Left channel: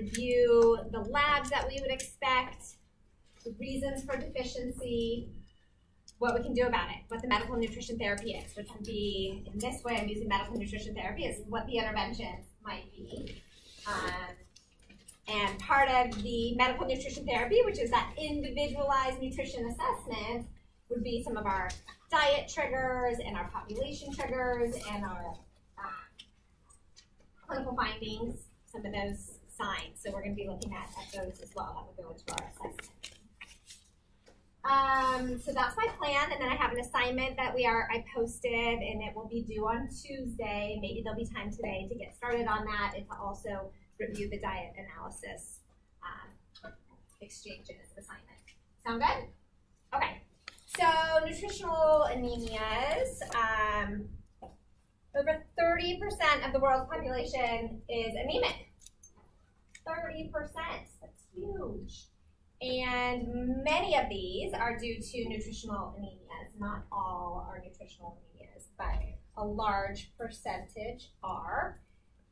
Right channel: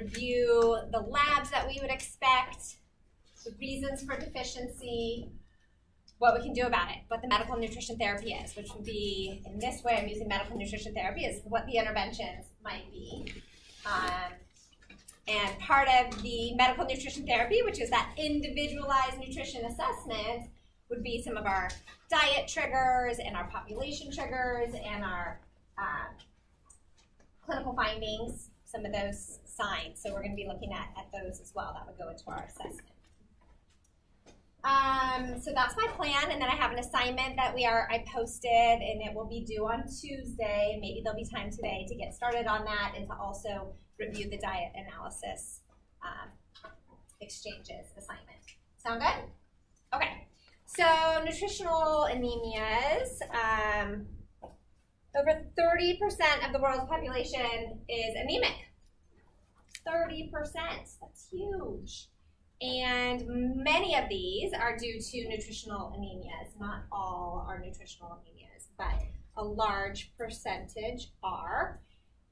review the labs that we would expect, the reasons for deficiency, what we can do about it, what the medical nutrition therapy is, which would be, in this way I'm using medical nutrition therapy, is what the interventions might be. And part of the medical nutrition therapy, which is that individualized nutrition assessment, would be some of our diet triggers and our population triggers and our clinical findings, some of those signs. So we're going to be looking at those as well. That would go into our assessment. So that's my plan, and then I have an assignment that I posted, and it will be due on Tuesday. Maybe there'll be time today to get started on that and to also review the diet analysis exchanges assignment. Sound good? Okay. So nutritional anemias. Over 30% of the world's population is anemic. 30%. That's huge. And many of these are due to nutritional anemias. Not all are nutritional anemias, but a large percentage are.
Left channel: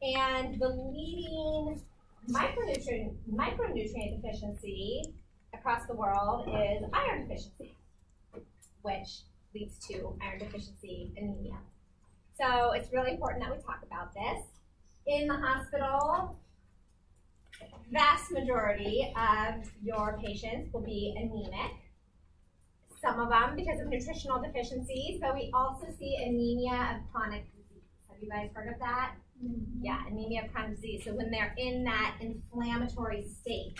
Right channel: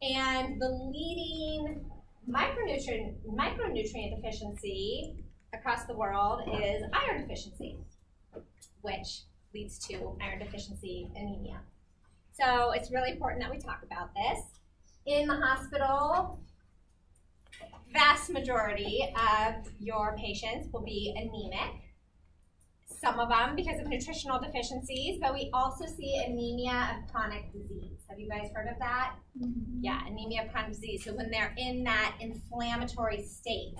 And the leading micronutrient deficiency across the world is iron deficiency, which leads to iron deficiency anemia. So it's really important that we talk about this. In the hospital, vast majority of your patients will be anemic. Some of them because of nutritional deficiencies, but we also see anemia of chronic disease. Have you guys heard of that? Mm-hmm. Yeah, anemia of chronic disease. So when they're in that inflammatory state,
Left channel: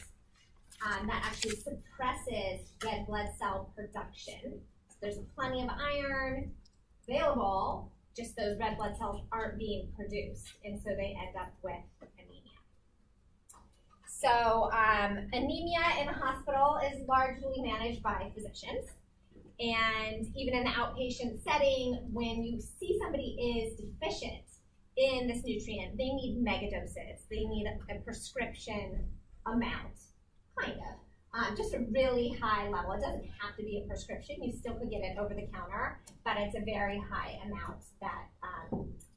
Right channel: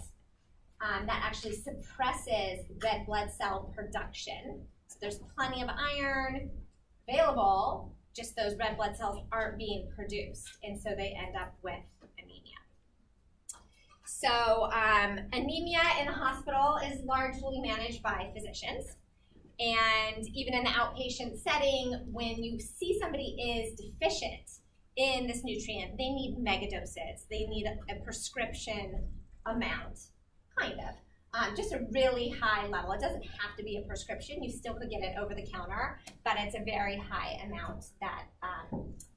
that actually suppresses red blood cell production. So there's plenty of iron available, just those red blood cells aren't being produced, and so they end up with anemia. So anemia in a hospital is largely managed by physicians. And even in the outpatient setting, when you see somebody is deficient in this nutrient, they need megadoses. They need a prescription amount, kind of. Just a really high level. It doesn't have to be a prescription. You still could get it over the counter, but it's a very high amount that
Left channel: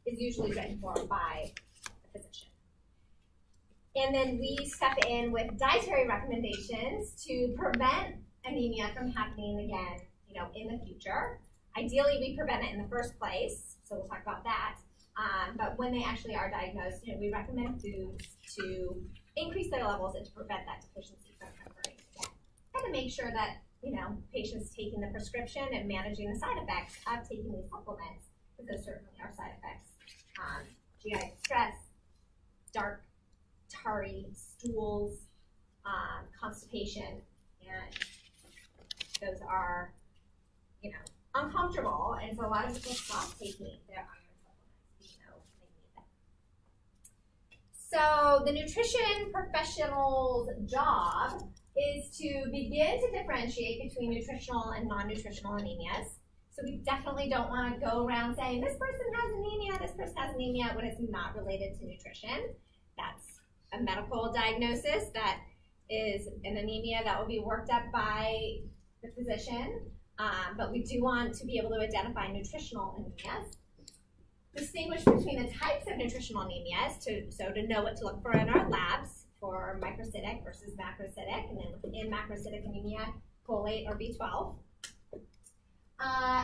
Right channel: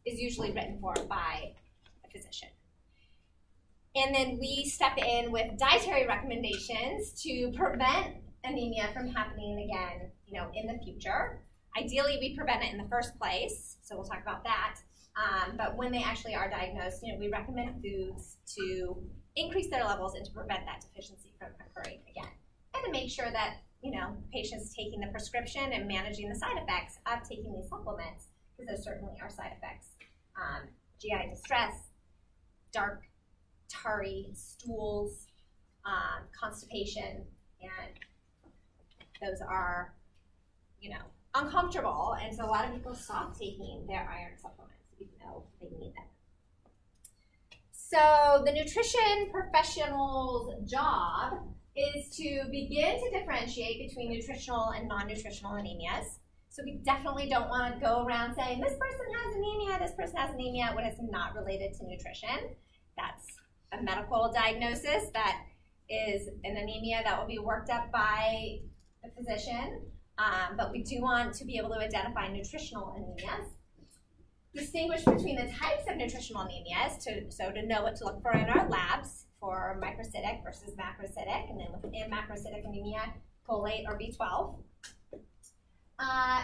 is usually written for by a physician. And then we step in with dietary recommendations to prevent anemia from happening again, in the future. Ideally, we prevent it in the first place, so we'll talk about that. But when they actually are diagnosed, we recommend foods to increase their levels and to prevent that deficiency from occurring again. And to make sure that, patients taking the prescription and managing the side effects of taking these supplements, because those certainly are side effects. GI distress, dark, tarry stools, constipation, and those are, uncomfortable. And so a lot of people stop taking their iron supplements, even though they need them. So the nutrition professional's job is to begin to differentiate between nutritional and non-nutritional anemias. So we definitely don't want to go around saying, this person has anemia, this person has anemia, when it's not related to nutrition. That's a medical diagnosis. That is an anemia that will be worked up by the physician. But we do want to be able to identify nutritional anemias. Distinguish between the types of nutritional anemias, to know what to look for in our labs for microcytic versus macrocytic, and then within macrocytic anemia, folate or B12.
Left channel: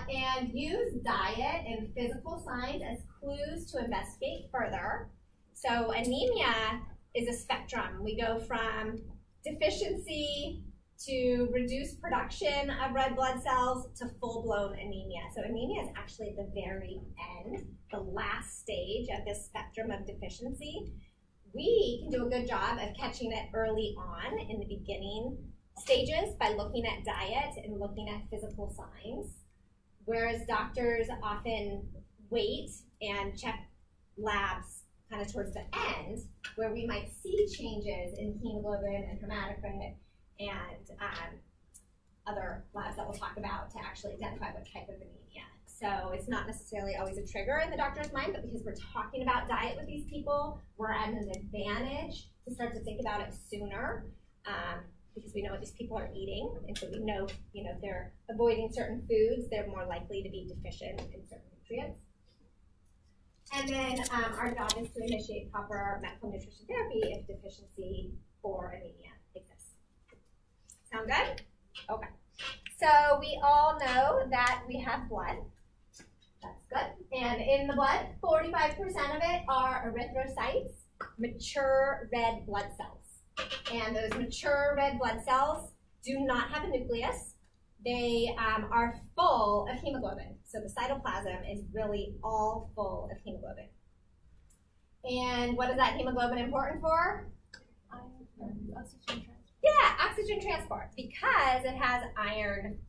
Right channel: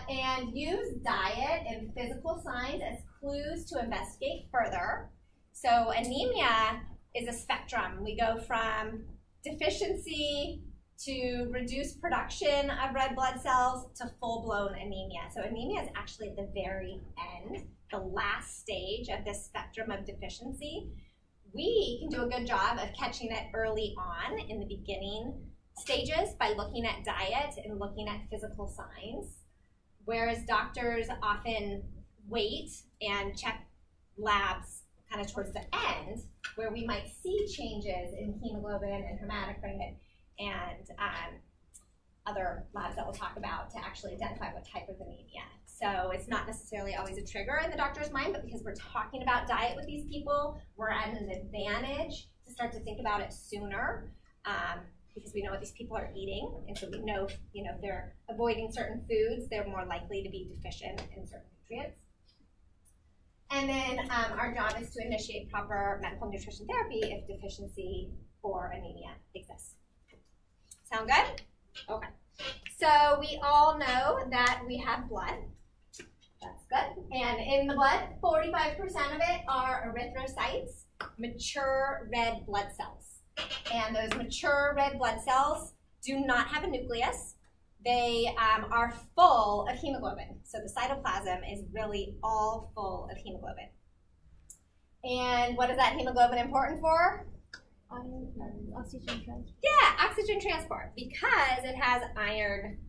And use diet and physical signs as clues to investigate further. So anemia is a spectrum. We go from deficiency to reduced production of red blood cells to full-blown anemia. So anemia is actually at the very end, the last stage of this spectrum of deficiency. We can do a good job of catching it early on in the beginning stages by looking at diet and looking at physical signs, whereas doctors often wait and check labs kind of towards the end, where we might see changes in hemoglobin and hematocrit and other labs that we'll talk about to actually identify what type of anemia. So it's not necessarily always a trigger in the doctor's mind, but because we're talking about diet with these people, we're at an advantage to start to think about it sooner, because we know what these people are eating, and so we know, if they're avoiding certain foods, they're more likely to be deficient in certain nutrients. And then our job is to initiate proper medical nutrition therapy if deficiency or anemia exists. Sound good? Okay. So we all know that we have blood. That's good. And in the blood, 45% of it are erythrocytes, mature red blood cells. And those mature red blood cells do not have a nucleus. They are full of hemoglobin. So the cytoplasm is really all full of hemoglobin. And what is that hemoglobin important for? Oxygen transport. Yeah, oxygen transport, because it has iron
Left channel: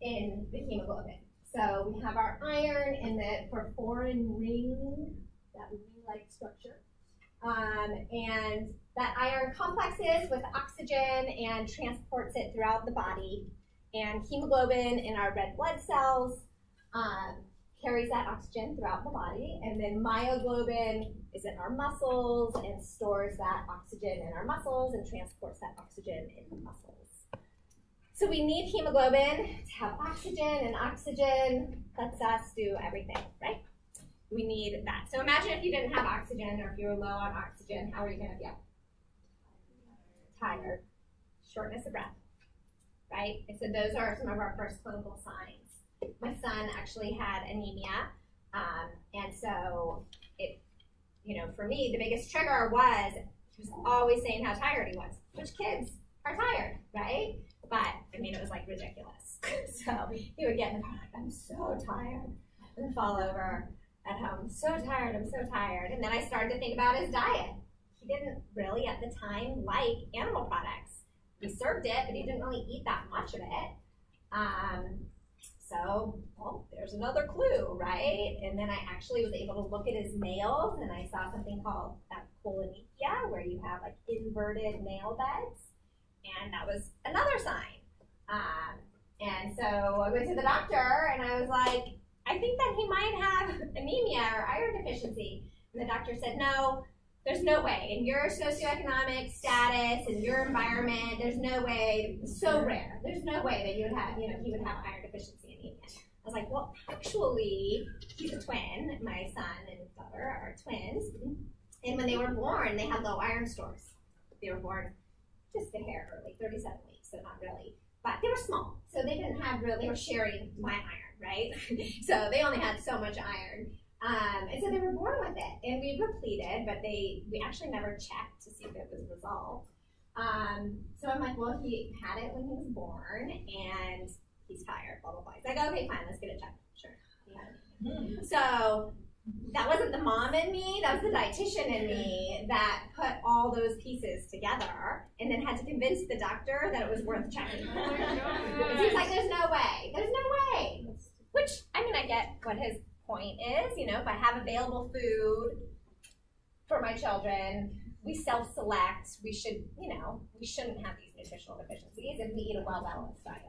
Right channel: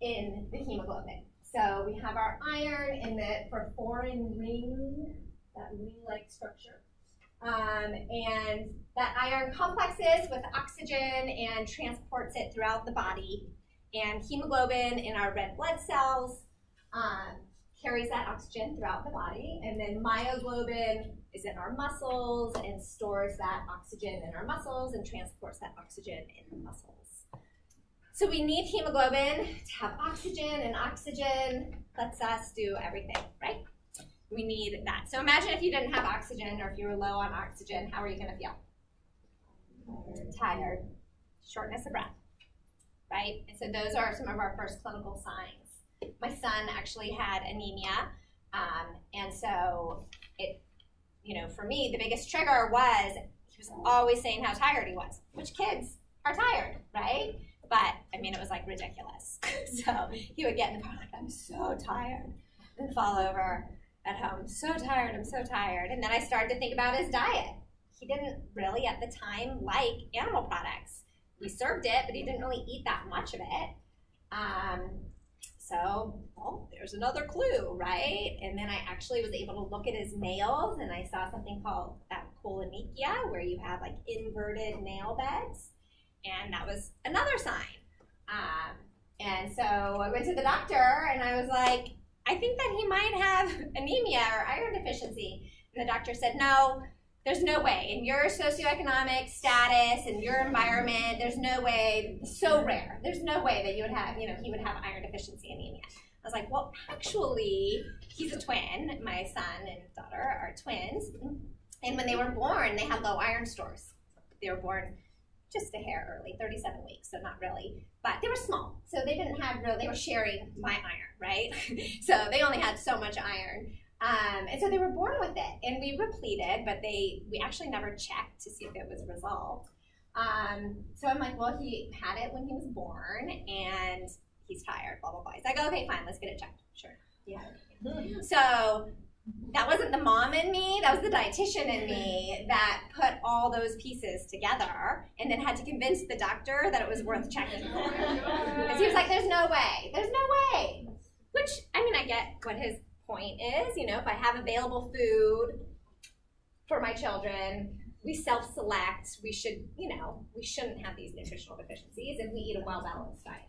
in the hemoglobin. So we have our iron in the foreign ring, that ring-like structure. And that iron complexes with oxygen and transports it throughout the body. And hemoglobin in our red blood cells carries that oxygen throughout the body. And then myoglobin is in our muscles and stores that oxygen in our muscles and transports that oxygen in the muscles. So we need hemoglobin to have oxygen, and oxygen lets us do everything, right? We need that. So imagine if you didn't have oxygen, or if you were low on oxygen, how are you going to feel? Tired, shortness of breath, right? And so those are some of our first clinical signs. My son actually had anemia, and so it, for me, the biggest trigger was he was always saying how tired he was, which kids are tired, right? But, it was like ridiculous. So he would get in the car like, I'm so tired, and fall over at home, so tired, I'm so tired. And then I started to think about his diet. He didn't really, at the time, like animal products. We served it, but he didn't really eat that much of it. So, well, there's another clue, right? And then I actually was able to look at his nails, and I saw something called cholonychia, where you have like inverted nail beds. And that was another sign. And so I went to the doctor, and I was like, I think that he might have anemia or iron deficiency. And the doctor said, no, there's no way. In your socioeconomic status and your environment, there's no way, so rare. There's no way that you would have, he would have iron deficiency anemia. I was like, well, actually, he's a twin. My son and daughter are twins. And when they were born, they had low iron stores. They were born just a hair early, 37 weeks, so not really. But they were small, so they didn't have they were sharing my iron, right? So they only had so much iron. And so they were born with it, and we repleted, but we actually never checked to see if it was resolved. So I'm like, well, he had it when he was born, and he's tired, blah, blah, blah. He's like, okay, fine, let's get it checked. Sure. Yeah. So that wasn't the mom in me, that was the dietitian in me that put all those pieces together and then had to convince the doctor that it was worth checking for. Because he was like, there's no way, there's no way. Which, I get what his point is. If I have available food for my children, we self-select, we should, we shouldn't have these nutritional deficiencies if we eat a well-balanced diet.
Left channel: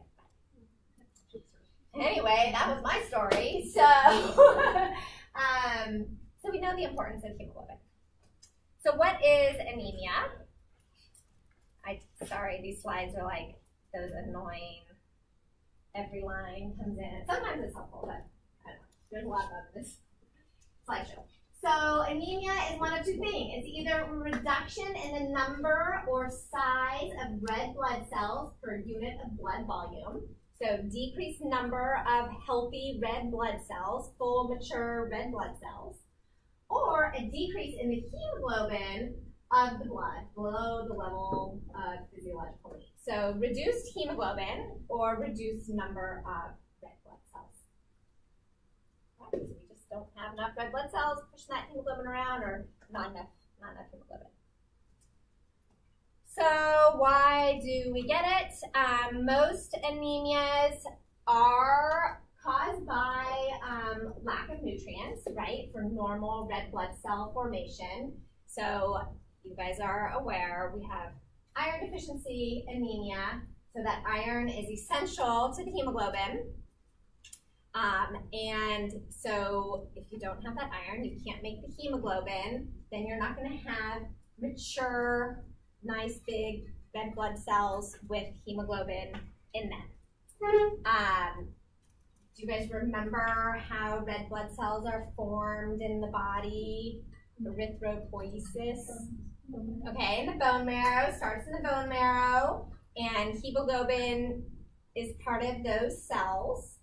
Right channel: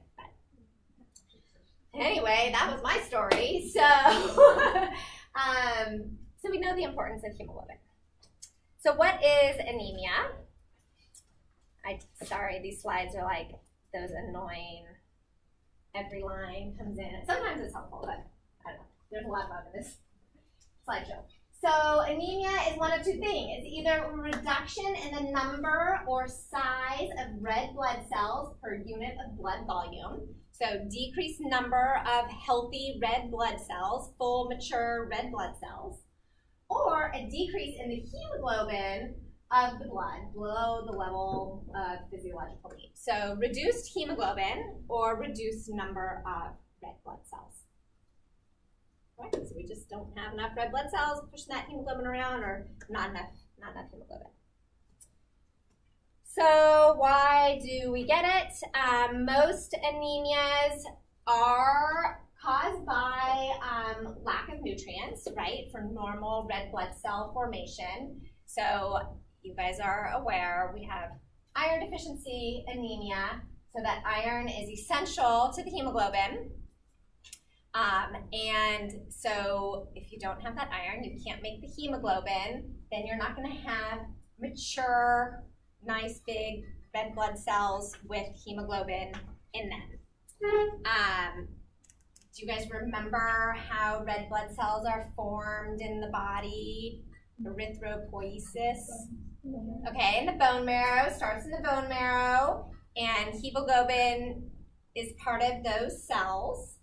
But anyway, that was my story. So we know the importance of hemoglobin. So what is anemia? Sorry, these slides are like those annoying, every line comes in. Sometimes it's helpful, but I don't know. There's a lot of them in this slideshow. So anemia is one of two things. It's either a reduction in the number or size of red blood cells per unit of blood volume. So decreased number of healthy red blood cells, full mature red blood cells, or a decrease in the hemoglobin of the blood below the level of physiological need. So reduced hemoglobin or reduced number of red blood cells. Right, so we just don't have enough red blood cells pushing that hemoglobin around, or not enough hemoglobin. So why do we get it? Most anemias are caused by lack of nutrients, right, for normal red blood cell formation. So you guys are aware we have iron deficiency anemia, so that iron is essential to the hemoglobin. And so if you don't have that iron, you can't make the hemoglobin, then you're not going to have mature, nice big red blood cells with hemoglobin in them. Do you guys remember how red blood cells are formed in the body? Erythropoiesis. Okay, in the bone marrow, starts in the bone marrow, and hemoglobin is part of those cells.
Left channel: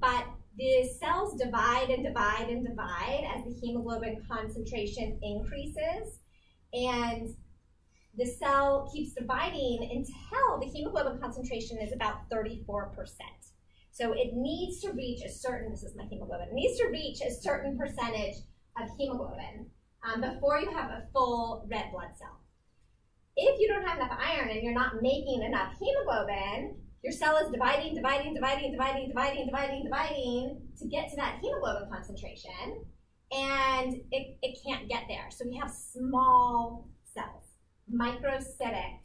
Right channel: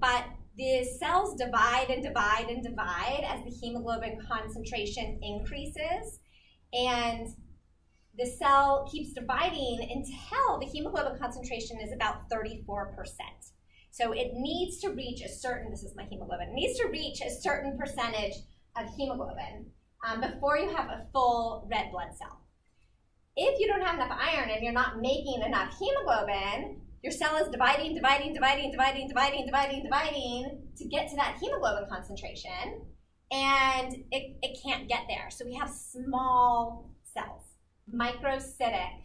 But the cells divide and divide and divide as the hemoglobin concentration increases, and the cell keeps dividing until the hemoglobin concentration is about 34%. So it needs to reach a certain, this is my hemoglobin, it needs to reach a certain percentage of hemoglobin before you have a full red blood cell. If you don't have enough iron and you're not making enough hemoglobin, your cell is dividing to get to that hemoglobin concentration, and it can't get there. So we have small cells, microcytic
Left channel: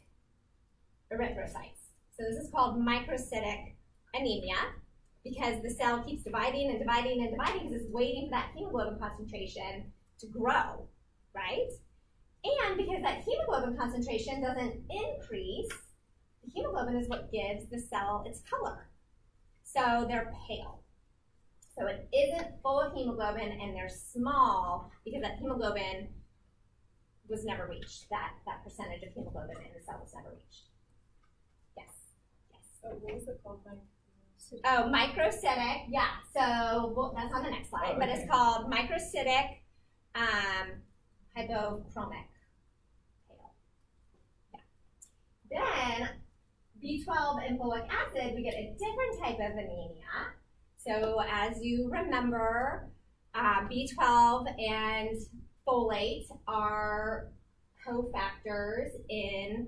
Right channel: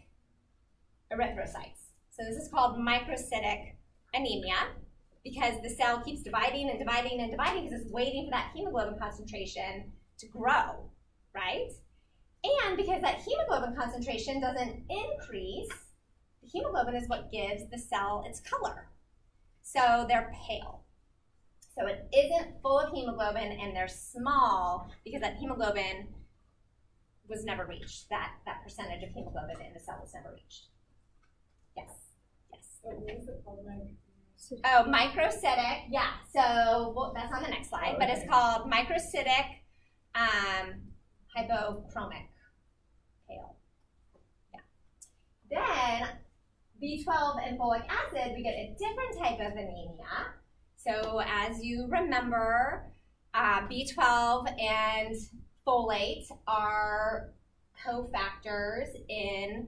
erythrocytes. So this is called microcytic anemia because the cell keeps dividing and dividing and dividing because it's waiting for that hemoglobin concentration to grow, right? And because that hemoglobin concentration doesn't increase, the hemoglobin is what gives the cell its color. So they're pale. So it isn't full of hemoglobin and they're small because that hemoglobin was never reached. That percentage of hemoglobin in the cell was never reached. Yes. Yes. So what is it called? Oh, microcytic. Yeah. So well, that's on the next slide, but it's called microcytic hypochromic pale. Yeah. Then B12 and folic acid, we get a different type of anemia. So as you remember, B12 and folate are cofactors in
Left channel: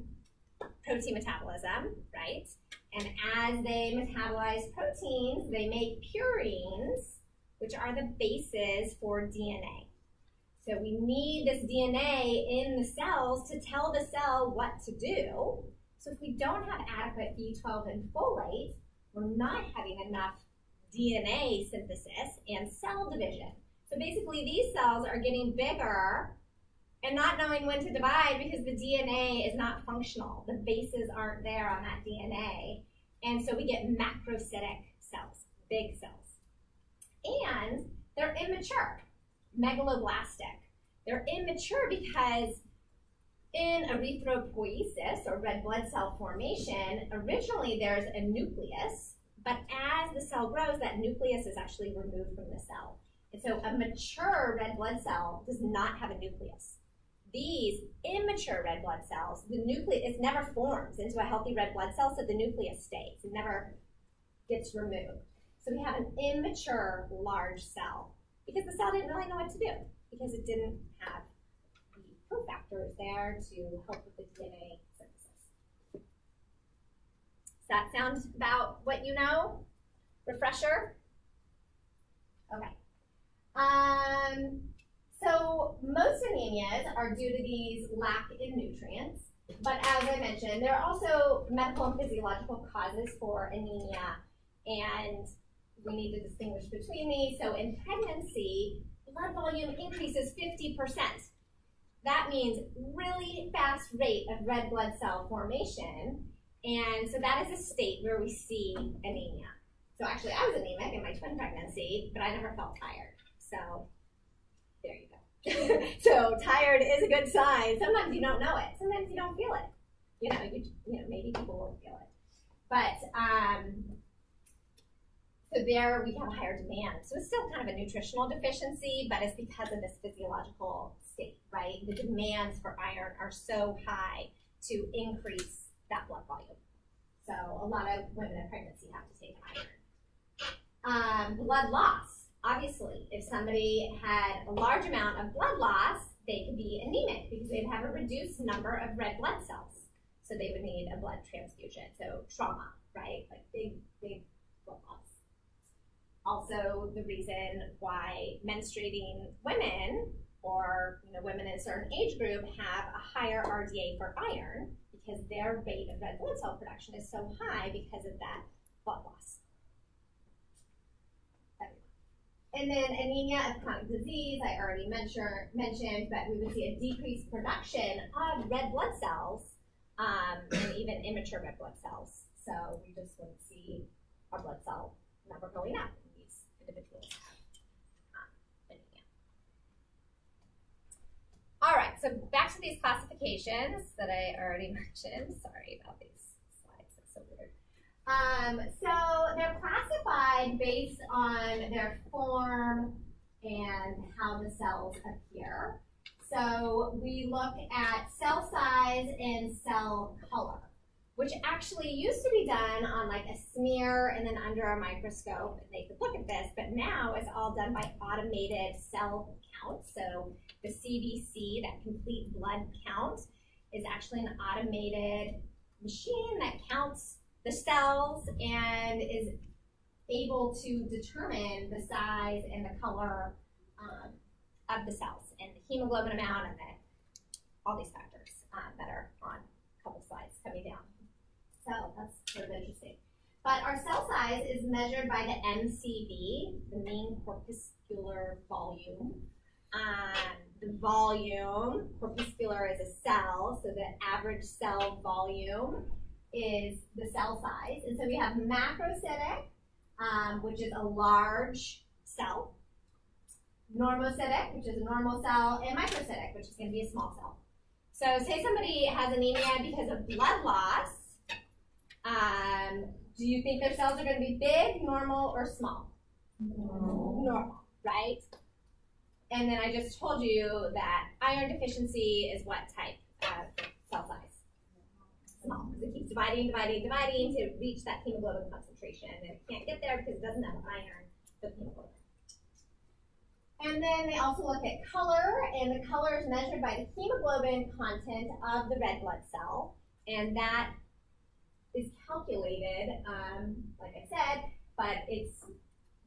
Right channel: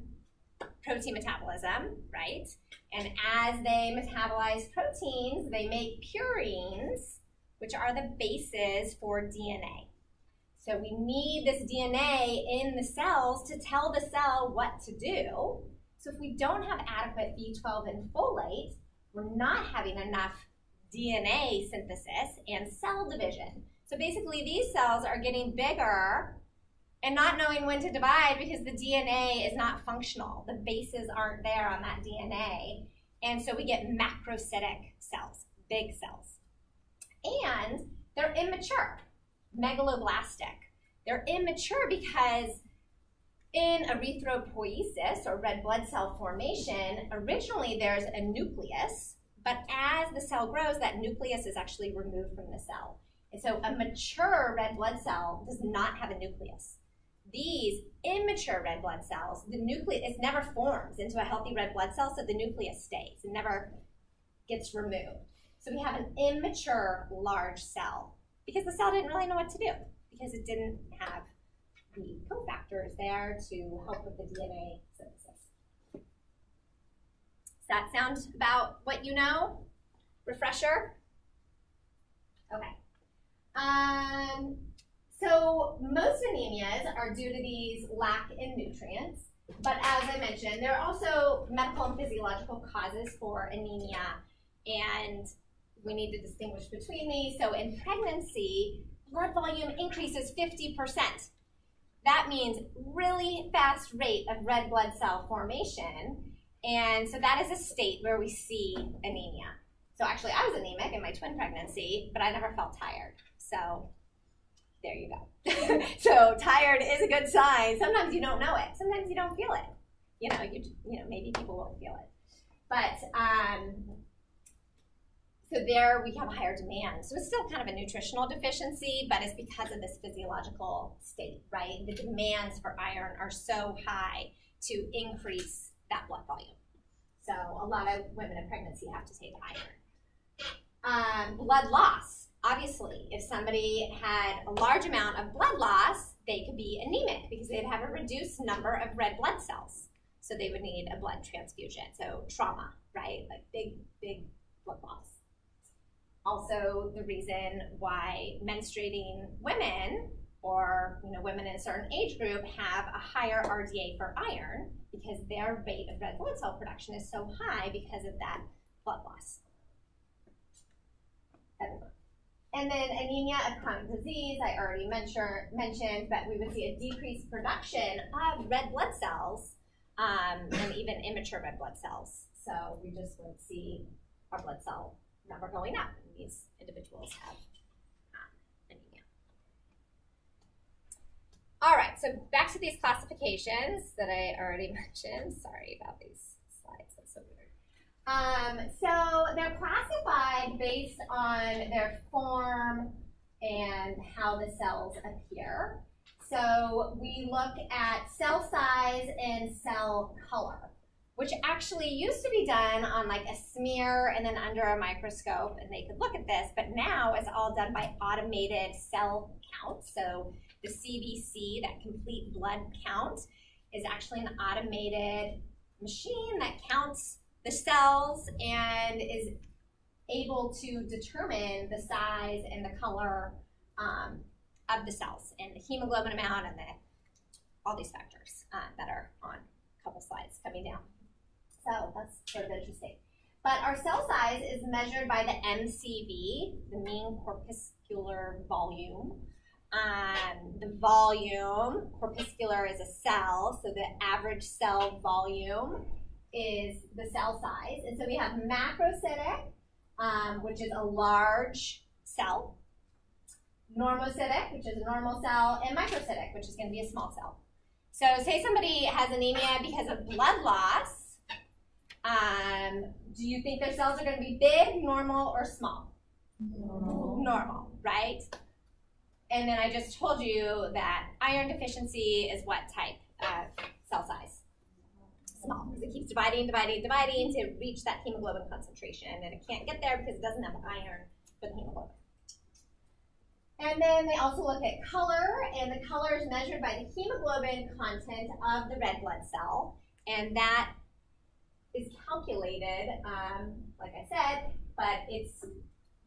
protein metabolism, right? And as they metabolize proteins, they make purines, which are the bases for DNA. So we need this DNA in the cells to tell the cell what to do. So if we don't have adequate B12 and folate, we're not having enough DNA synthesis and cell division. So basically these cells are getting bigger and not knowing when to divide because the DNA is not functional. The bases aren't there on that DNA. And so we get macrocytic cells, big cells. And they're immature, megaloblastic. They're immature because in erythropoiesis, or red blood cell formation, originally there's a nucleus, but as the cell grows, that nucleus is actually removed from the cell. And so a mature red blood cell does not have a nucleus. These immature red blood cells, the nucleus never forms into a healthy red blood cell, so the nucleus stays. It never gets removed. So we have an immature large cell because the cell didn't really know what to do because it didn't have the cofactors there to help with the DNA synthesis. Does that sound about what you know? Refresher? Okay. So most anemias are due to these lack in nutrients, but as I mentioned, there are also medical and physiological causes for anemia, and we need to distinguish between these. So in pregnancy, blood volume increases 50%. That means really fast rate of red blood cell formation, and so that is a state where we see anemia. So actually, I was anemic in my twin pregnancy, but I never felt tired. So there you go. So tired is a good sign. Sometimes you don't know it. Sometimes you don't feel it. You know, maybe people won't feel it. But so there we have a higher demand. So it's still kind of a nutritional deficiency, but it's because of this physiological state, right? The demands for iron are so high to increase that blood volume. So a lot of women in pregnancy have to take iron. Blood loss. Obviously, if somebody had a large amount of blood loss, they could be anemic because they'd have a reduced number of red blood cells. So they would need a blood transfusion. So trauma, right? Like big blood loss. Also, the reason why menstruating women or women in a certain age group have a higher RDA for iron because their rate of red blood cell production is so high because of that blood loss. And then anemia of chronic disease, I already mentioned, but we would see a decreased production of red blood cells and even immature red blood cells. So we just wouldn't see our blood cell number going up. These individuals have anemia. All right, so back to these classifications that I already mentioned. Sorry about these slides, that's so weird. So they're classified based on their form and how the cells appear. So we look at cell size and cell color, which actually used to be done on like a smear and then under a microscope, and they could look at this, but now it's all done by automated cell count. So the CBC, that complete blood count, is actually an automated machine that counts the cells and is able to determine the size and the color of the cells and the hemoglobin amount and all these factors that are on a couple slides coming down. So that's sort of interesting. But our cell size is measured by the MCV, the mean corpuscular volume. The volume, corpuscular is a cell, so the average cell volume is the cell size. And so we have macrocytic, which is a large cell, normocytic, which is a normal cell, and microcytic, which is going to be a small cell. So say somebody has anemia because of blood loss. Do you think their cells are going to be big, normal, or small? Normal. Normal, right? And then I just told you that iron deficiency is what type of cell size? Small, because it keeps dividing to reach that hemoglobin concentration, and it can't get there because it doesn't have iron for the hemoglobin. And then they also look at color, and the color is measured by the hemoglobin content of the red blood cell, and that is calculated, like I said, but it's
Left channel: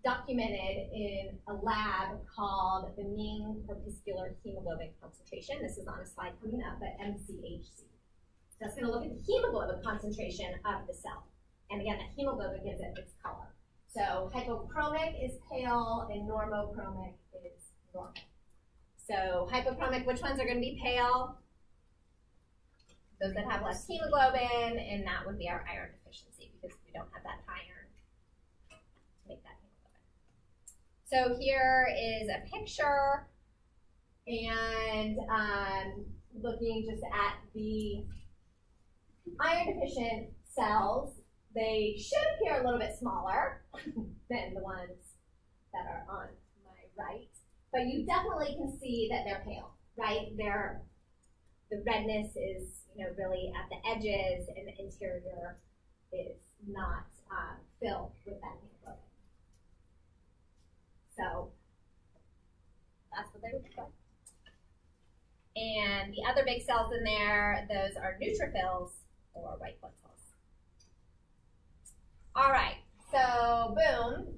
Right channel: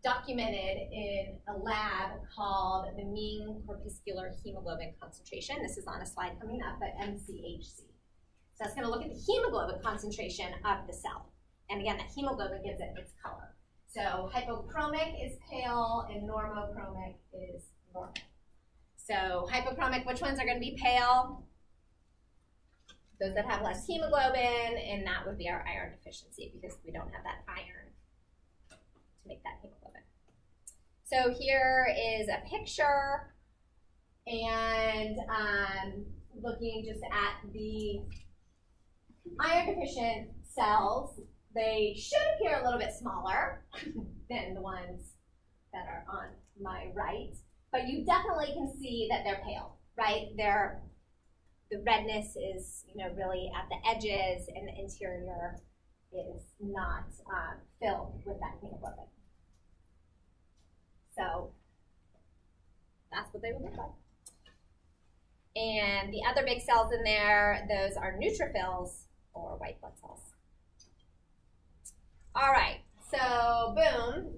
documented in a lab called the mean corpuscular hemoglobin concentration. This is on a slide coming up, but MCHC. So it's going to look at the hemoglobin concentration of the cell. And again, that hemoglobin gives it its color. So hypochromic is pale and normochromic is normal. So hypochromic, which ones are going to be pale? Those that have less hemoglobin, and that would be our iron deficiency because we don't have that iron to make that hemoglobin. So here is a picture, and looking just at the iron deficient cells, they should appear a little bit smaller than the ones that are on my right, but you definitely can see that they're pale, right? The redness is, really at the edges, and the interior is not filled with that hemoglobin. So that's what they would look like. And the other big cells in there, those are neutrophils, or white blood cells. All right, so boom,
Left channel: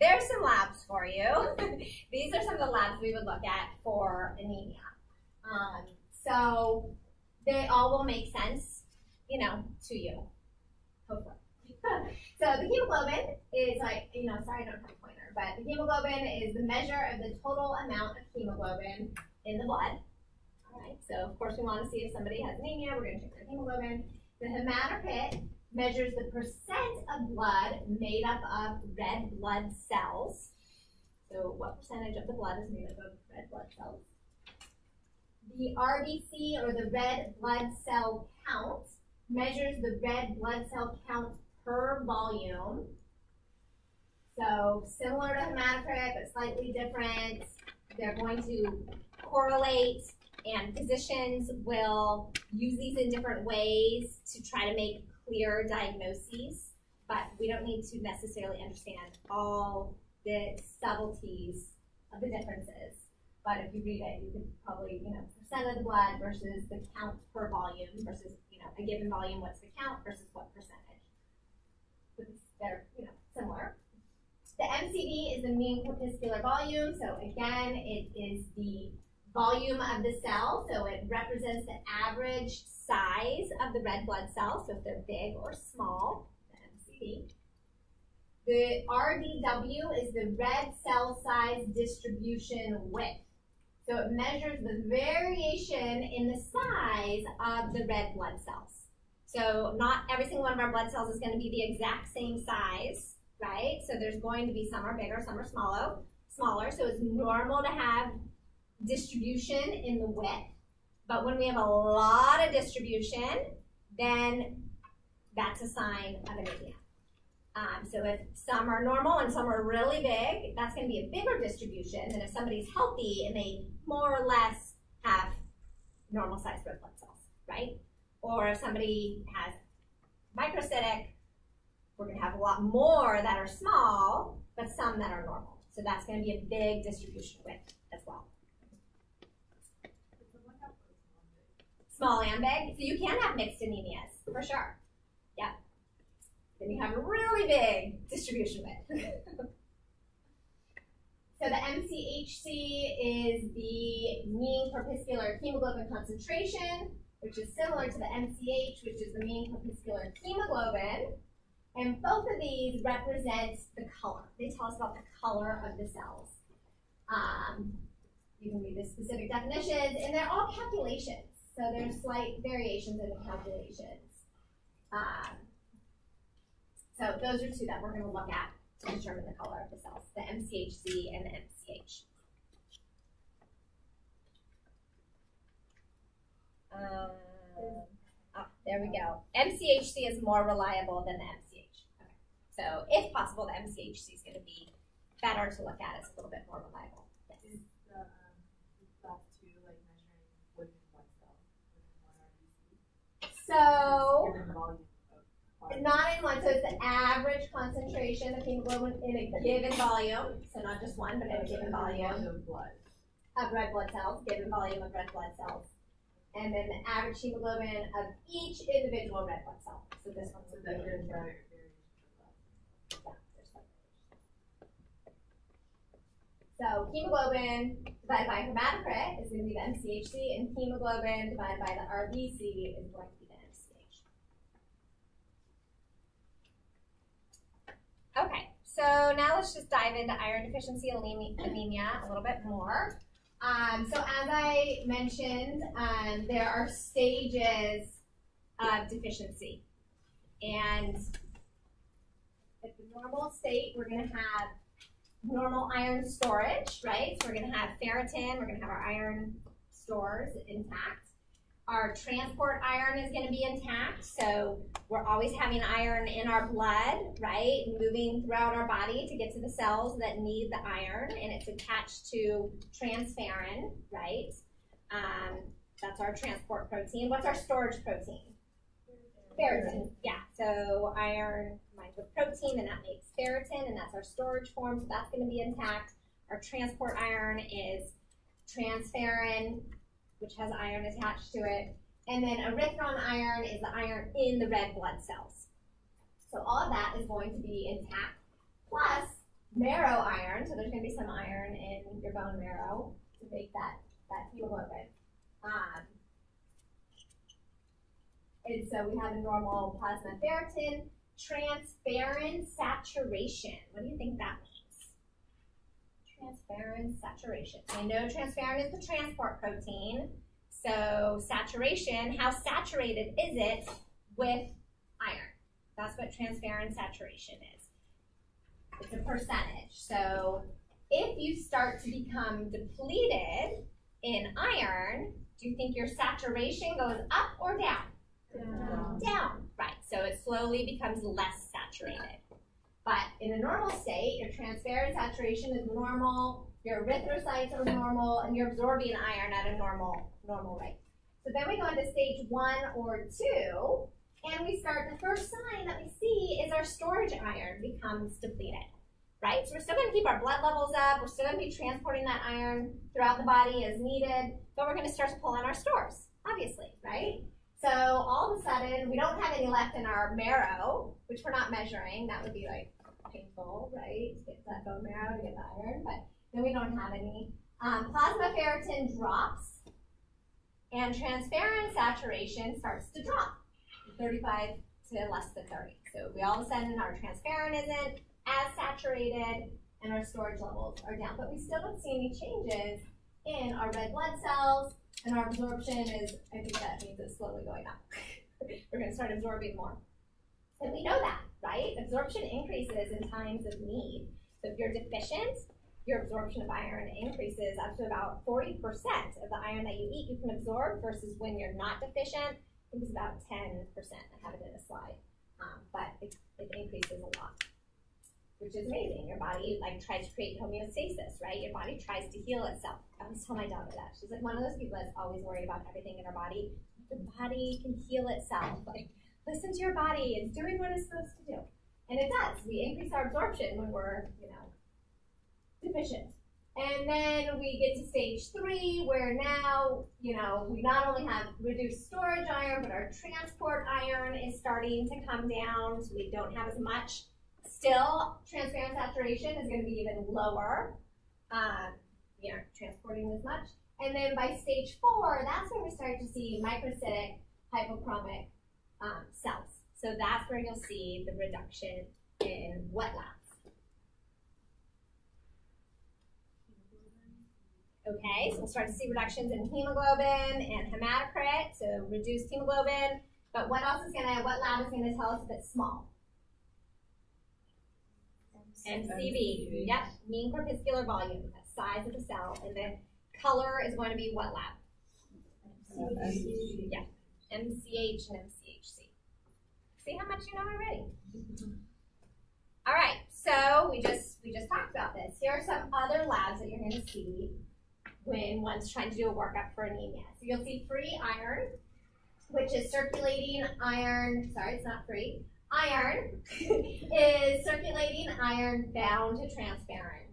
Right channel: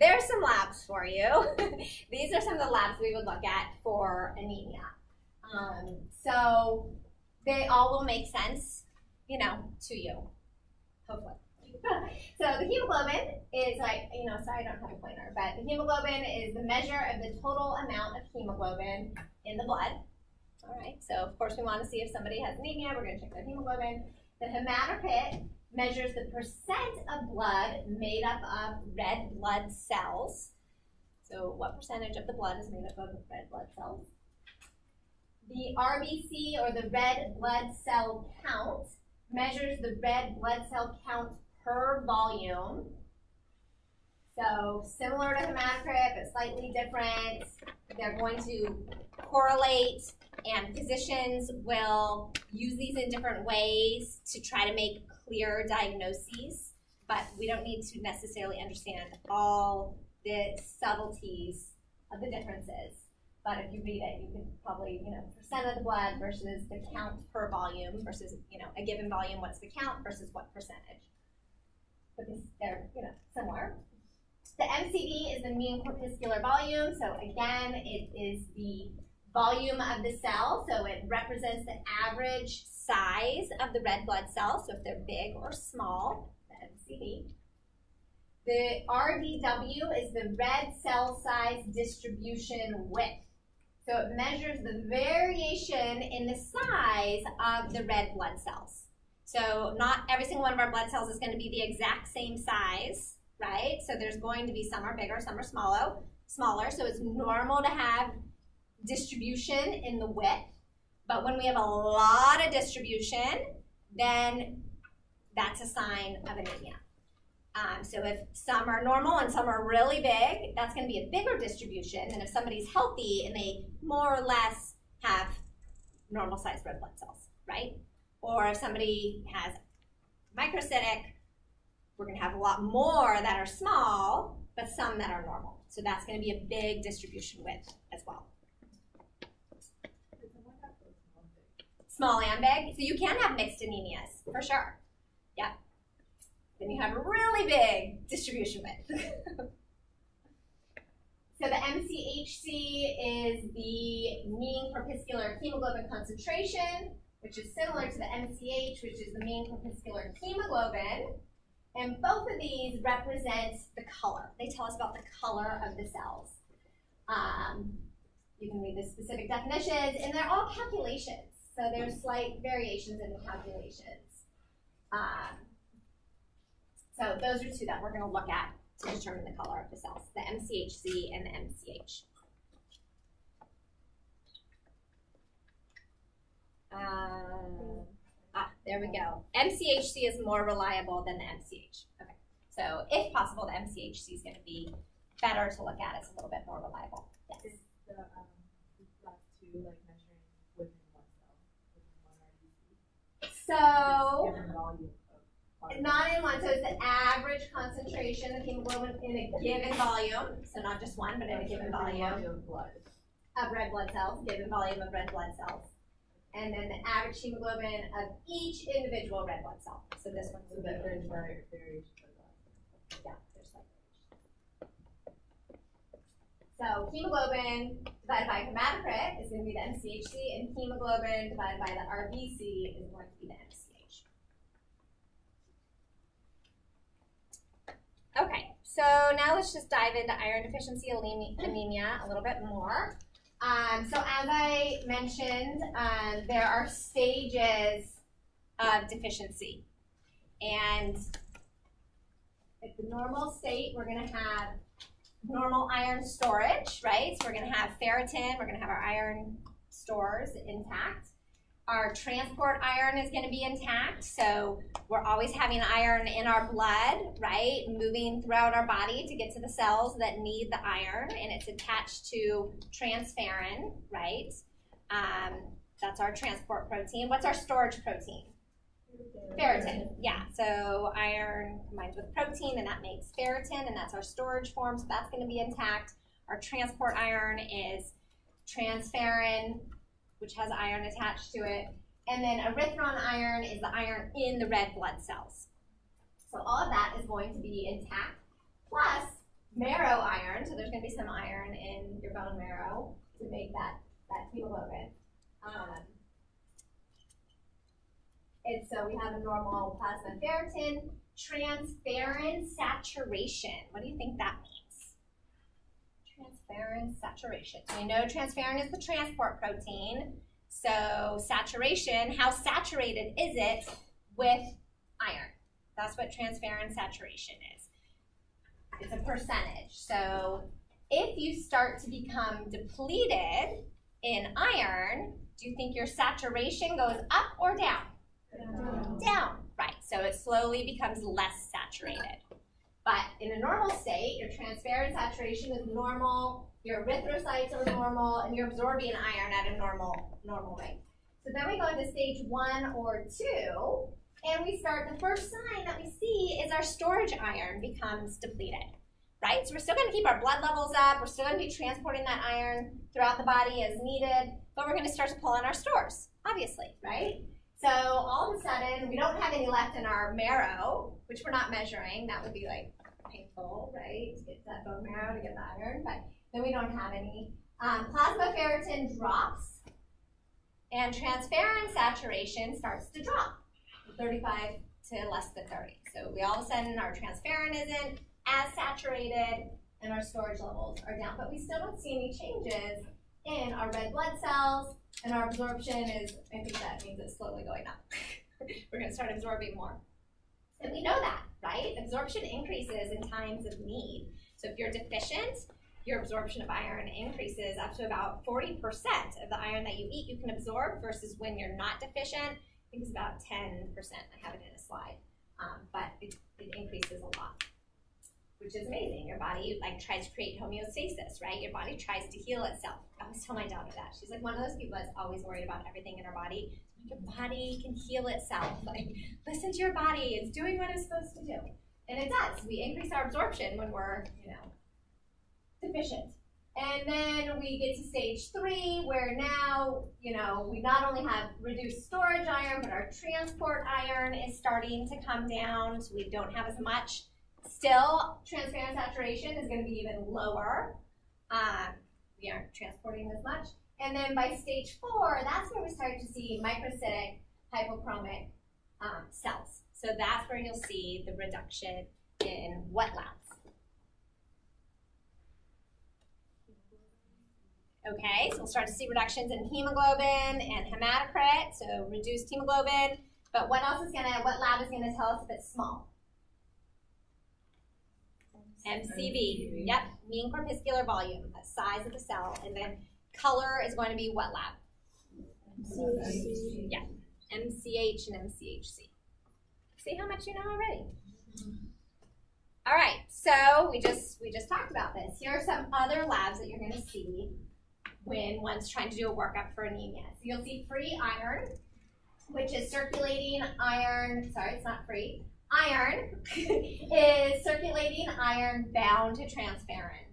there's some labs for you. These are some of the labs we would look at for anemia. So they all will make sense, to you, hopefully. So the hemoglobin is like, sorry I don't have a pointer, but the hemoglobin is the measure of the total amount of hemoglobin in the blood. All right, so of course we want to see if somebody has anemia, we're going to check their hemoglobin. The hematocrit measures the percent of blood made up of red blood cells. So what percentage of the blood is made up of red blood cells? The RBC, or the red blood cell count, measures the red blood cell count per volume. So similar to hematocrit, but slightly different. They're going to correlate, and physicians will use these in different ways to try to make clear diagnoses, but we don't need to necessarily understand all the subtleties of the differences. But if you read it, you can probably, percent of the blood versus the count per volume versus, a given volume, what's the count versus what percentage. Because they're, similar. The MCV is the mean corpuscular volume. So again, it is the volume of the cell. So it represents the average size of the red blood cells. So if they're big or small, the MCV. The RDW is the red cell size distribution width. So it measures the variation in the size of the red blood cells. So not every single one of our blood cells is going to be the exact same size, right? So there's going to be some are bigger, some are smaller. So it's normal to have distribution in the width. But when we have a lot of distribution, then that's a sign of anemia. So if some are normal and some are really big, that's going to be a bigger distribution than if somebody's healthy and they more or less have normal sized red blood cells, right? Or if somebody has microcytic, we're going to have a lot more that are small, but some that are normal. So that's going to be a big distribution width as well. Small and big. So you can have mixed anemias, for sure. Yep. Then you have a really big distribution width. So the MCHC is the mean corpuscular hemoglobin concentration, which is similar to the MCH, which is the mean corpuscular hemoglobin. And both of these represent the color. They tell us about the color of the cells. You can read the specific definitions, and they're all calculations. So there's slight variations in the calculations. So those are two that we're going to look at to determine the color of the cells, the MCHC and the MCH. There we go. MCHC is more reliable than the MCH. Okay. So if possible, the MCHC is going to be better to look at. It's a little bit more reliable. Yes. Is the last two like measuring within one cell, within one RBC? So Given volume of not in one, so it's the average concentration of hemoglobin in a given volume. So not just one, but in a given volume of blood. of red blood cells, given volume of red blood cells. And then the average hemoglobin of each individual red blood cell. So this one's So that there's variation of that. yeah, there's some. So hemoglobin divided by hematocrit is going to be the MCHC, and hemoglobin divided by the RBC is going to be the MCH. Okay, so now let's just dive into iron deficiency anemia a little bit more. So as I mentioned, there are stages of deficiency. And at the normal state, we're going to have normal iron storage, right? So we're going to have ferritin, we're going to have our iron stores intact. Our transport iron is going to be intact, so we're always having iron in our blood, right? Moving throughout our body to get to the cells that need the iron, and it's attached to transferrin, right? That's our transport protein. What's our storage protein? Ferritin, yeah. So iron combines with protein, and that makes ferritin, and that's our storage form, so that's going to be intact. Our transport iron is transferrin, which has iron attached to it. And then erythron iron is the iron in the red blood cells. So all of that is going to be intact, plus marrow iron. So there's going to be some iron in your bone marrow to make that hemoglobin. And so we have a normal plasma ferritin, transferrin saturation. What do you think that means? Transferrin saturation. So we know transferrin is the transport protein. So saturation, how saturated is it with iron? That's what transferrin saturation is. It's a percentage. So if you start to become depleted in iron, do you think your saturation goes up or down? Down, right. So it slowly becomes less saturated. But in a normal state, your transferrin saturation is normal, your erythrocytes are normal, and you're absorbing iron at a normal rate. So then we go into stage 1 or 2, and we start, the first sign that we see is our storage iron becomes depleted, right? So we're still going to keep our blood levels up, we're still going to be transporting that iron throughout the body as needed, but we're going to start to pull on our stores, obviously, right? So all of a sudden, we don't have any left in our marrow, which we're not measuring. That would be like painful, right? To get that bone marrow to get the iron, but then we don't have any. Plasma ferritin drops, and transferrin saturation starts to drop, 35 to less than 30. So we all of a sudden, our transferrin isn't as saturated, and our storage levels are down. But we still don't see any changes in our red blood cells, and our absorption is, I think that means it's slowly going up. We're going to start absorbing more. And we know that, right? Absorption increases in times of need. So if you're deficient, your absorption of iron increases up to about 40% of the iron that you eat you can absorb, versus when you're not deficient, I think it's about 10%. I have it in a slide, but it increases a lot, which is amazing. Your body like tries to create homeostasis, right? Your body tries to heal itself. I always tell my daughter that. She's like one of those people that's always worried about everything in her body. Your body can heal itself. Like, listen to your body. It's doing what it's supposed to do. And it does. We increase our absorption when we're, deficient. And then we get to stage 3, where now, we not only have reduced storage iron, but our transport iron is starting to come down, so we don't have as much. Still, transparent saturation is going to be even lower. We aren't transporting as much. And then by stage 4, that's where we start to see microcytic hypochromic cells. So that's where you'll see the reduction in wet labs. Okay, so we'll start to see reductions in hemoglobin and hematocrit, so reduced hemoglobin. But what lab is gonna tell us if it's small? MCV, yep, mean corpuscular volume, the size of the cell, and then color is going to be what lab? Yeah, MCH and MCHC. See how much you know already? All right, so we just talked about this. Here are some other labs that you're going to see when one's trying to do a workup for anemia. So you'll see free iron, which is circulating iron. Sorry, it's not free. Iron is circulating iron bound to transferrin.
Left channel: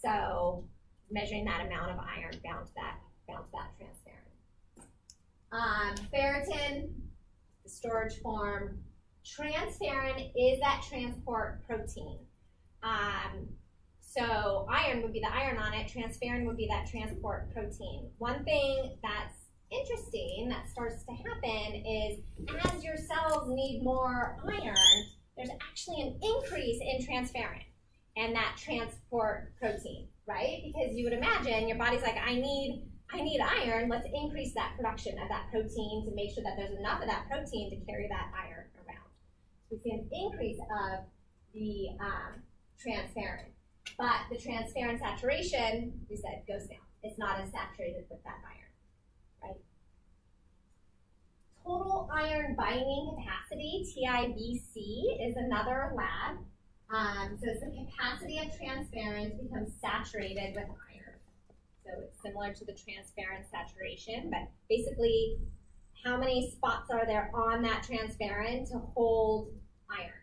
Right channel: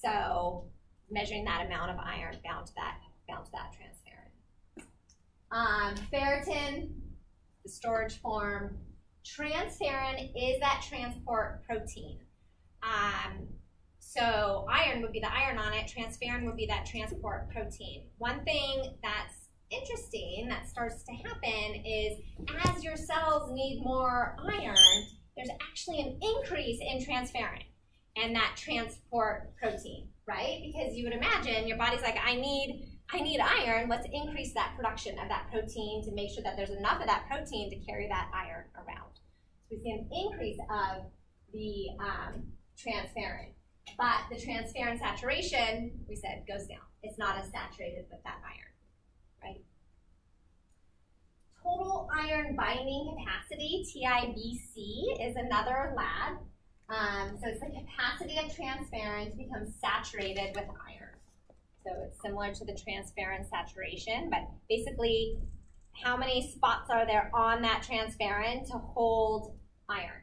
So measuring that amount of iron bound to that transferrin. Ferritin, the storage form. Transferrin is that transport protein. So iron would be the iron on it, transferrin would be that transport protein. One thing that's interesting that starts to happen is as your cells need more iron, there's actually an increase in transferrin and that transport protein, right? Because you would imagine your body's like, I need iron, let's increase that production of that protein to make sure that there's enough of that protein to carry that iron around. So we see an increase of the transferrin. But the transferrin saturation, we said, goes down. It's not as saturated with that iron, right? Total iron binding capacity, TIBC, is another lab. So it's the capacity of transferrin to become saturated with iron. So it's similar to the transferrin saturation, but basically, how many spots are there on that transferrin to hold iron?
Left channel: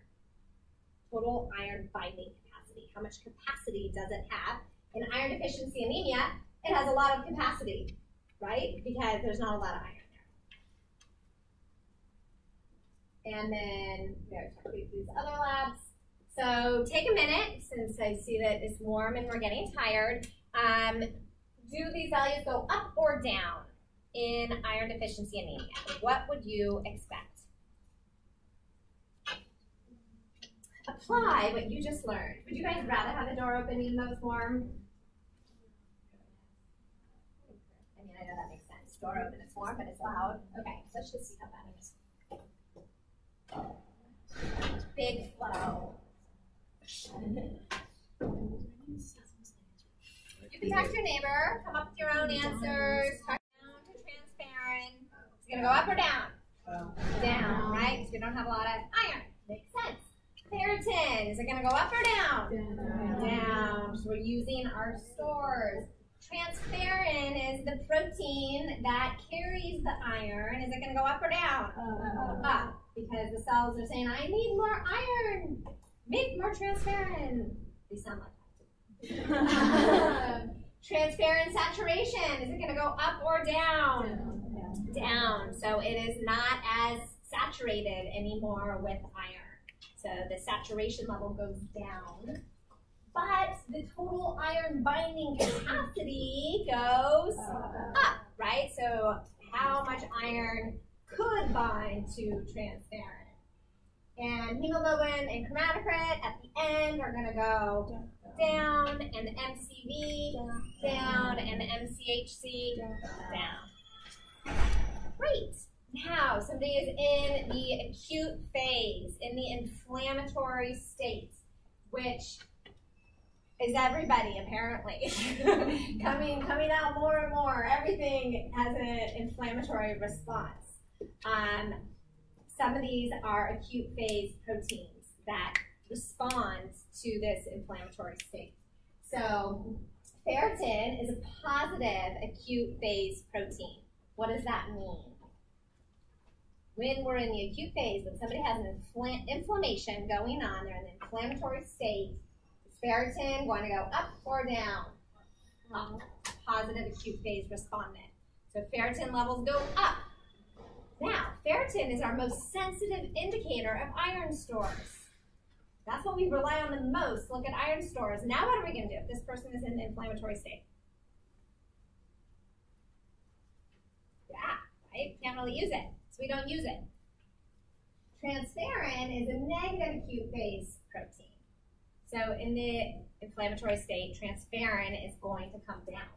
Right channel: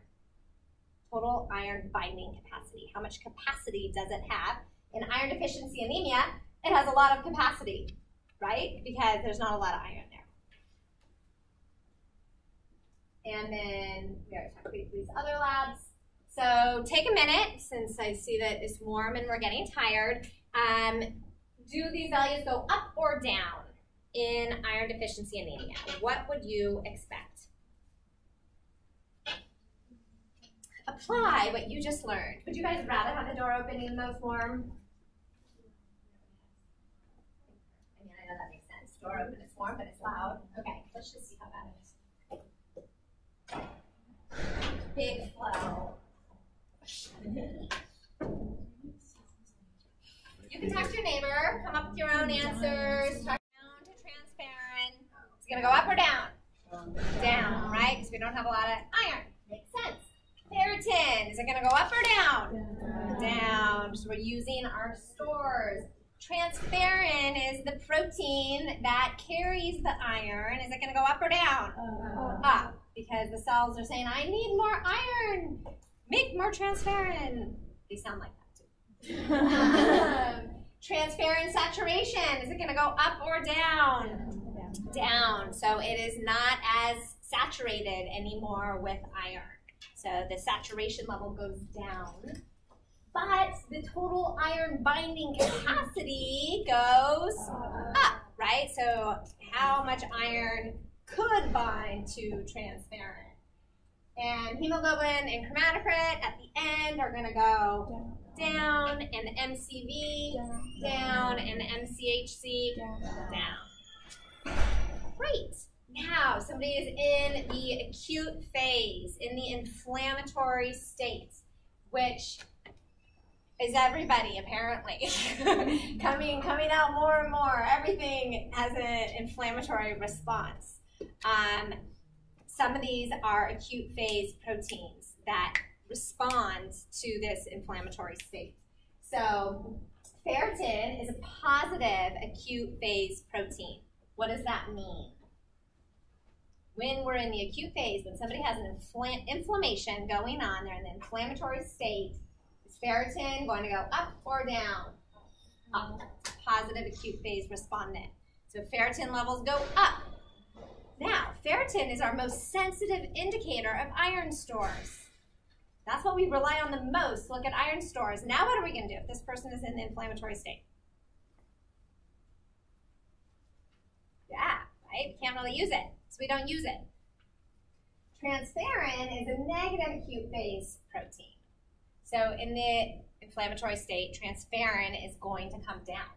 Total iron binding capacity. How much capacity does it have? In iron deficiency anemia, it has a lot of capacity, right? Because there's not a lot of iron there. And then we already talked about these other labs. So take a minute, since I see that it's warm and we're getting tired. Do these values go up or down in iron deficiency anemia? What would you expect? Apply what you just learned. Would you guys rather have the door open even though it's warm? I mean, I know that makes sense. Door open, it's warm, but it's loud. Okay, let's just see how that is. Big flow. You can talk to your neighbor, come up with your own answers. Talk down to transferrin. Is it going to go up or down? Down, right? Because we don't have a lot of iron. Makes sense. Ferritin, is it going to go up or down? Down. So we're using our stores. Transferrin is the protein that carries the iron. Is it going to go up or down? Up. Because the cells are saying, I need more iron. Make more transferrin. They sound like that too. Transferrin saturation, is it going to go up or down? Down. So it is not as saturated anymore with iron. So the saturation level goes down. But the total iron binding capacity goes up, right? So how much iron could bind to transferrin? And hemoglobin and hematocrit at the end are going to go down, and the MCV down, and the MCHC down. Great. Now, some somebody is in the acute phase, in the inflammatory state, which is everybody apparently. coming out more and more. Everything has an inflammatory response. Some of these are acute phase proteins that respond to this inflammatory state. So ferritin is a positive acute phase protein. What does that mean? When we're in the acute phase, when somebody has an inflammation going on, they're in the inflammatory state, is ferritin going to go up or down? Up. Positive acute phase respondent. So ferritin levels go up. Now, ferritin is our most sensitive indicator of iron stores. That's what we rely on the most to look at iron stores. Now what are we going to do if this person is in the inflammatory state? Yeah, right? Can't really use it, so we don't use it. Transferrin is a negative acute phase protein. So in the inflammatory state, transferrin is going to come down.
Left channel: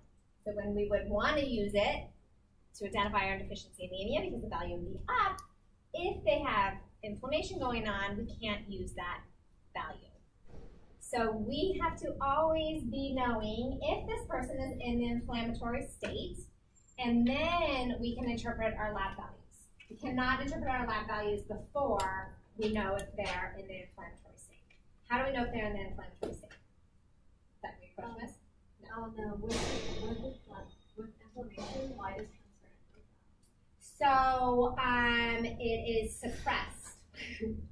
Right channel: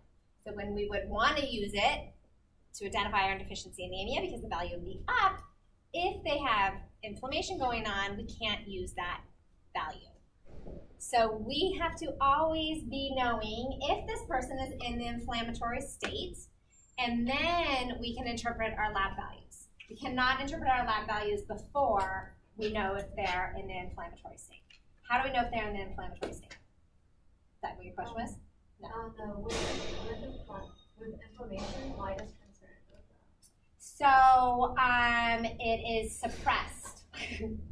So when we would want to use it to identify iron deficiency anemia, because the value would be up, if they have inflammation going on, we can't use that value. So we have to always be knowing if this person is in the inflammatory state, and then we can interpret our lab values. We cannot interpret our lab values before we know if they're in the inflammatory state. How do we know if they're in the inflammatory state? Is that what your question was? No. No. With inflammation, why does transferrin go So down? it is suppressed.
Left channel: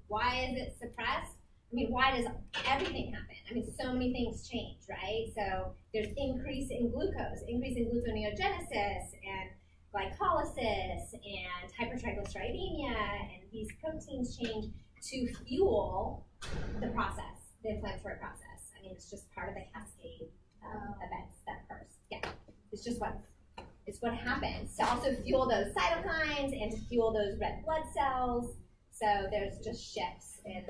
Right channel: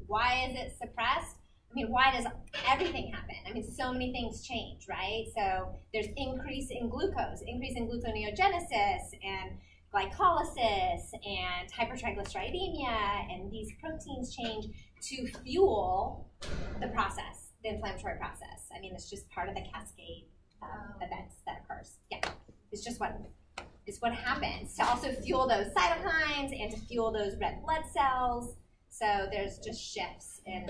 Why is it suppressed? I mean, why does everything happen? I mean, so many things change, right? So there's increase in glucose, increase in gluconeogenesis, and glycolysis, and hypertriglyceridemia, and these proteins change to fuel the process, the inflammatory process. I mean, it's just part of the cascade of events that occurs. Yeah, it's just what happens to also fuel those cytokines and to fuel those red blood cells. So there's just shifts in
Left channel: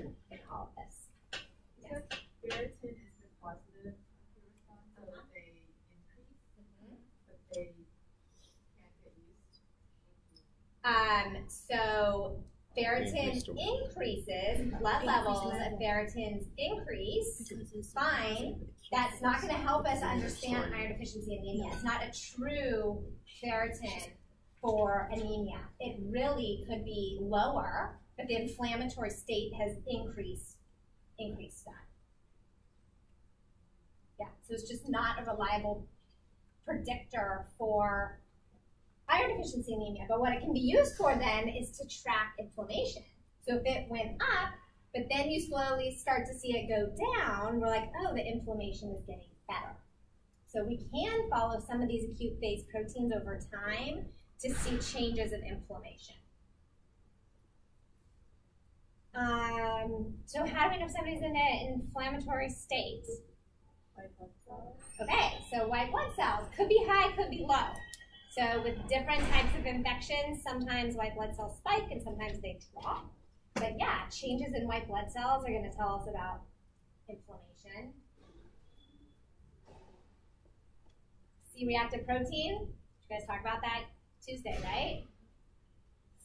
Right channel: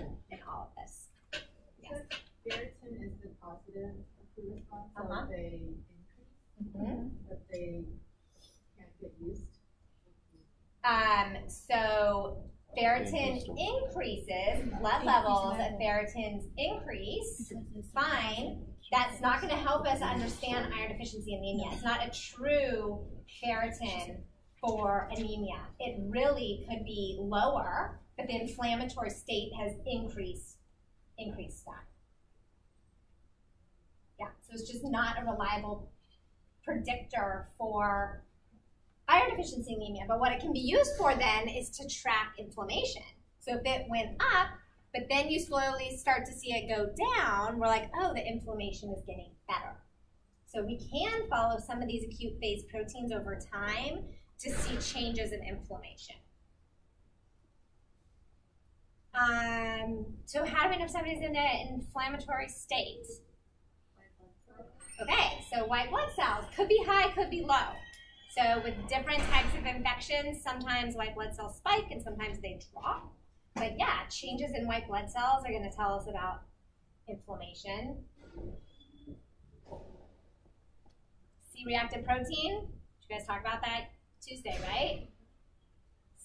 all of this. Yes. Ferritin is the positive acute response, so they increase, but they can't get used. So ferritin increases, blood levels of ferritins increase, fine. That's not going to help us understand iron deficiency anemia. It's not a true ferritin for anemia. It really could be lower, but the inflammatory state has increased that. Yeah, so it's just not a reliable predictor for iron deficiency anemia. But what it can be used for then is to track inflammation. So if it went up, but then you slowly start to see it go down, we're like, oh, the inflammation is getting better. So we can follow some of these acute phase proteins over time to see changes in inflammation. So how do we know if somebody's in an inflammatory state? Okay, so white blood cells could be high, could be low. So with different types of infections, sometimes white blood cells spike and sometimes they drop. But yeah, changes in white blood cells are going to tell us about inflammation. C-reactive protein, you guys talked about that Tuesday, right?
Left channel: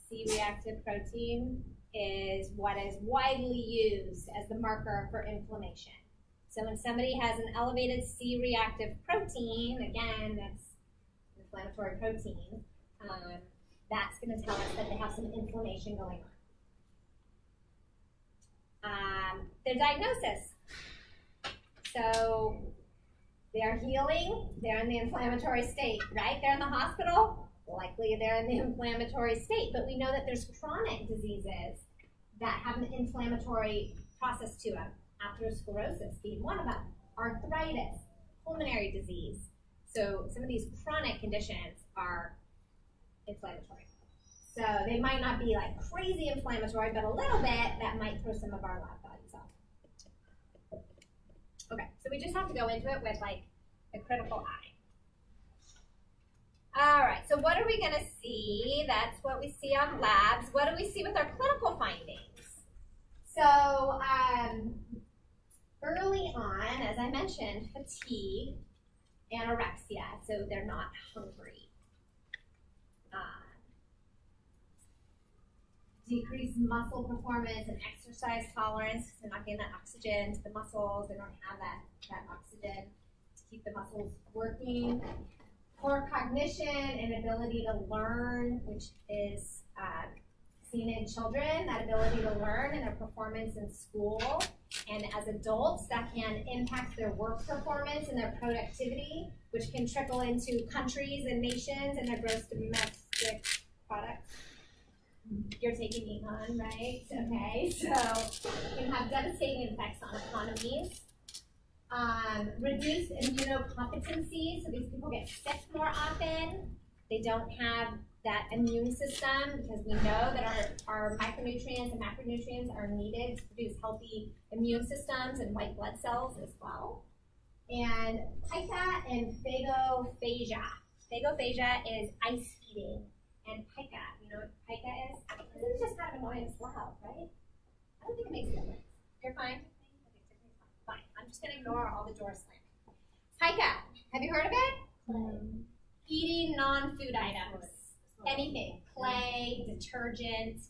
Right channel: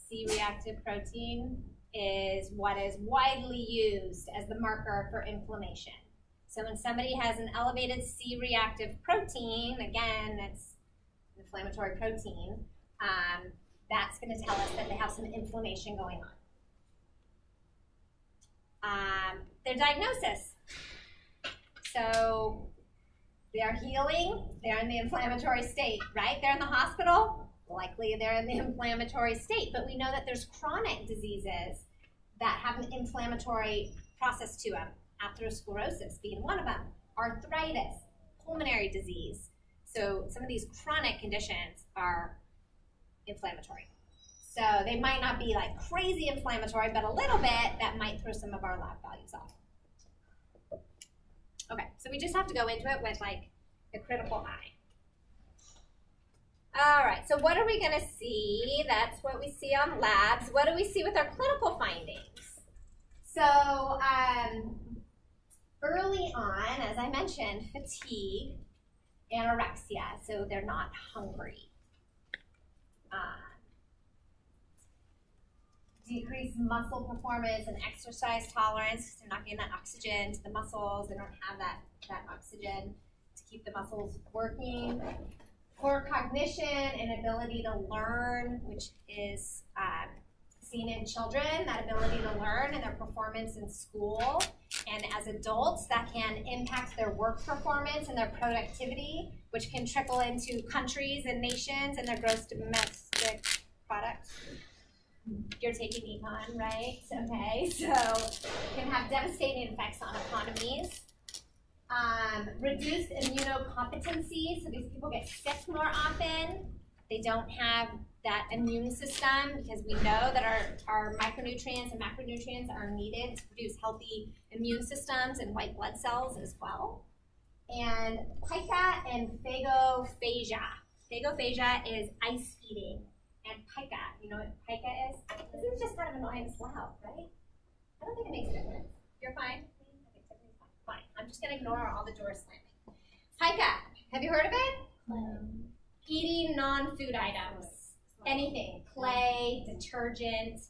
C-reactive protein is what is widely used as the marker for inflammation. So when somebody has an elevated C-reactive protein, again, that's an inflammatory protein, that's going to tell us that they have some inflammation going on. Their diagnosis. So they are healing, they're in the inflammatory state, right? They're in the hospital, likely they're in the inflammatory state, but we know that there's chronic diseases that have an inflammatory process to them. Atherosclerosis being one of them, arthritis, pulmonary disease. So some of these chronic conditions are inflammatory. So they might not be like crazy inflammatory, but a little bit that might throw some of our lab values off. Okay, so we just have to go into it with like a critical eye. All right, so what are we gonna see? That's what we see on labs. What do we see with our clinical findings? So early on, as I mentioned, fatigue, anorexia, so they're not hungry. decreased muscle performance and exercise tolerance because they're not getting that oxygen to the muscles. They don't have that oxygen to keep the muscles working. Poor cognition and ability to learn, which is seen in children, that ability to learn and their performance in school. And as adults, that can impact their work performance and their productivity, which can trickle into countries and nations and their gross domestic product. You're taking econ, right? Okay, so it can have devastating effects on economies. Reduced immunocompetency, so these people get sick more often. They don't have that immune system because we know that our micronutrients and macronutrients are needed to produce healthy immune systems and white blood cells as well. And pica and phagophagia. Phagophagia is ice eating. And pica, you know what pica is? This is just kind of annoying as loud, right? I don't think it makes a difference. You're fine? Fine. I'm just going to ignore all the doors slamming. Pica, have you heard of it? Eating non-food items. Anything. Clay, detergent.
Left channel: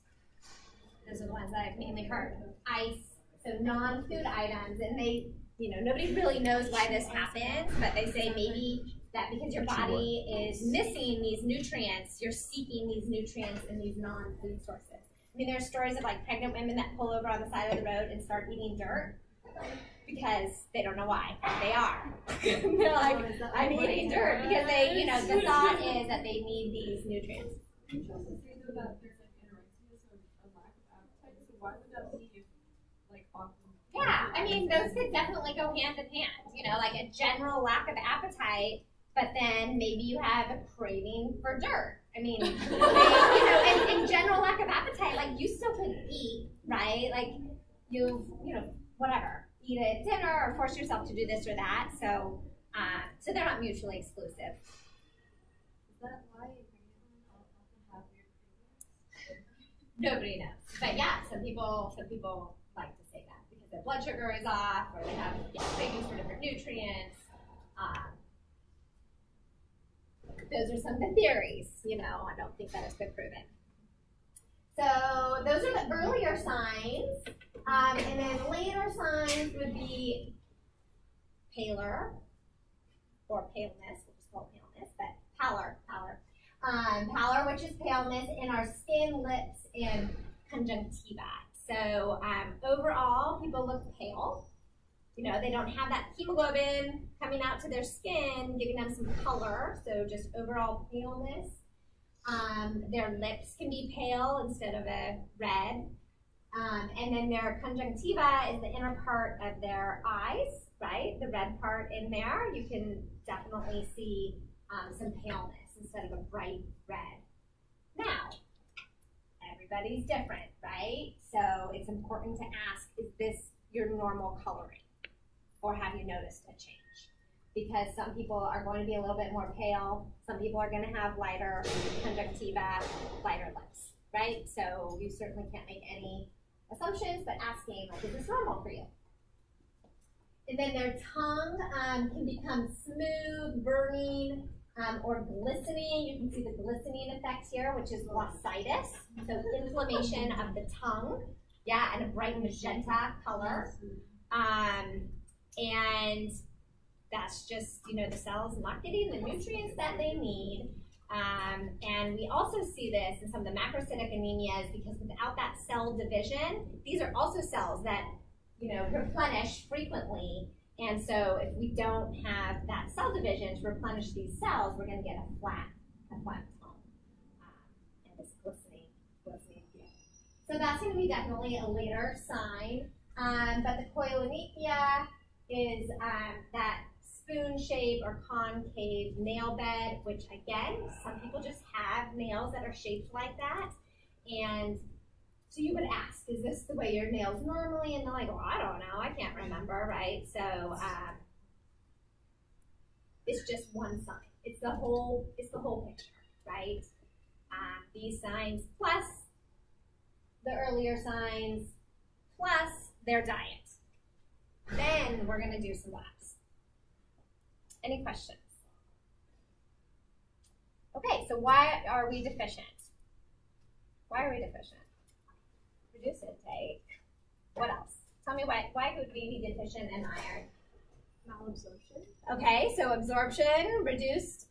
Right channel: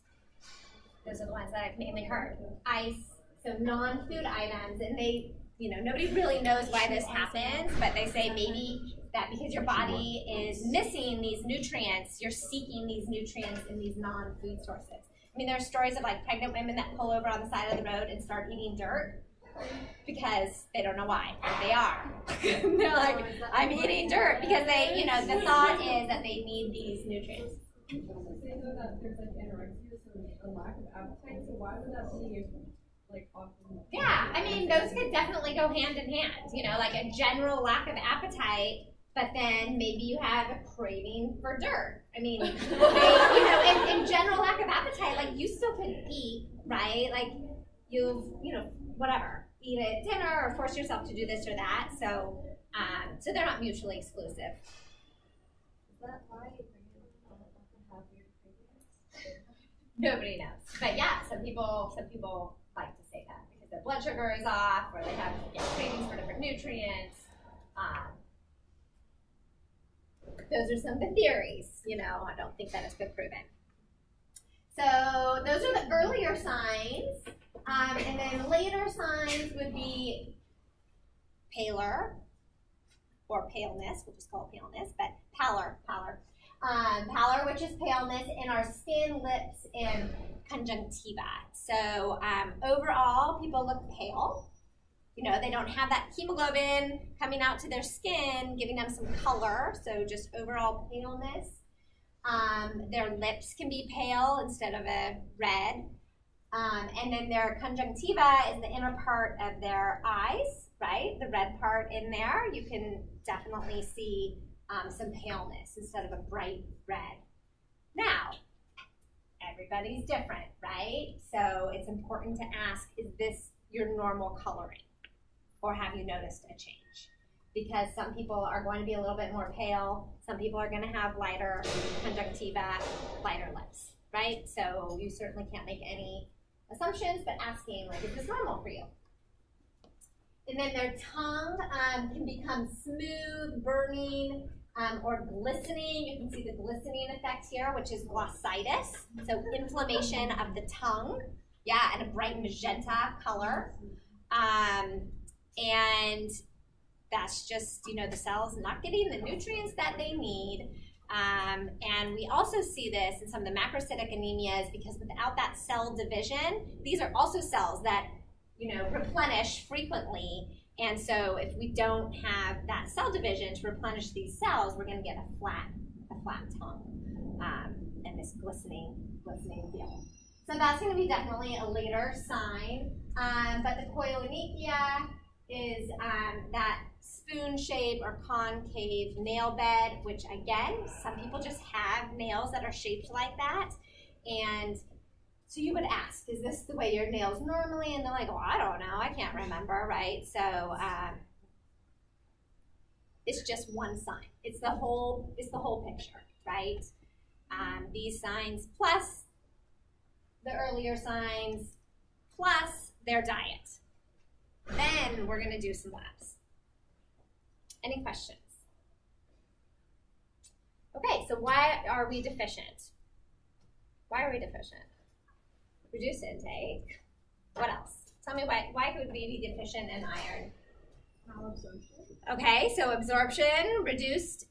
Those are the ones that I've mainly heard. Ice. So non-food items. And they, nobody really knows why this happens, but they say maybe that because your body is missing these nutrients, you're seeking these nutrients in these non-food sources. I mean, there are stories of like pregnant women that pull over on the side of the road and start eating dirt because they don't know why. They are. They're like, I'm eating dirt because they, the thought is that they need these nutrients. They know that there's like anorexia, so a lack of appetite. So why would that be like often? Yeah, I mean, those could definitely go hand in hand. Like a general lack of appetite, but then maybe you have a craving for dirt. I mean, in general lack of appetite, like you still could eat, right? Like whatever, eat at dinner or force yourself to do this or that. So, so they're not mutually exclusive. Is that why often have weird cravings? Nobody knows, but yeah, some people like to say that because their blood sugar is off or they have cravings for different nutrients. Those are some of the theories, I don't think that has been proven. So those are the earlier signs, and then later signs would be paler, or paleness, we'll just call it paleness, but pallor, pallor, which is paleness in our skin, lips, and conjunctiva. So overall, people look pale. They don't have that hemoglobin coming out to their skin, giving them some color, so just overall paleness. Their lips can be pale instead of a red. And then their conjunctiva is the inner part of their eyes, right? The red part in there, you can definitely see some paleness instead of a bright red. Now, everybody's different, right? So it's important to ask, is this your normal coloring? Or have you noticed a change? Because some people are going to be a little bit more pale. Some people are going to have lighter conjunctiva, lighter lips, right? So you certainly can't make any assumptions, but asking, like, is this normal for you? And then their tongue can become smooth, burning, or glistening. You can see the glistening effect here, which is glossitis. So inflammation of the tongue, and a bright magenta color. And that's just, the cells not getting the nutrients that they need. And we also see this in some of the macrocytic anemias because without that cell division, these are also cells that, replenish frequently. And so if we don't have that cell division to replenish these cells, we're going to get a flat tongue and this glistening feel. So that's going to be definitely a later sign. But the koilonychia is that spoon shape or concave nail bed, which again, some people just have nails that are shaped like that. And so you would ask, is this the way your nails normally? And they're like, oh, I don't know, I can't remember, right? So it's just one sign. It's the whole picture, right? These signs plus the earlier signs plus their diet. Then we're going to do some labs. Any questions? Okay, so why are we deficient? Why are we deficient? Reduced intake. What else? Tell me why could we be deficient in iron? Malabsorption. Okay, so absorption, reduced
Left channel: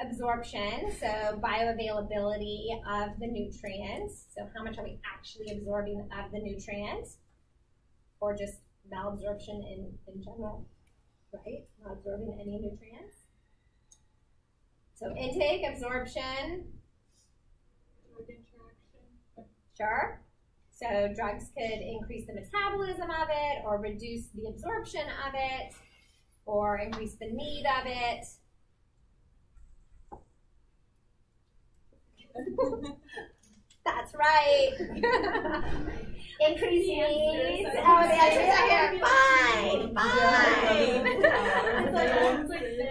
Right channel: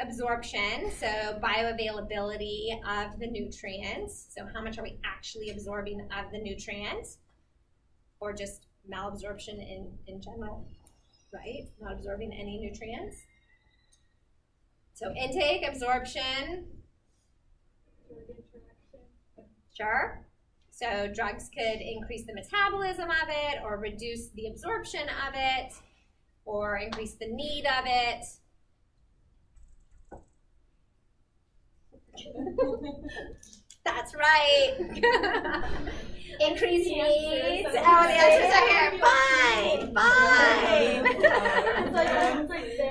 absorption, so bioavailability of the nutrients. So how much are we actually absorbing of the nutrients? Or just malabsorption in general, right? Not absorbing any nutrients. So intake, absorption. Drug interaction. Sure. So drugs could increase the metabolism of it, or reduce the absorption of it, or increase the need of it. That's right. Increase needs. Oh, the answers are here. Fine.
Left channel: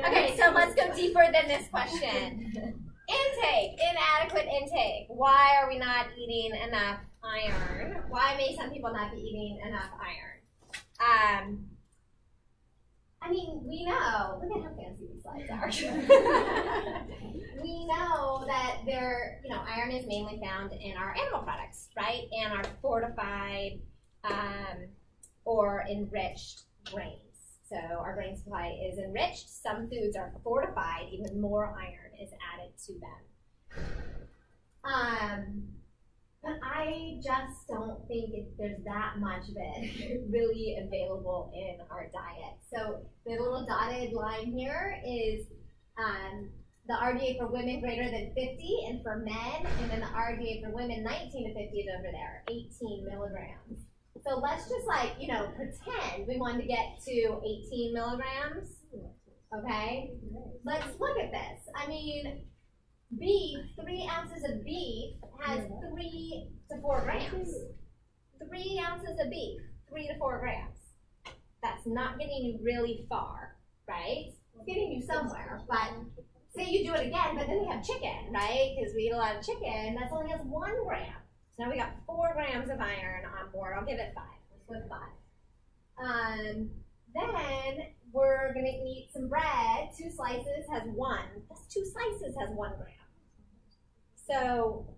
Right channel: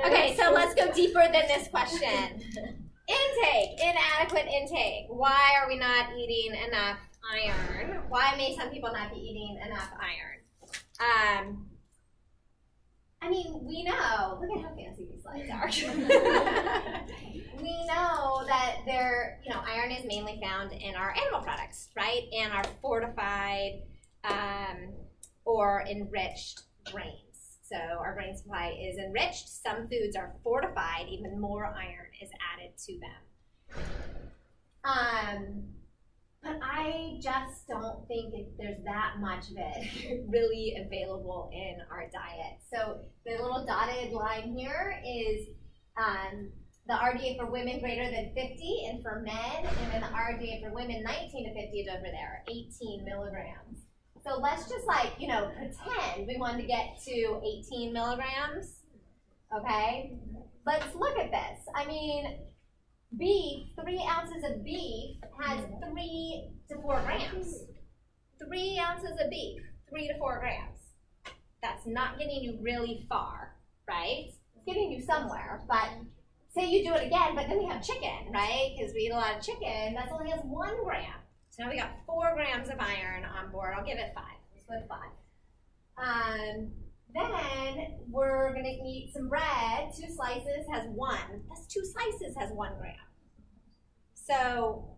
Okay, so let's go deeper than this question. Intake, inadequate intake. Why are we not eating enough iron? Why may some people not be eating enough iron? I mean, we know, look at how fancy these slides are. We know that iron is mainly found in our animal products, right? And our fortified or enriched grains. So our grain supply is enriched. Some foods are fortified, even more iron is added to them. But I just don't think there's that much of it really available in our diet. So the little dotted line here is the RDA for women greater than 50 and for men, and then the RDA for women 19 to 50 is over there, 18 milligrams. So let's just pretend we wanted to get to 18 milligrams, okay? Let's look at this. I mean, beef, 3 ounces of beef has 3 to 4 grams. 3 ounces of beef, 3 to 4 grams. That's not getting you really far, right? It's getting you somewhere, but say you do it again, but then we have chicken, right? Because we eat a lot of chicken, that only has 1 gram. So now we got 4 grams of iron on board. I'll give it 5. Let's put 5. Then we're gonna eat some bread. 2 slices has 1. That's 2 slices has 1 gram. So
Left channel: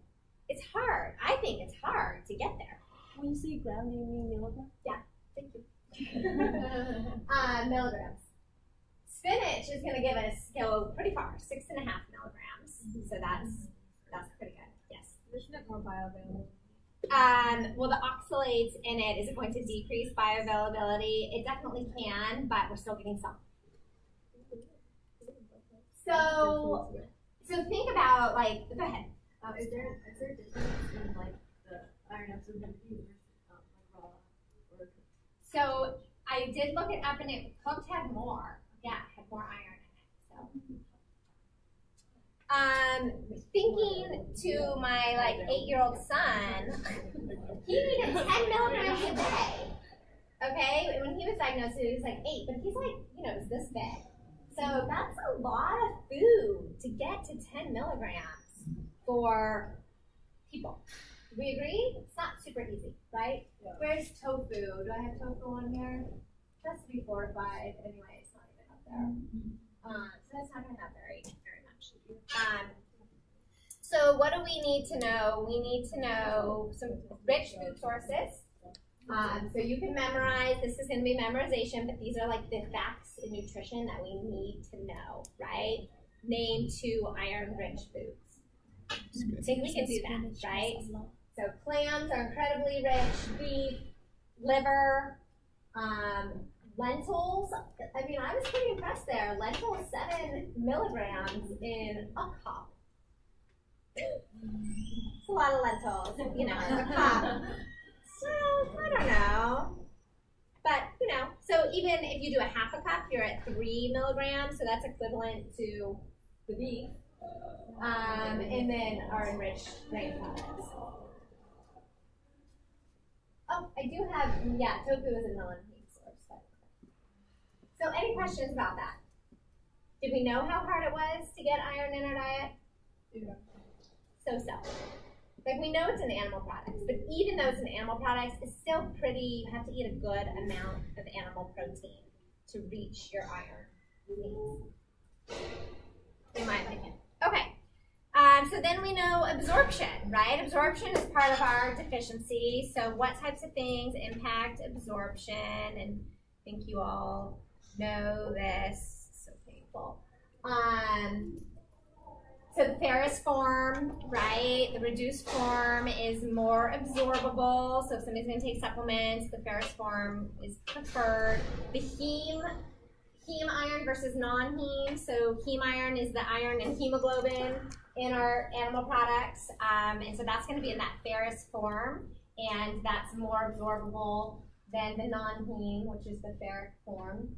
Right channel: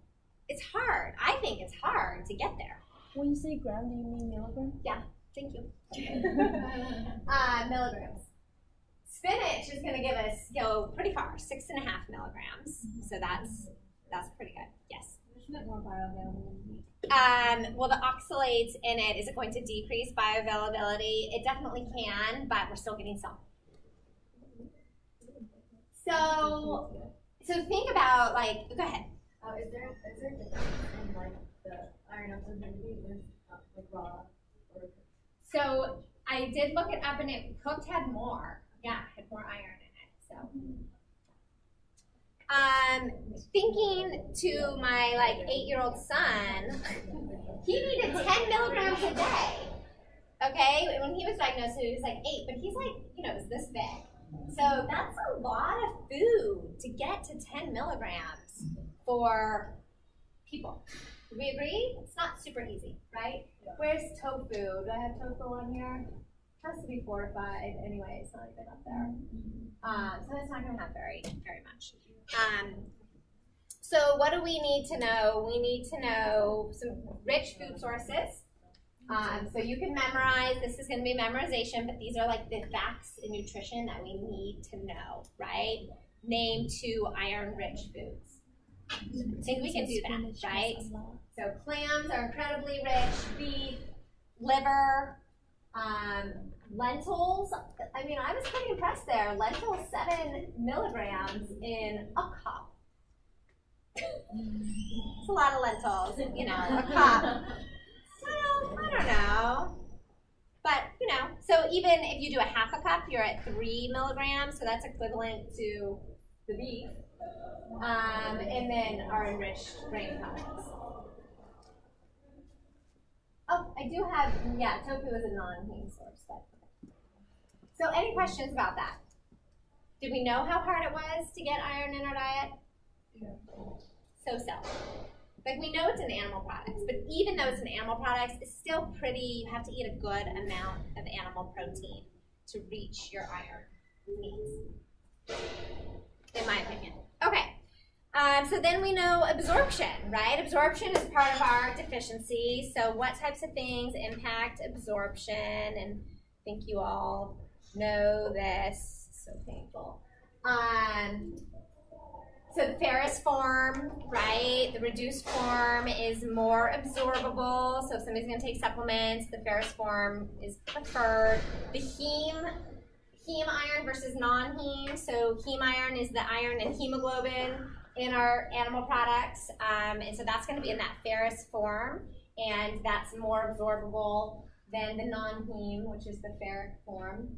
it's hard. I think it's hard to get there. When you say gram, do you mean milligram? Yeah, thank you. Milligrams. Spinach is going to give us go pretty far, 6.5 milligrams. So that's pretty good. Yes. Isn't it more bioavailable? Well, the oxalates in it, is it going to decrease bioavailability? It definitely can, but we're still getting some. So think about go ahead. Is there a difference in the iron absorbency versus raw or? So I did look it up, and it cooked had more. Yeah, had more iron in it. So, thinking to my 8-year-old son, he needed 10 milligrams a day. Okay, when he was diagnosed, he was 8, but he's it's this big. So that's a lot of food to get to 10 milligrams for people. Do we agree? It's not super easy, right? Yeah. Where's tofu? Do I have tofu on here? It has to be fortified anyway. It's not even up there. So it's not going to have very much. So what do we need to know? We need to know some rich food sources. So you can memorize. This is going to be memorization, but these are the facts in nutrition that we need to know, right? Name 2 iron-rich foods. I think we can do that, right? So clams are incredibly rich, beef, liver, lentils. I mean, I was pretty impressed there. Lentils, 7 milligrams in a cup. It's a lot of lentils, a cup. Well, I don't know. But, so even if you do a half a cup, you're at 3 milligrams, so that's equivalent to the beef. And then our enriched grain products. Oh, I do have, tofu is a non-meat source. But. So any questions about that? Did we know how hard it was to get iron in our diet? Yeah. So. We know it's in animal products, but even though it's in animal products, it's still you have to eat a good amount of animal protein to reach your iron needs, in my opinion. Okay, So then we know absorption, right? Absorption is part of our deficiency. So what types of things impact absorption? And I think you all know this. So painful. So the ferrous form, right? The reduced form is more absorbable. So if somebody's going to take supplements, the ferrous form is preferred. The heme iron versus non-heme. So heme iron is the iron and hemoglobin in our animal products. And so that's going to be in that ferrous form. And that's more absorbable than the non-heme, which is the ferric form.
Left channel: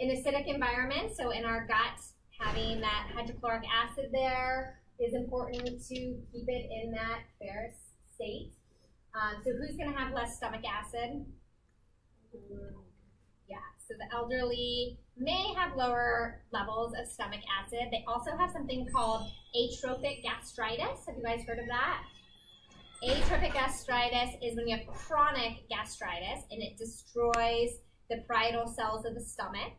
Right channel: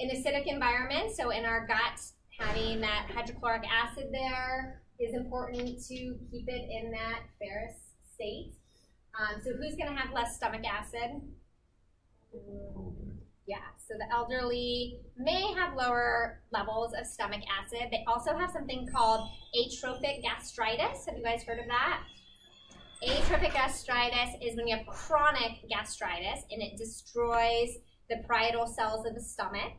In acidic environments, so in our gut, having that hydrochloric acid there is important to keep it in that ferrous state. So who's going to have less stomach acid? Yeah, so the elderly may have lower levels of stomach acid. They also have something called atrophic gastritis. Have you guys heard of that? Atrophic gastritis is when you have chronic gastritis and it destroys the parietal cells of the stomach.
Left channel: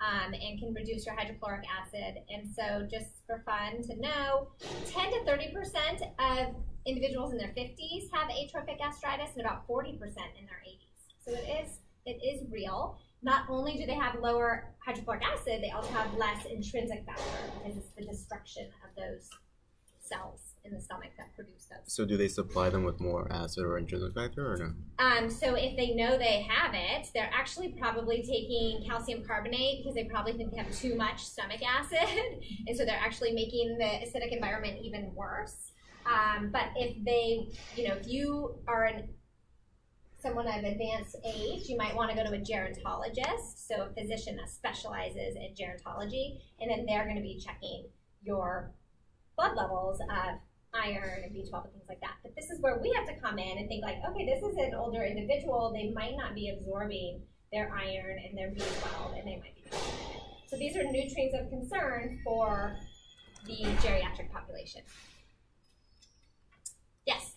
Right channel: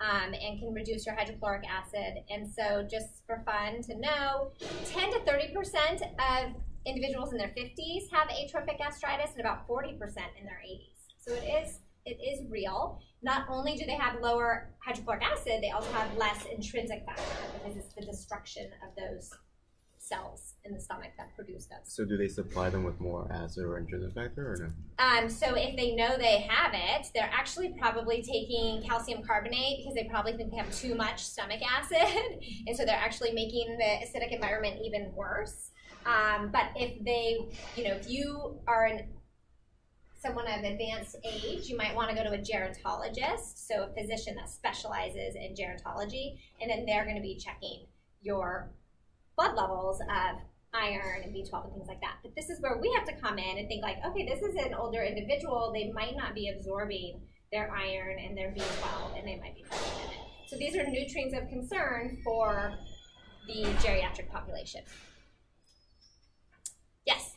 And can reduce your hydrochloric acid. And so just for fun to know, 10 to 30% of individuals in their 50s have atrophic gastritis and about 40% in their 80s. So it is real. Not only do they have lower hydrochloric acid, they also have less intrinsic factor because it's the destruction of those cells in the stomach that produce those. So do they supply them with more acid or intrinsic factor or no? So if they know they have it, they're actually probably taking calcium carbonate because they probably think they have too much stomach acid. And so they're actually making the acidic environment even worse. But if they, if you are someone of advanced age, you might want to go to a gerontologist, so a physician that specializes in gerontology, and then they're going to be checking your blood levels of iron and B12 and things like that. But this is where we have to come in and think like, okay, this is an older individual. They might not be absorbing their iron and their B12, and they might be putting in it. So these are nutrients of concern for the geriatric population. Yes?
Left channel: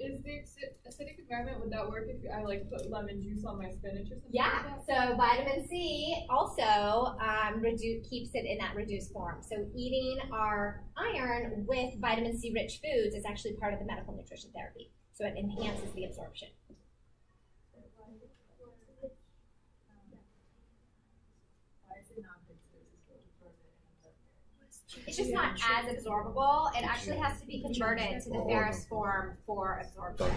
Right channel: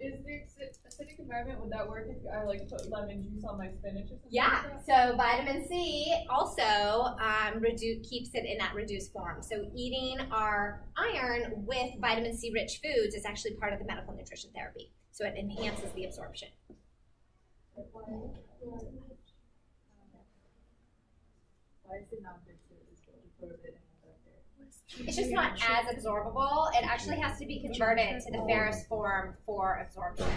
Is the acidic environment, would that work if I put lemon juice on my spinach or something? Yeah, like that? so vitamin C also keeps it in that reduced form. So eating our iron with vitamin C rich foods is actually part of the medical nutrition therapy. So it enhances the absorption. Why is it not good to absorb it? It's just not as absorbable. It actually has to be converted to the ferrous form for absorption.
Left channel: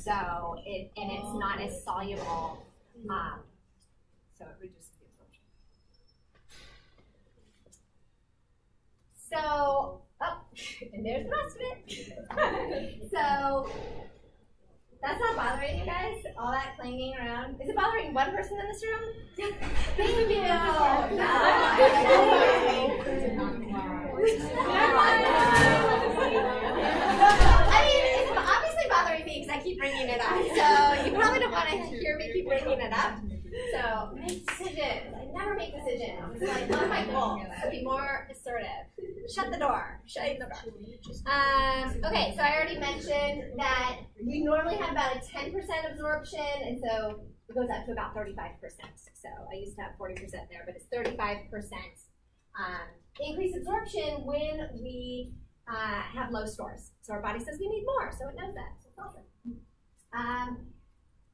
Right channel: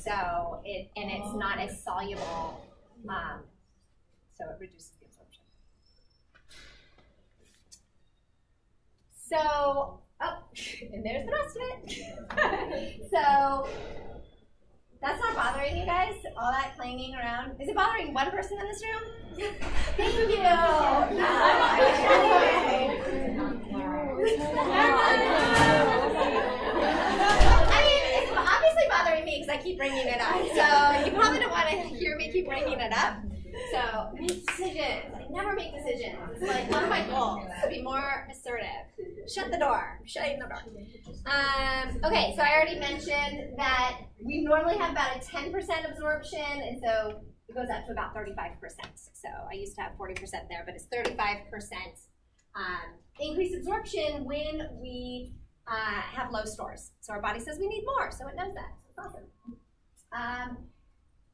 So it's not as soluble, so it reduces the absorption. So, and there's the rest of it. So, that's not bothering you guys? All that clanging around? Is it bothering one person in this room? Thank you. I mean, it's obviously bothering me because I keep bringing it up. So you probably don't want to hear me keep bringing it up. So make decisions. I never make decisions. It's like one of my goals to be more assertive. Shut the door. Shutting the door. Okay, so I already mentioned that we normally have about a 10% absorption, and so it goes up to about 35%. So I used to have 40% there, but it's 35% increased absorption when we have low stores. So our body says we need more, so it knows that. So it's awesome.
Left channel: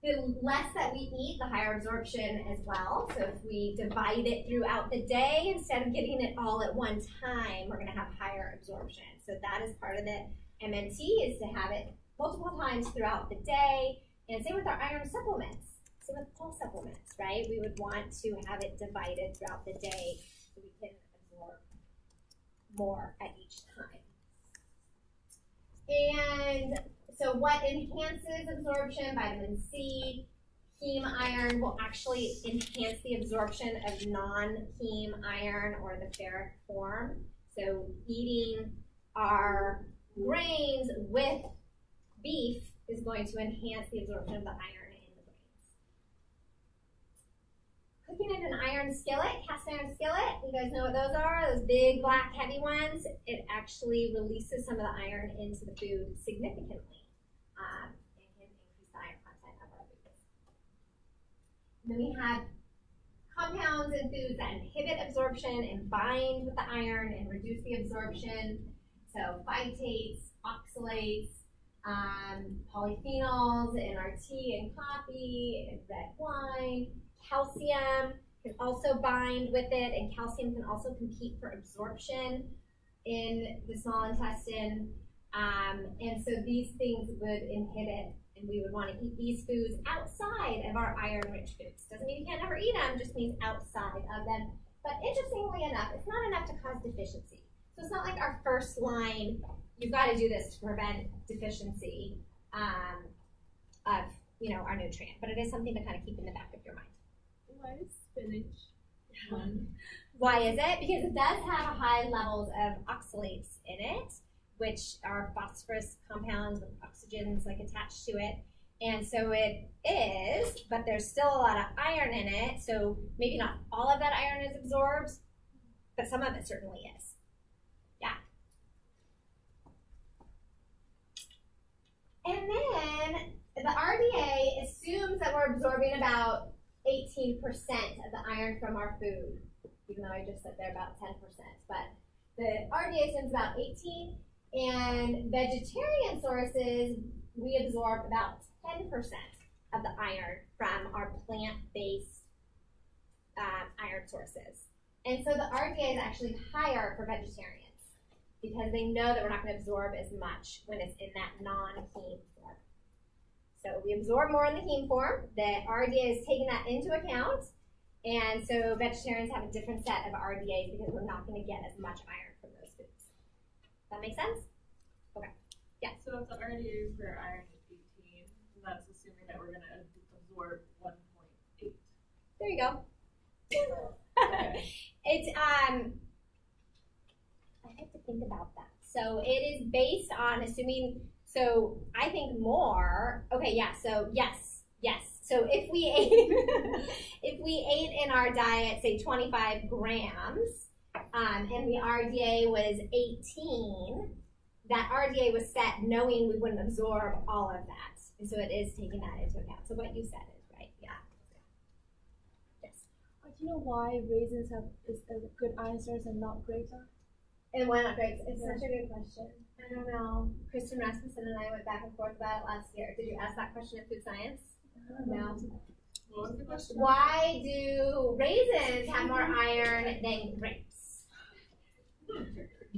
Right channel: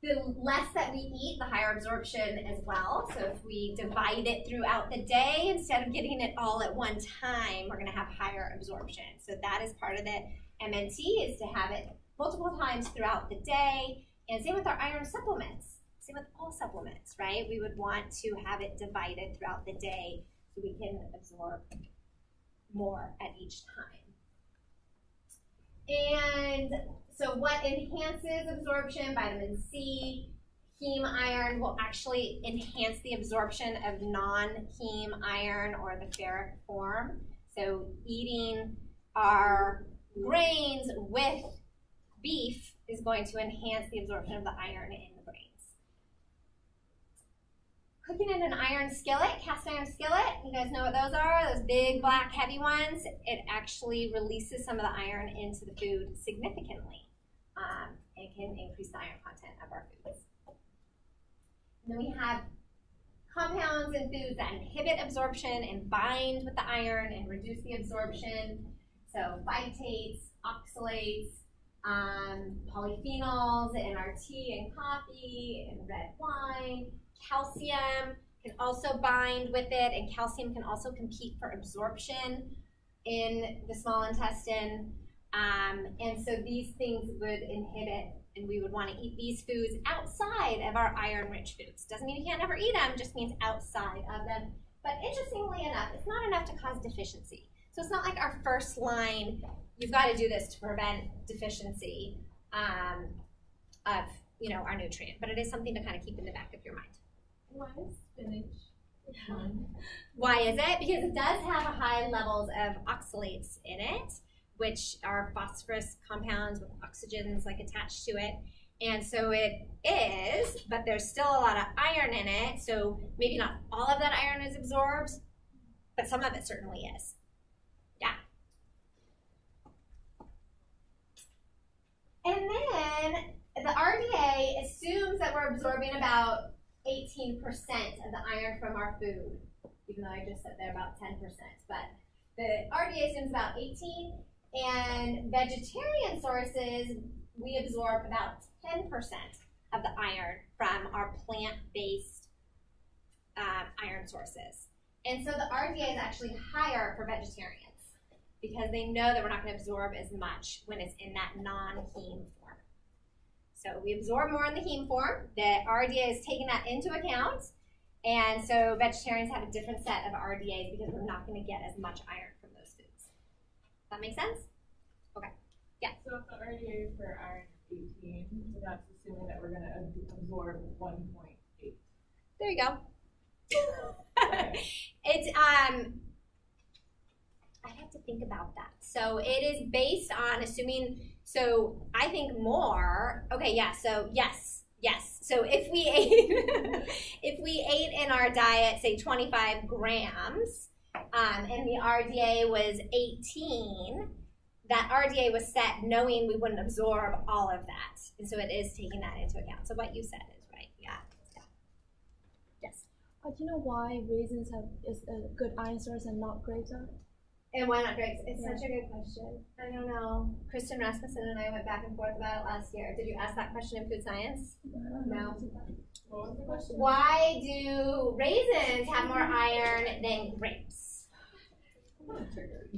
The less that we eat, the higher absorption as well. So if we divide it throughout the day, instead of getting it all at one time, we're going to have higher absorption. So that is part of the MNT, is to have it multiple times throughout the day. And same with our iron supplements. Same with all supplements, right? We would want to have it divided throughout the day so we can absorb more at each time. And so what enhances absorption? Vitamin C. Heme iron will actually enhance the absorption of non-heme iron or the ferric form. So eating our grains with beef is going to enhance the absorption of the iron in the grains. Cooking in an iron skillet, cast iron skillet, you guys know what those are? Those big, black, heavy ones. It actually releases some of the iron into the food significantly. And can increase the iron content of our foods. And then we have compounds in foods that inhibit absorption and bind with the iron and reduce the absorption. So phytates, oxalates, polyphenols in our tea and coffee and red wine. Calcium can also bind with it, and calcium can also compete for absorption in the small intestine. And so these things would inhibit, and we would want to eat these foods outside of our iron-rich foods. Doesn't mean you can't never eat them, just means outside of them. But interestingly enough, it's not enough to cause deficiency. So it's not like our first line, you've got to do this to prevent deficiency of, you know, our nutrient. But it is something to kind of keep in the back of your mind. Why is spinach? Why is it? Because it does have high levels of oxalates in it, which are phosphorus compounds with oxygens like attached to it. And so it is, but there's still a lot of iron in it. So maybe not all of that iron is absorbed, but some of it certainly is. Yeah. And then the RDA assumes that we're absorbing about 18% of the iron from our food, even though I just said they're about 10%. But the RDA assumes about 18, and vegetarian sources, we absorb about 10% of the iron from our plant-based iron sources. And so the RDA is actually higher for vegetarians because they know that we're not going to absorb as much when it's in that non-heme form. So we absorb more in the heme form. The RDA is taking that into account. And so vegetarians have a different set of RDAs because we're not going to get as much iron from those foods. Does that make sense? Okay. Yeah. So if the RDA for iron is 18, so that's assuming that we're going to absorb 1.8. There you go. Okay. It's I have to think about that. So it is based on assuming. So I think more. Okay. Yeah. So yes. So if we ate in our diet, say 25 grams, and the RDA was 18, that RDA was set knowing we wouldn't absorb all of that. And so it is taking that into account. So what you said is right. Yeah. Yes. Do you know why raisins is a good iron source and not grapes are? And why not grapes? It's such a good question. I don't know. Kristen Rasmussen and I went back and forth about it last year. Did you ask that question in food science? No. What was the question? Why do raisins have more iron than grapes?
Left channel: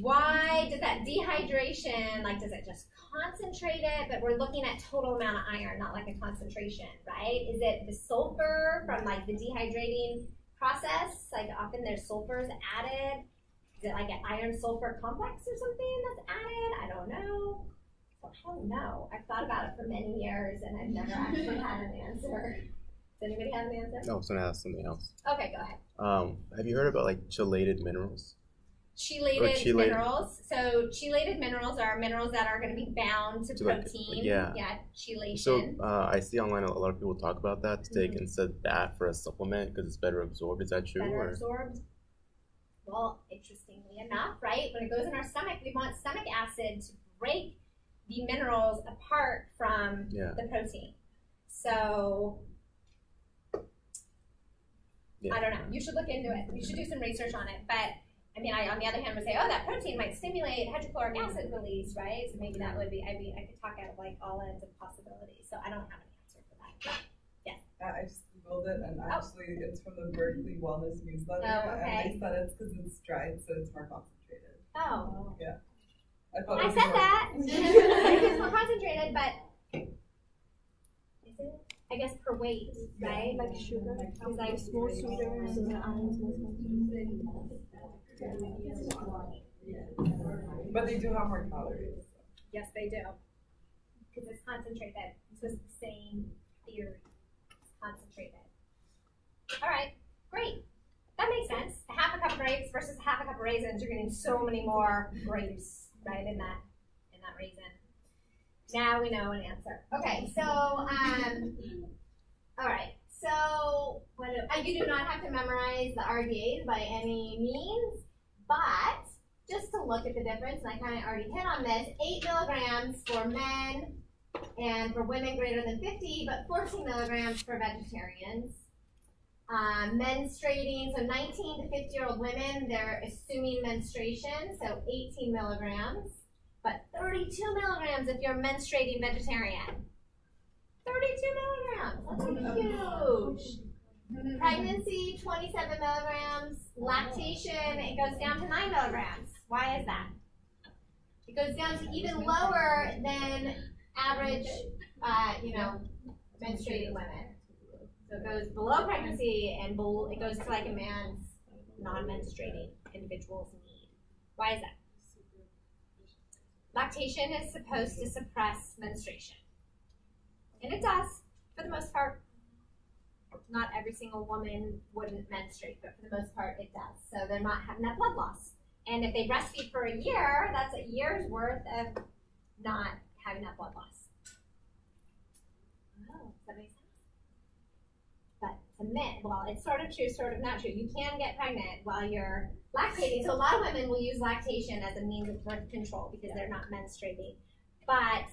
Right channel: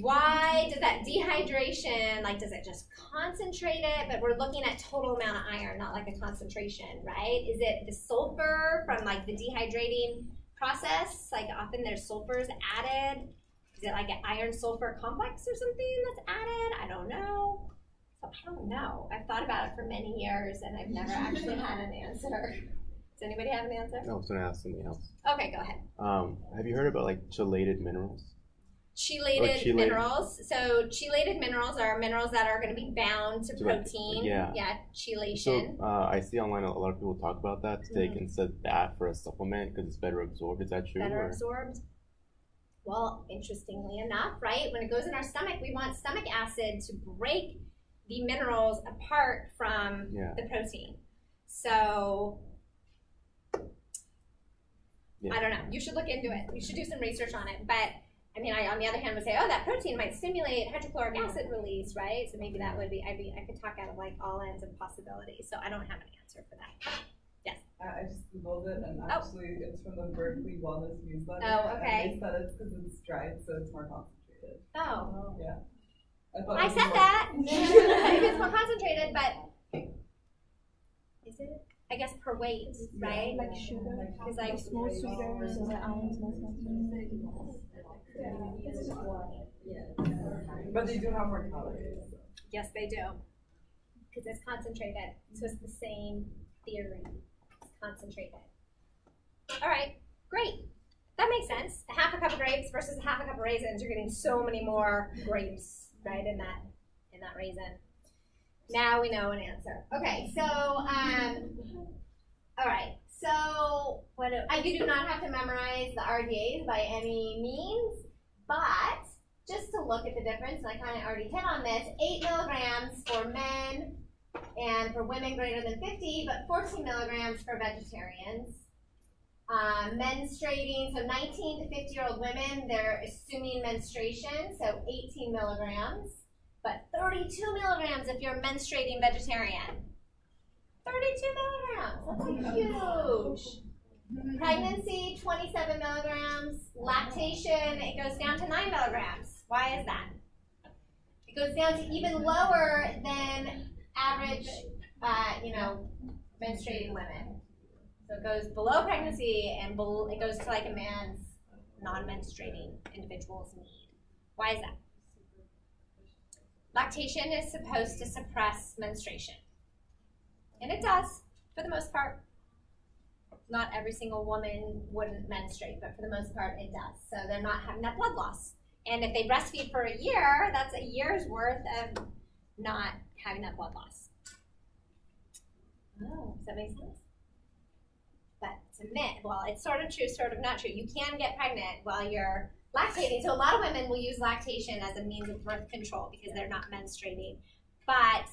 Why does that dehydration, like, does it just concentrate it? But we're looking at total amount of iron, not like a concentration, right? Is it the sulfur from like the dehydrating process? Like often there's sulfurs added. Is it like an iron sulfur complex or something that's added? I don't know. So I don't know. I've thought about it for many years and I've never actually had an answer. Does anybody have an answer? No, I was going to ask something else. Okay, go ahead. Have you heard about like chelated minerals? Chelated minerals. So chelated minerals are minerals that are going to be bound to protein. Yeah, chelation. So I see online a lot of people talk about that to take instead of that for a supplement because it's better absorbed. Is that true? Better absorbed. Well, interestingly enough, right? When it goes in our stomach, we want stomach acid to break the minerals apart from the protein. So I don't know. You should look into it. You should do some research on it. But I mean, I on the other hand would say, oh, that protein might stimulate hydrochloric acid release, right? So maybe that would be. I could talk out of like all ends of possibilities. So I don't have an answer for that. But yes. I just googled it, and actually, it's from the Berkeley Wellness Newsletter. Oh, okay. And they said it's because it's dried, so it's more concentrated. Oh. Yeah. I said that. It's more concentrated, but is it? I guess per weight, right? Like sugar. Because like more sweeter, so the iron is more concentrated. But they do have more calories. So. Yes, they do. Because it's concentrated. So it's the same theory. It's concentrated. All right, great. That makes sense. A half a cup of grapes versus a half a cup of raisins. You're getting so many more grapes, right, in that raisin. Now we know an answer. Okay, so all right. So you do not have to memorize the RDAs by any means, but just to look at the difference, and I kind of already hit on this, 8 milligrams for men and for women greater than 50, but 14 milligrams for vegetarians. Menstruating, so 19 to 50-year-old women, they're assuming menstruation, so 18 milligrams, but 32 milligrams if you're a menstruating vegetarian. 32 milligrams, that's huge. Pregnancy, 27 milligrams. Lactation, it goes down to 9 milligrams. Why is that? It goes down to even lower than average, menstruating women. So it goes below pregnancy and it goes to like a man's non-menstruating individual's need. Why is that? Lactation is supposed to suppress menstruation. And it does, for the most part. Not every single woman wouldn't menstruate, but for the most part it does. So they're not having that blood loss. And if they breastfeed for a year, that's a year's worth of not having that blood loss. Oh, does that make sense? But to men, well, it's sort of true, sort of not true. You can get pregnant while you're lactating. So a lot of women will use lactation as a means of birth control because they're not menstruating. But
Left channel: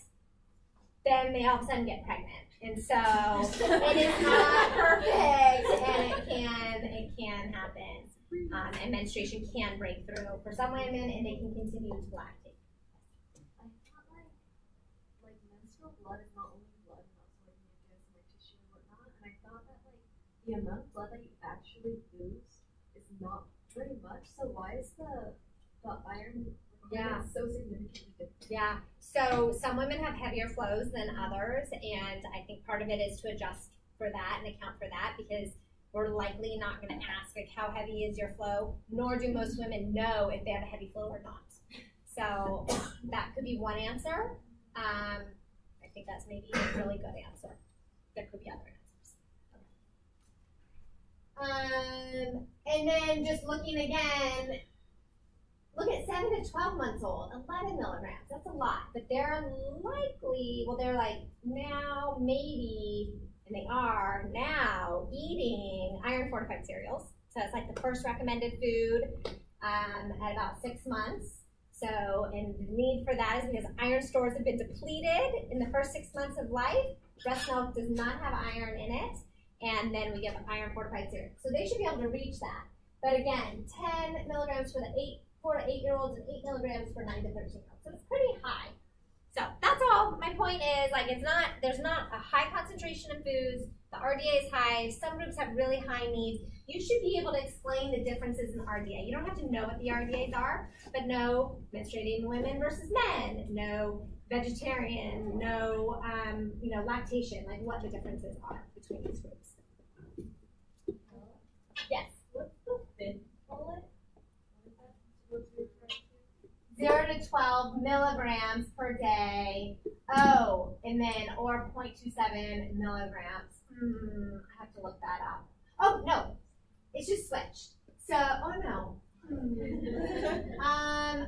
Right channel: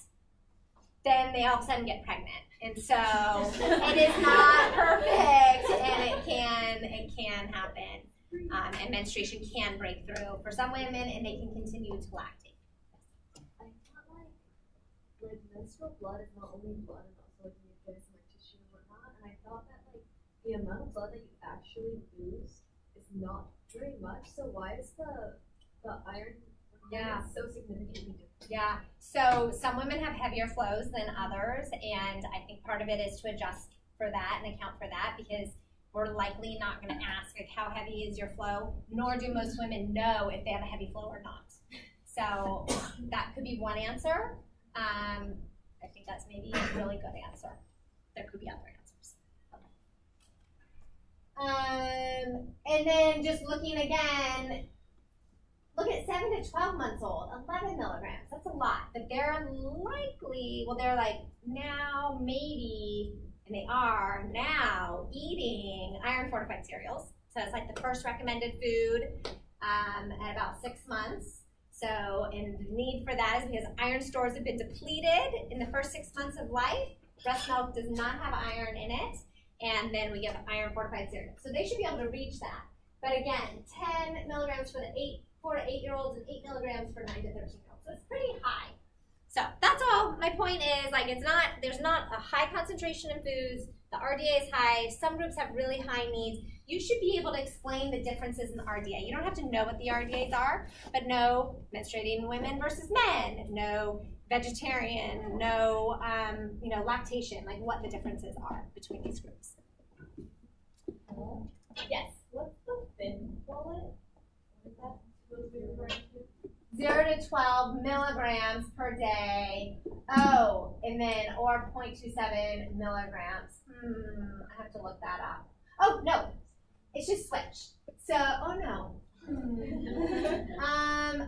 then they all of a sudden get pregnant. And so it is not perfect, and it can happen. And menstruation can break through for some women, and they can continue to lactate. I thought like menstrual blood is not only blood, and also like mucus and like tissue and whatnot. And I thought that like the amount of blood that you actually lose is not very much. So why is the iron so significantly different? Yeah. So some women have heavier flows than others, and I think part of it is to adjust for that and account for that, because we're likely not going to ask like how heavy is your flow, nor do most women know if they have a heavy flow or not. So that could be one answer. I think that's maybe a really good answer. There could be other answers. Okay. And then just looking again, look at 7 to 12 months old, 11 milligrams. That's a lot, but they're likely, well, they're like now maybe, and they are now eating iron fortified cereals. So it's like the first recommended food at about 6 months. So, and the need for that is because iron stores have been depleted in the first 6 months of life. Breast milk does not have iron in it, and then we give iron fortified cereal. So they should be able to reach that. But again, 10 milligrams for the 4 to 8-year-olds and 8 milligrams for 9 to 13-year-olds. So it's pretty high. So that's all. My point is, like, there's not a high concentration in foods. The RDA is high. Some groups have really high needs. You should be able to explain the differences in the RDA. You don't have to know what the RDAs are, but know menstruating women versus men, know vegetarian, know lactation, like what the differences are between these groups. Yes. What's the thin bullet? What is that supposed to be referring to? 0 to 12 milligrams per day. Oh, and then, or 0.27 milligrams. I have to look that up. Oh, no. It's just switched. So, oh no.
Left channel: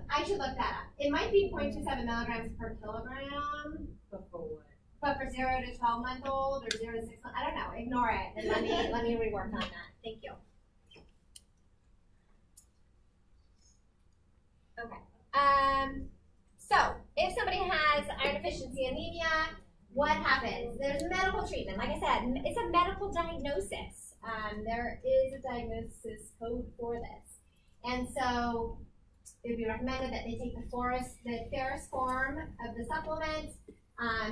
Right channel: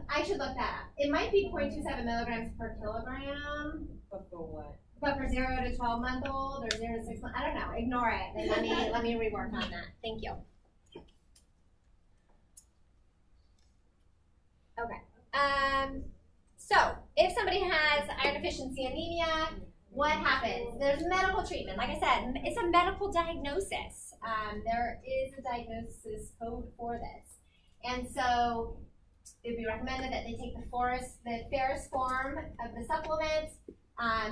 I should look that up. It might be 0.27 milligrams per kilogram. But for what? But for 0 to 12 month old or 0 to 6 month, I don't know. Ignore it. And let me rework on that. Thank you. Okay. So if somebody has iron deficiency anemia, what happens? There's medical treatment. Like I said, it's a medical diagnosis. There is a diagnosis code for this. And so it would be recommended that they take the ferrous form of the supplement.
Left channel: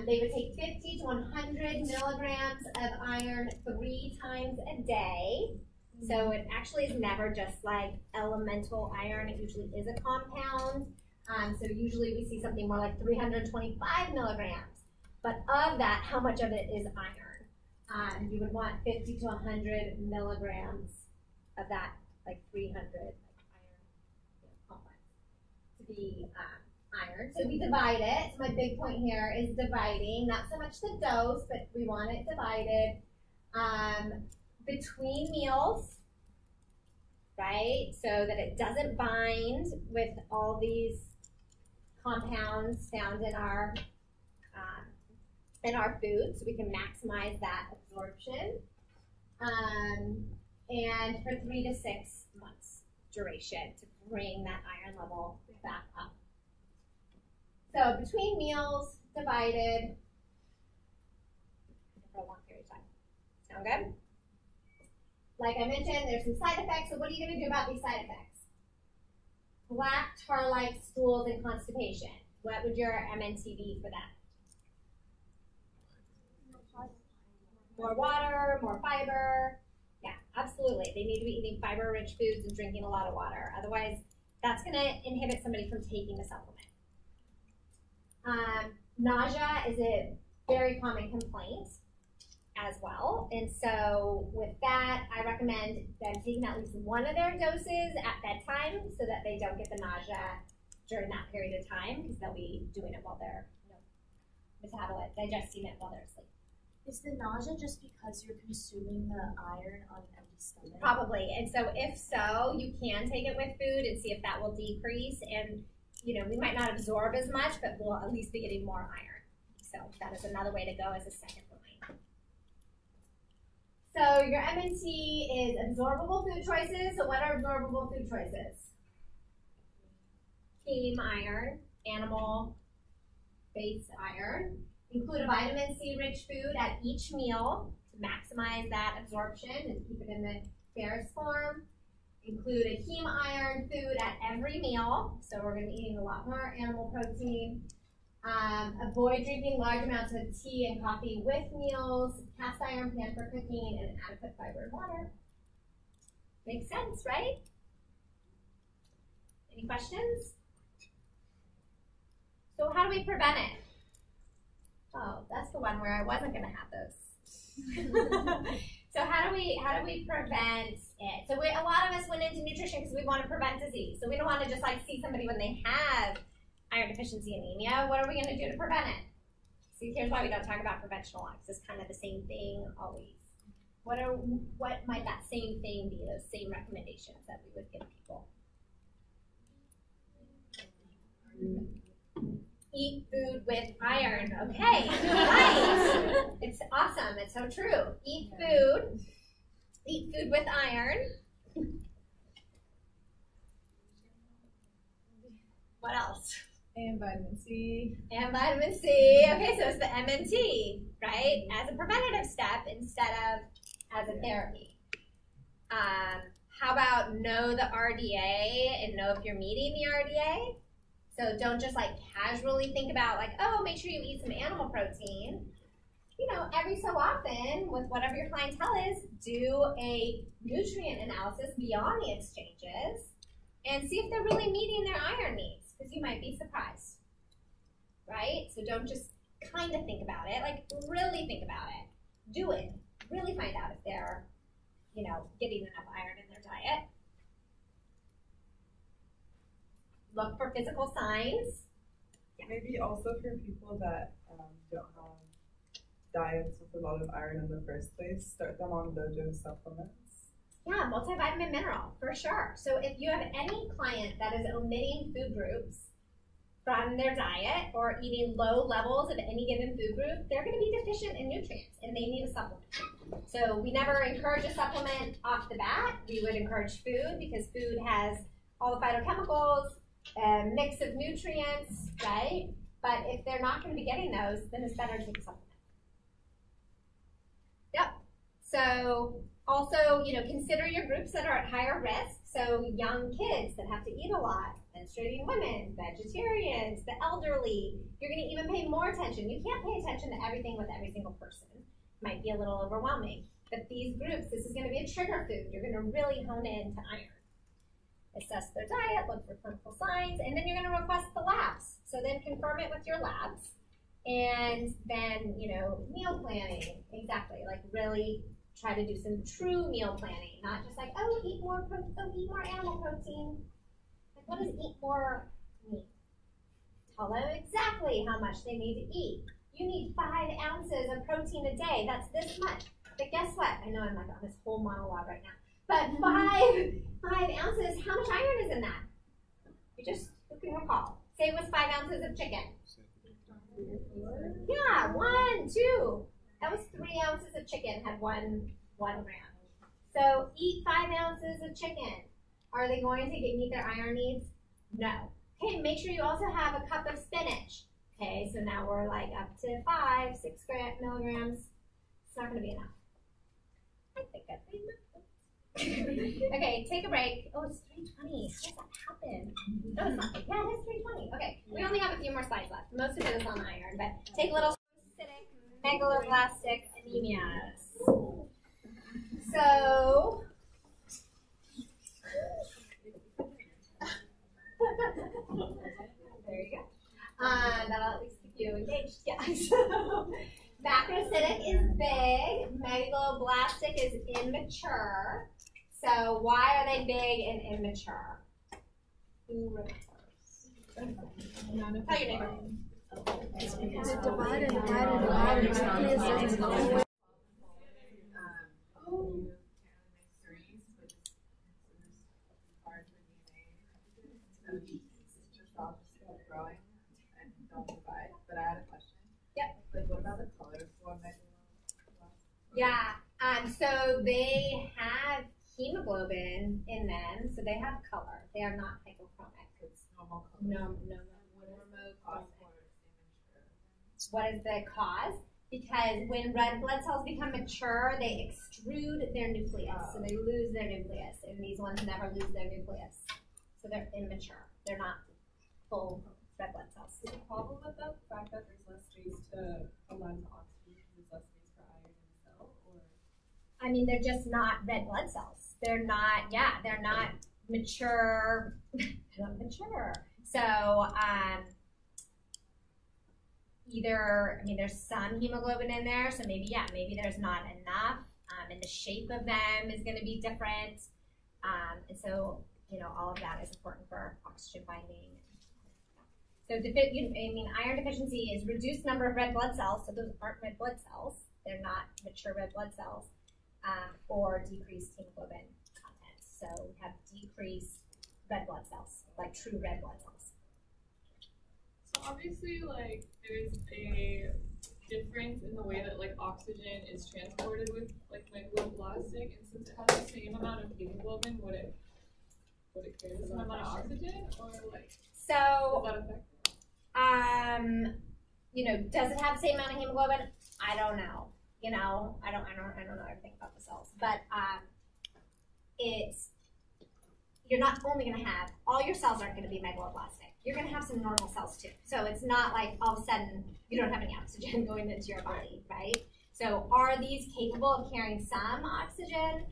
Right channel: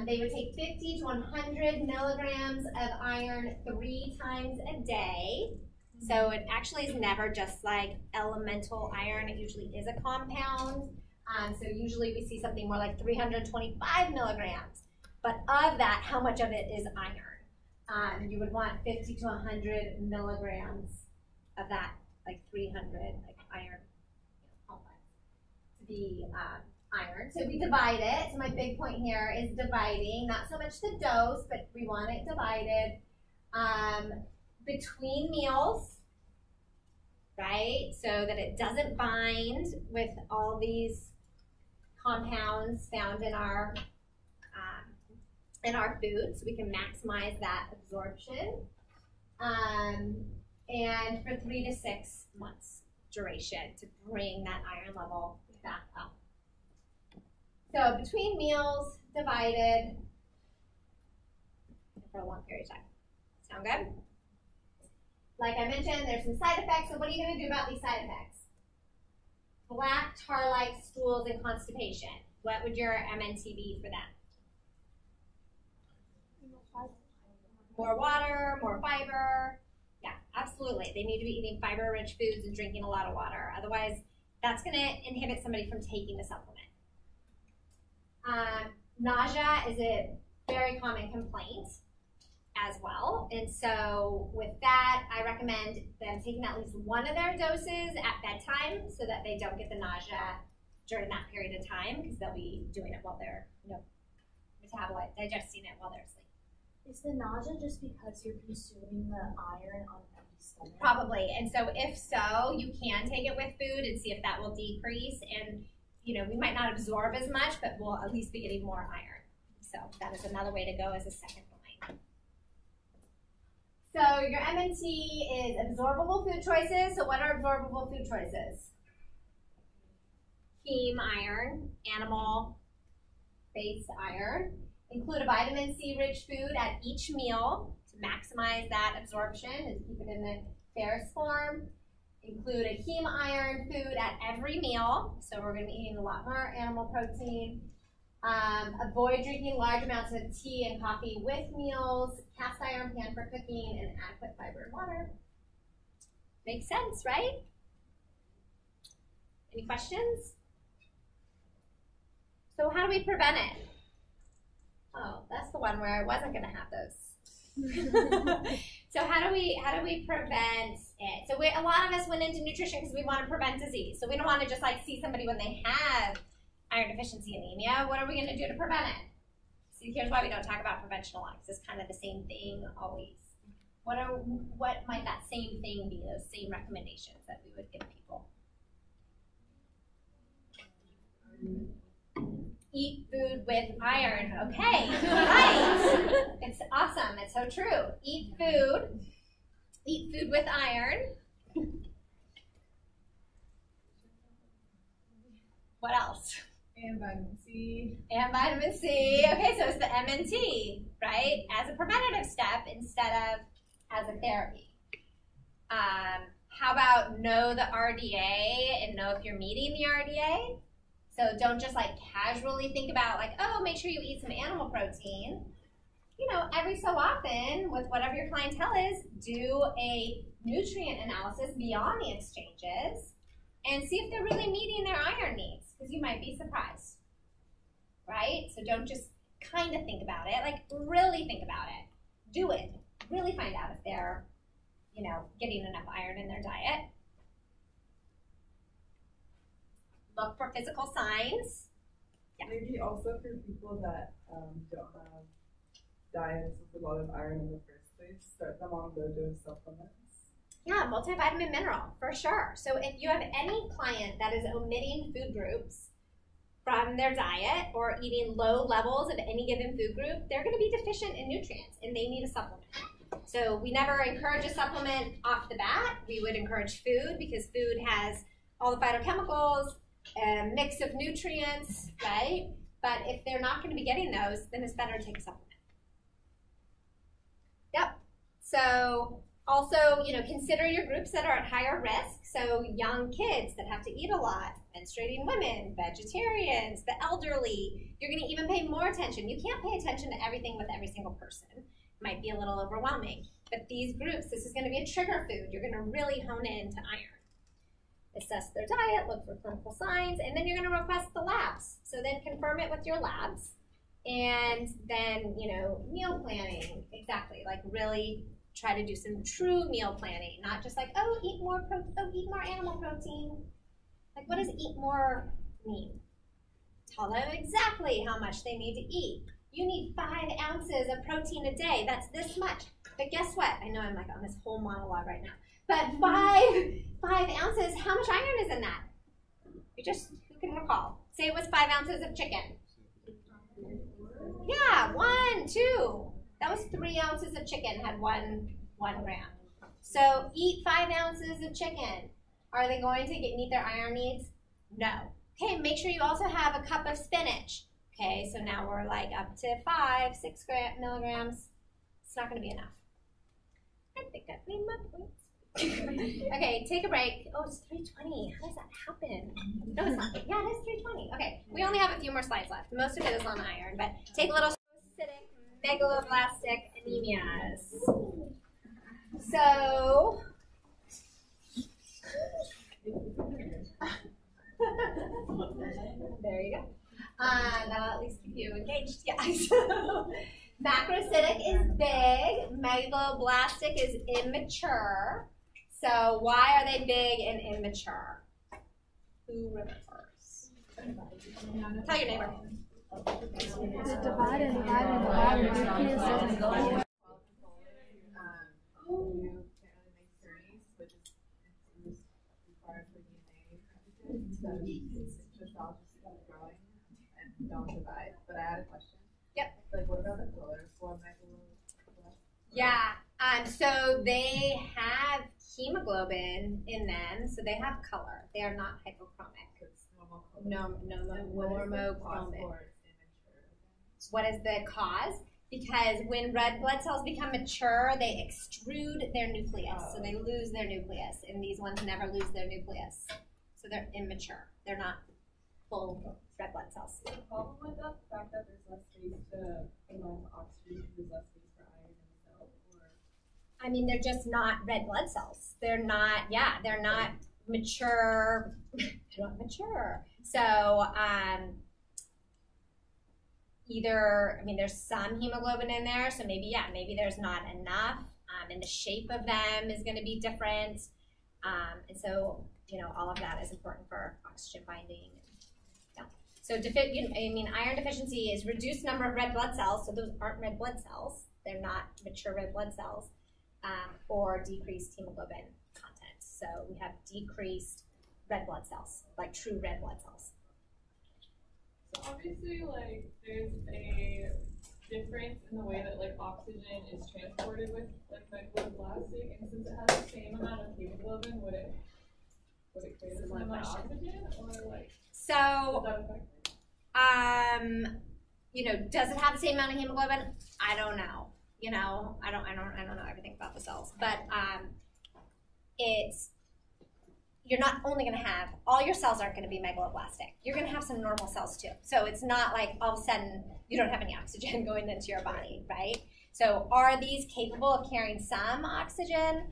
They would take 50 to 100 milligrams of iron 3 times a day. So it actually is never just like elemental iron. It usually is a compound. So usually we see something more like 325 milligrams. But of that, how much of it is iron? You would want 50 to 100 milligrams of that, like 300, like iron complex, to be iron. So we divide it. So my big point here is dividing, not so much the dose, but we want it divided between meals, right? So that it doesn't bind with all these compounds found in our foods. We can maximize that absorption. And for 3 to 6 months duration to bring that iron level back up. So between meals, divided for a long period of time. Sound good? like I mentioned, there's some side effects. So what are you going to do about these side effects? Black tar-like stools and constipation. What would your MNT be for that? More water, more fiber. Yeah, absolutely. They need to be eating fiber-rich foods and drinking a lot of water. Otherwise, that's going to inhibit somebody from taking the supplement. Nausea is a very common complaint as well. And so with that, I recommend them taking at least one of their doses at bedtime so that they don't get the nausea during that period of time, because they'll be doing it while they're, digesting it while they're asleep. Is the nausea just because you're consuming the iron on an empty stomach? Probably. And so if so, you can take it with food and see if that will decrease. And, we might not absorb as much, but we'll at least be getting more iron. So that is another way to go as a second line. So your MNT is absorbable food choices. So what are absorbable food choices? Heme iron, animal-based iron. Include a vitamin C rich food at each meal to maximize that absorption and keep it in the fairest form. Include a heme iron food at every meal. So we're going to be eating a lot more animal protein. Avoid drinking large amounts of tea and coffee with meals. Cast iron pan for cooking, and adequate fiber and water. Makes sense, right? Any questions? So how do we prevent it? Oh, that's the one where I wasn't going to have those. So how do we prevent it? So a lot of us went into nutrition because we want to prevent disease. So we don't want to just see somebody when they have iron deficiency anemia. What are we going to do to prevent it? See, here's why we don't talk about prevention a lot, because it's kind of the same thing always. What might that same thing be? Those same recommendations that we would give people. Eat food with iron. Okay, right. It's awesome. It's so true. Eat food with iron. What else? And vitamin C. And vitamin C. Okay, so it's the MNT, right? As a preventative step instead of as a therapy. How about know the RDA and know if you're meeting the RDA? So don't just casually think about oh, make sure you eat some animal protein. Every so often with whatever your clientele is, do a nutrient analysis beyond the exchanges and see if they're really meeting their iron needs, because you might be surprised, right? So don't just kind of think about it, really think about it. Do it. Really find out if they're, getting enough iron in their diet. Look for physical signs. Yeah. Maybe also for people that don't have diets with a lot of iron in the first place, start them on dojo supplements. Yeah, multivitamin mineral, for sure. So if you have any client that is omitting food groups from their diet or eating low levels of any given food group, they're going to be deficient in nutrients and they need a supplement. So we never encourage a supplement off the bat. We would encourage food because food has all the phytochemicals, a mix of nutrients, right? But if they're not going to be getting those, then it's better to take a supplement. Yep. So also, consider your groups that are at higher risk. So young kids that have to eat a lot, menstruating women, vegetarians, the elderly. You're going to even pay more attention. You can't pay attention to everything with every single person. It might be a little overwhelming. But these groups, this is going to be a trigger food. You're going to really hone in to iron. Assess their diet, look for clinical signs, and then you're going to request the labs. So then confirm it with your labs. And then, meal planning, exactly, really try to do some true meal planning, not just oh, eat more animal protein. What does eat more mean? Tell them exactly how much they need to eat. You need 5 ounces of protein a day. That's this much. But guess what? I know I'm on this whole monologue right now. But 5 ounces, how much iron is in that? Who can recall? Say it was 5 ounces of chicken. Yeah, 1, 2. That was 3 ounces of chicken had 1 gram. So eat 5 ounces of chicken. Are they going to meet their iron needs? No. Okay, make sure you also have a cup of spinach. Okay, so now we're up to 5, 6 milligrams. It's not going to be enough. I think I've made my point. Okay, take a break. Oh, it's 3:20. How does that happen? No, it's not. Yeah, it is 3:20. Okay, we only have a few more slides left. Most of it is on iron, but take a little acidic megaloblastic anemias. So, there you go. That'll at least keep you engaged. Yeah. So, macrocytic is big. Megaloblastic is immature. So why are they big and immature? Who remembers? Tell your neighbor. Growing and don't divide. But I had a question. Yep. Like, what about the colors for megaloblastic? Yeah. So they have hemoglobin in them, so they have color. They are not hypochromic. It's normal color. Normochromic. What is the cause? Because when red blood cells become mature, they extrude their nucleus, so they lose their nucleus, and these ones never lose their nucleus, so they're immature. They're not full red blood cells. Is the problem with that the fact that there's less space to hold on to oxygen because there's less space for iron in the cell, or? I mean, they're just not red blood cells. They're not, they're not mature. They're not mature. So, there's some hemoglobin in there, so maybe there's not enough, and the shape of them is going to be different, and so, all of that is important for oxygen binding. So, iron deficiency is reduced number of red blood cells, so those aren't red blood cells. They're not mature red blood cells, or decreased hemoglobin content. So we have decreased red blood cells, like true red blood cells. So obviously, like, there's a difference in the way that, like, oxygen is transported with, like, megaloblastic, and since it has the same amount of hemoglobin, would it create the same amount of oxygen, or, like, so, does that affect it? does it have the same amount of hemoglobin? I don't know. I don't know everything about the cells, but you're not only going to have, all your cells aren't going to be megaloblastic. You're going to have some normal cells too. So it's not like all of a sudden you don't have any oxygen going into your body, right? So are these capable of carrying some oxygen?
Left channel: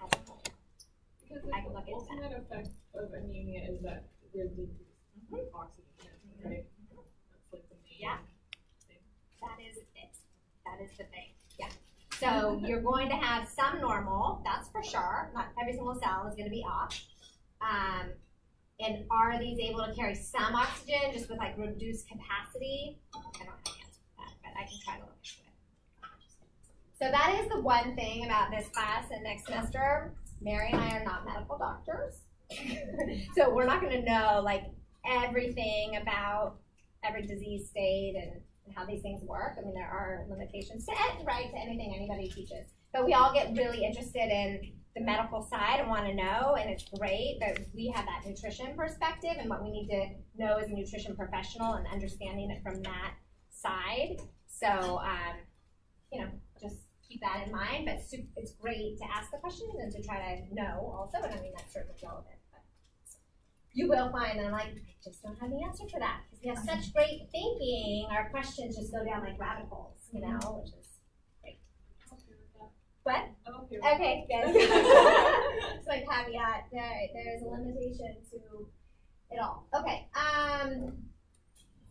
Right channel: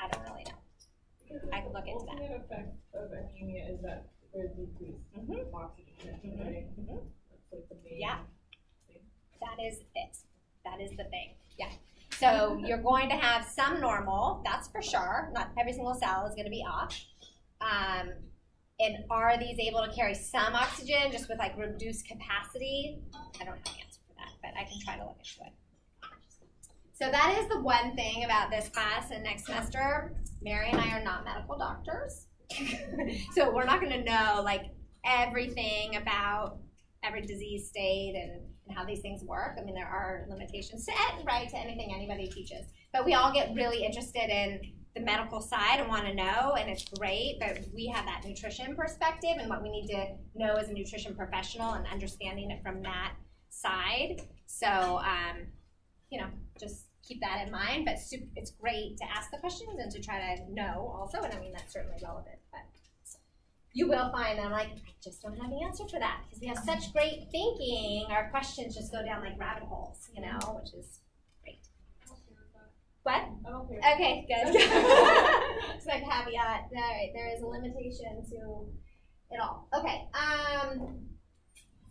I don't really know. Because I can look into that. The ultimate effect of anemia is that there's decreased oxygen, right? That's like the main thing. That is it. That is the thing. Yeah. So you're going to have some normal, that's for sure. Not every single cell is going to be off. And are these able to carry some oxygen just with like reduced capacity? I don't have an answer for that, but I can try to look into it. So that is the one thing about this class and next semester. Mary and I are not medical doctors. So we're not going to know like everything about every disease state and how these things work. I mean, there are limitations to it, right, to anything anybody teaches. But we all get really interested in the medical side and want to know, and it's great, but we have that nutrition perspective and what we need to know as a nutrition professional and understanding it from that side. So, just keep that in mind, but it's great to ask the questions and to try to know also, and I mean, that's certainly relevant. But you will find that I'm like, I just don't have the answer for that because we have such great thinking. Our questions just go down like rabbit holes, which is great. I'm okay with that. What? I'm okay with that. Okay, good. It's my caveat. All right, there is a limitation to it all. Okay.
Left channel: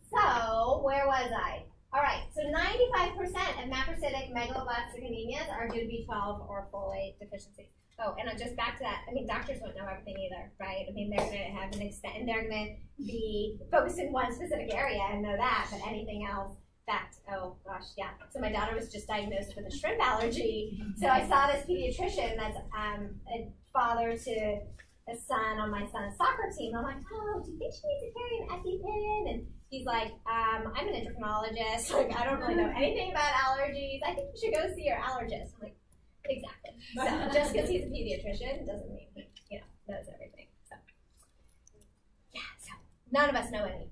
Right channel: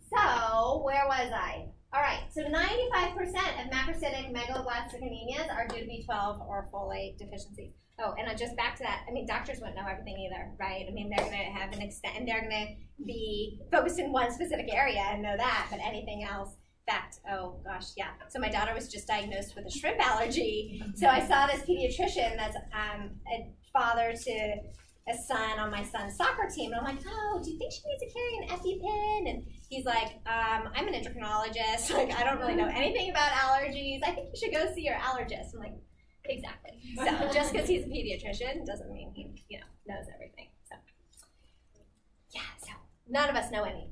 So where was I? All right. So 95% of macrocytic megaloblastic anemias are due to B12 or folate deficiencies. Oh, and just back to that, I mean, doctors won't know everything either, right? I mean, they're going to have an extent, and they're going to be focused in one specific area and know that, but anything else, oh gosh, yeah. So my daughter was just diagnosed with a shrimp allergy. So I saw this pediatrician that's a father to a son on my son's soccer team, and I'm like, oh, do you think she needs to carry an EpiPen? And he's like, I'm an endocrinologist. Like, I don't really know anything about allergies. I think you should go see your allergist. I'm like, exactly. So just because he's a pediatrician doesn't mean he, knows everything. So yeah, so none of us know everything.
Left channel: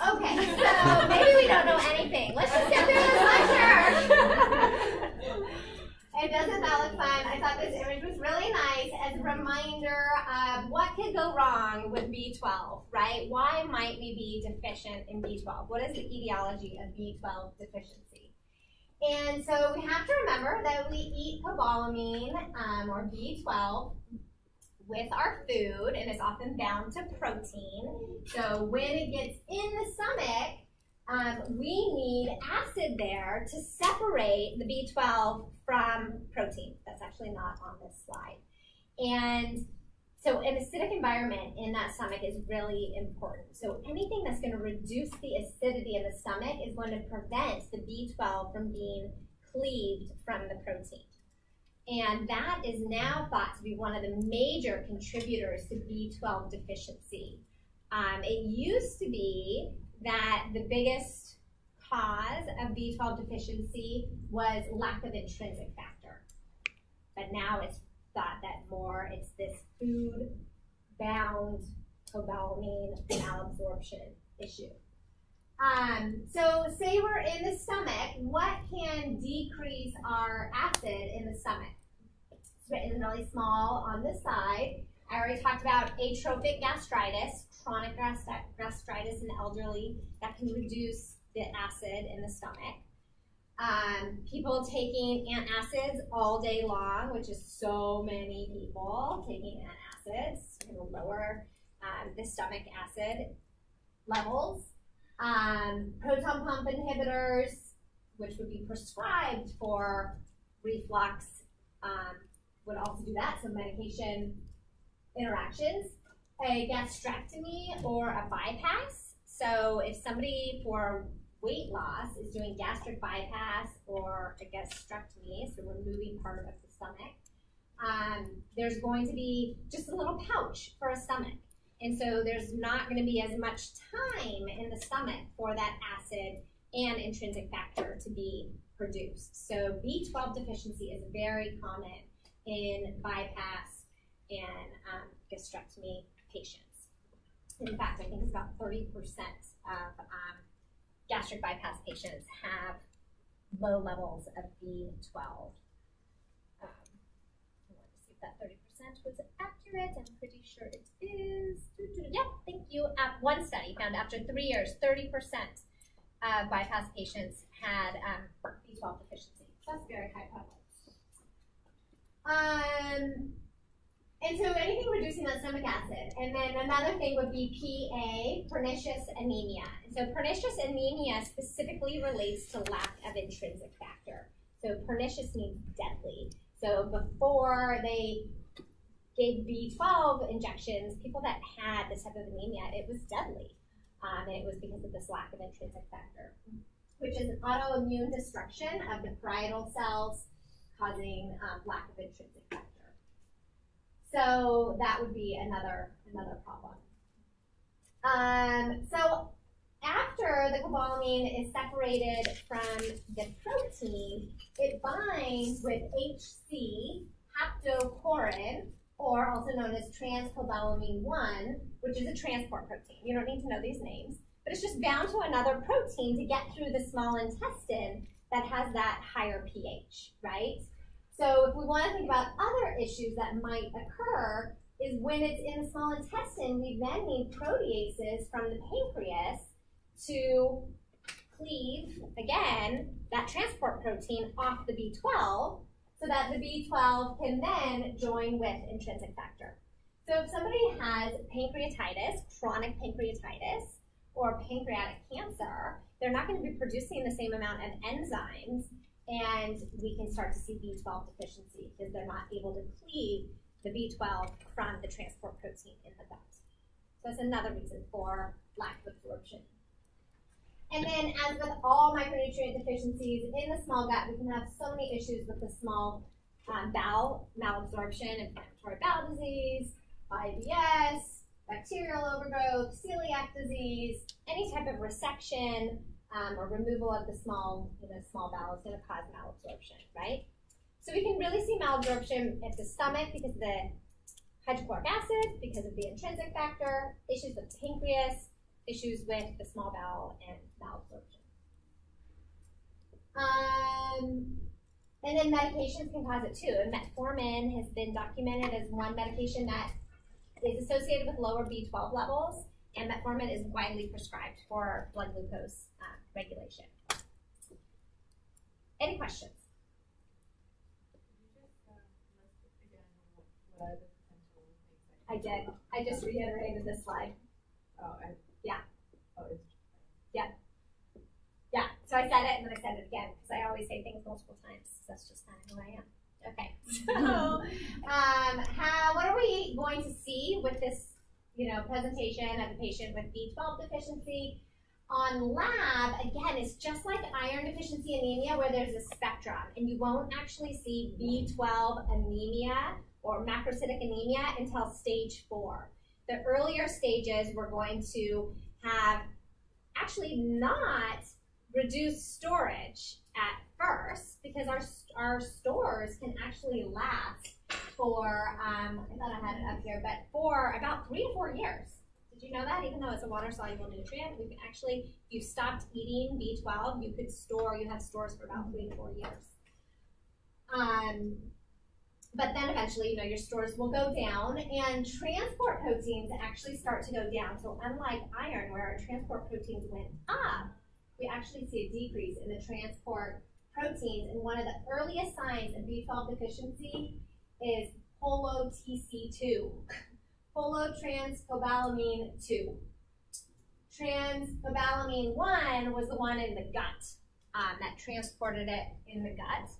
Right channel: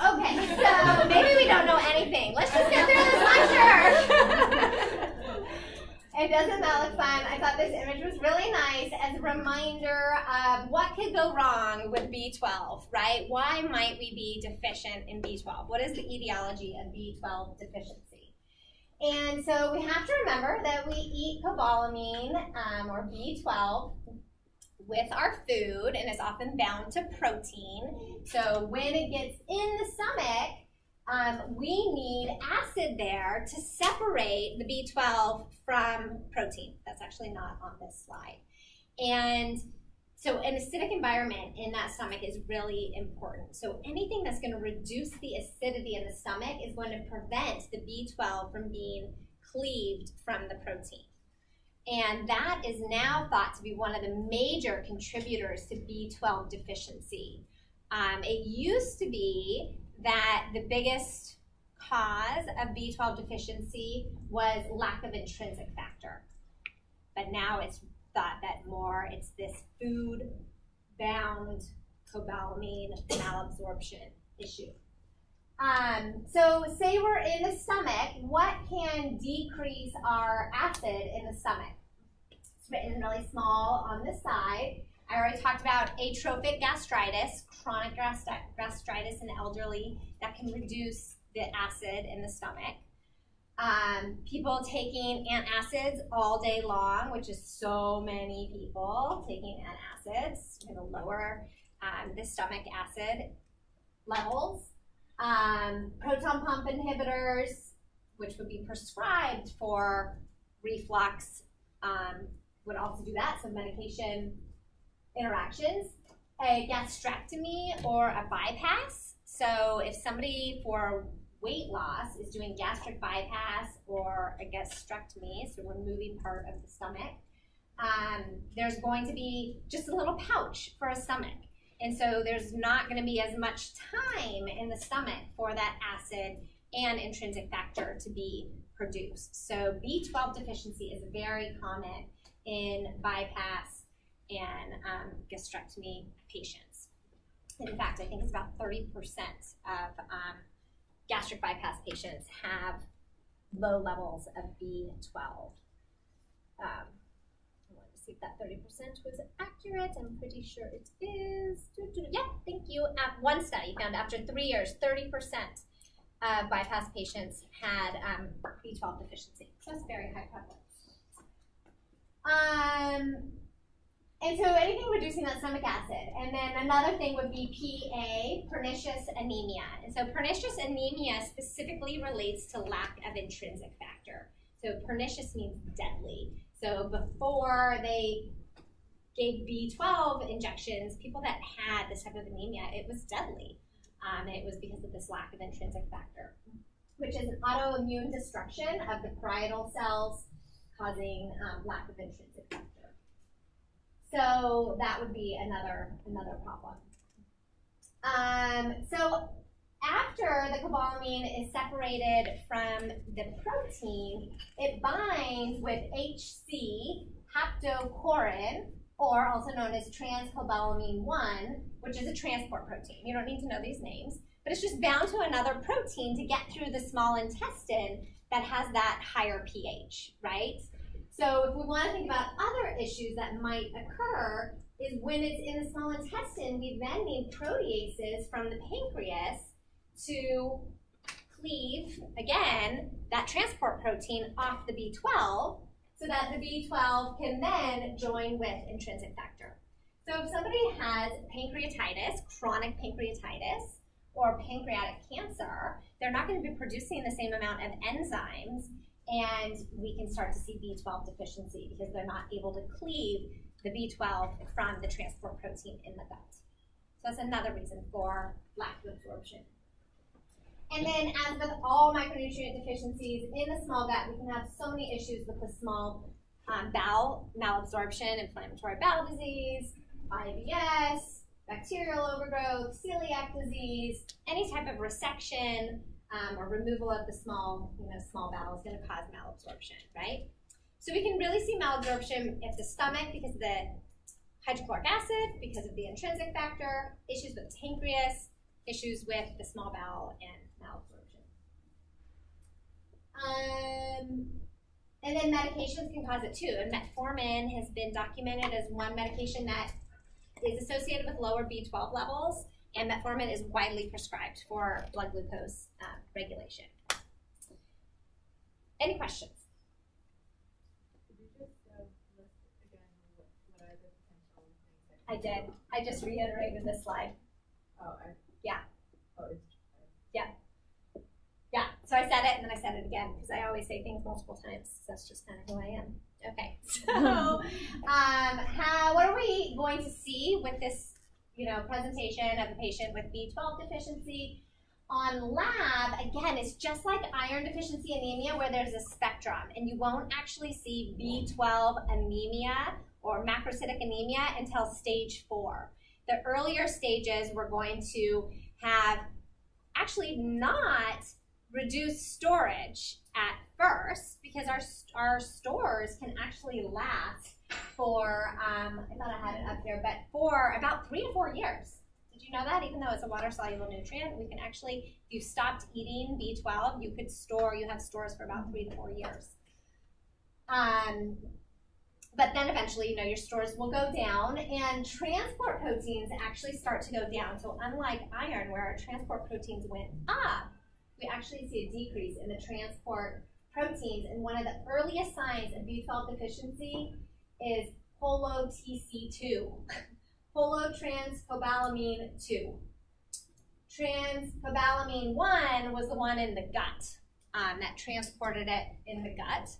Okay, so maybe we don't know anything. Let's just get through this lecture. And doesn't that look fun? I thought this image was really nice as a reminder of what could go wrong with B12, right? Why might we be deficient in B12? What is the etiology of B12 deficiency? And so we have to remember that we eat cobalamin or B12 with our food, and it's often bound to protein. So when it gets in the stomach, we need acid there to separate the B12 from protein. That's actually not on this slide. And so an acidic environment in that stomach is really important. So anything that's going to reduce the acidity in the stomach is going to prevent the B12 from being cleaved from the protein. And that is now thought to be one of the major contributors to B12 deficiency. It used to be that the biggest cause of B12 deficiency was lack of intrinsic factor. But now it's thought that more it's this food-bound cobalamin malabsorption issue. So say we're in the stomach, what can decrease our acid in the stomach? It's written really small on this side. I already talked about atrophic gastritis, chronic gastritis in the elderly that can reduce the acid in the stomach. People taking antacids all day long, which is so many people taking antacids, going to lower the stomach acid levels. Proton pump inhibitors, which would be prescribed for reflux, would also do that, so medication interactions. A gastrectomy or a bypass. So if somebody for weight loss is doing gastric bypass or a gastrectomy, so removing part of the stomach, there's going to be just a little pouch for a stomach. And so there's not going to be as much time in the stomach for that acid and intrinsic factor to be produced. So B12 deficiency is very common in bypass and gastrectomy patients. In fact, I think it's about 30% of gastric bypass patients have low levels of B12. I wanted to see if that 30% was accurate. I'm pretty sure it is. Yep, thank you. At one study found after 3 years, 30% of bypass patients had B12 deficiency. So that's very high prevalence. And so anything reducing that stomach acid. And then another thing would be PA, pernicious anemia. And so pernicious anemia specifically relates to lack of intrinsic factor. So pernicious means deadly. So before they gave B12 injections, people that had this type of anemia, it was deadly. And it was because of this lack of intrinsic factor, which is an autoimmune destruction of the parietal cells causing lack of intrinsic factor. So that would be another problem. So after the cobalamin is separated from the protein, it binds with HC, haptocorin, or also known as transcobalamin 1, which is a transport protein. You don't need to know these names, but it's just bound to another protein to get through the small intestine that has that higher pH, right? So if we want to think about other issues that might occur is when it's in the small intestine, we then need proteases from the pancreas to cleave, again, that transport protein off the B12 so that the B12 can then join with intrinsic factor. So if somebody has pancreatitis, chronic pancreatitis, or pancreatic cancer, they're not going to be producing the same amount of enzymes, and we can start to see B12 deficiency because they're not able to cleave the B12 from the transport protein in the gut. So that's another reason for lack of absorption. And then as with all micronutrient deficiencies in the small gut, we can have so many issues with the small bowel malabsorption, inflammatory bowel disease, IBS, bacterial overgrowth, celiac disease, any type of resection, or removal of the small bowel is going to cause malabsorption, right? So we can really see malabsorption at the stomach because of the hydrochloric acid, because of the intrinsic factor, issues with the pancreas, issues with the small bowel, and malabsorption. And then medications can cause it too. And metformin has been documented as one medication that is associated with lower B12 levels, and metformin is widely prescribed for blood glucose regulation. Any questions? Could you just list again what are the potential things that I did. I just reiterated this slide. Oh, Yeah. Oh, it's Yeah, so I said it and then I said it again because I always say things multiple times. That's just kind of who I am. Okay, so what are we going to see with this, presentation of a patient with B12 deficiency? On lab, again, it's just like iron deficiency anemia where there's a spectrum, and you won't actually see B12 anemia or macrocytic anemia until stage 4. The earlier stages, we're going to have actually not reduced storage at first because our stores can actually last for, I thought I had it up here, but for about 3 to 4 years. Did you know that? Even though it's a water-soluble nutrient, we can actually, if you stopped eating B12, you have stores for about 3 to 4 years. But then eventually, your stores will go down, and transport proteins actually start to go down. So unlike iron, where our transport proteins went up, we actually see a decrease in the transport proteins. And one of the earliest signs of B12 deficiency is holo-TC2, holotranscobalamin 2. Transcobalamin 1 was the one in the gut that transported it in the gut.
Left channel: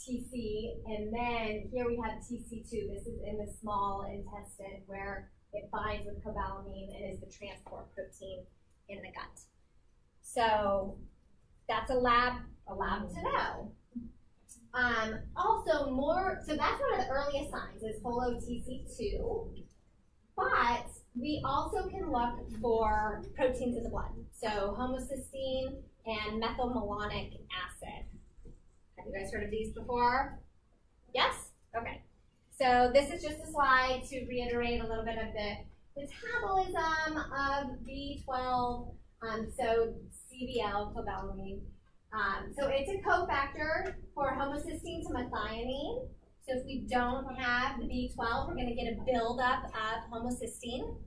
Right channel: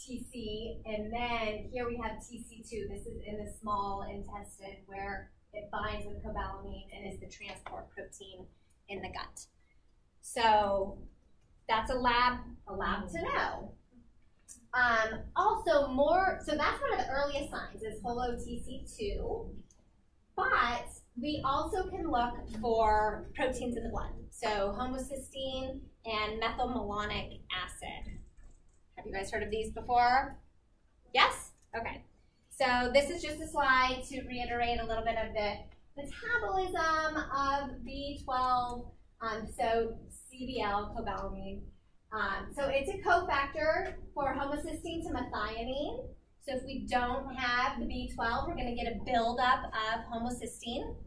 TC, and then here we have TC2. This is in the small intestine where it binds with cobalamin and is the transport protein in the gut. So that's a lab to know. So that's one of the earliest signs is holo-TC2, but we also can look for proteins in the blood. So homocysteine and methylmalonic acid. Have you guys heard of these before? Yes? Okay. So this is just a slide to reiterate a little bit of the metabolism of B12. So CBL, cobalamin. So it's a cofactor for homocysteine to methionine. So if we don't have the B12, we're going to get a buildup of homocysteine.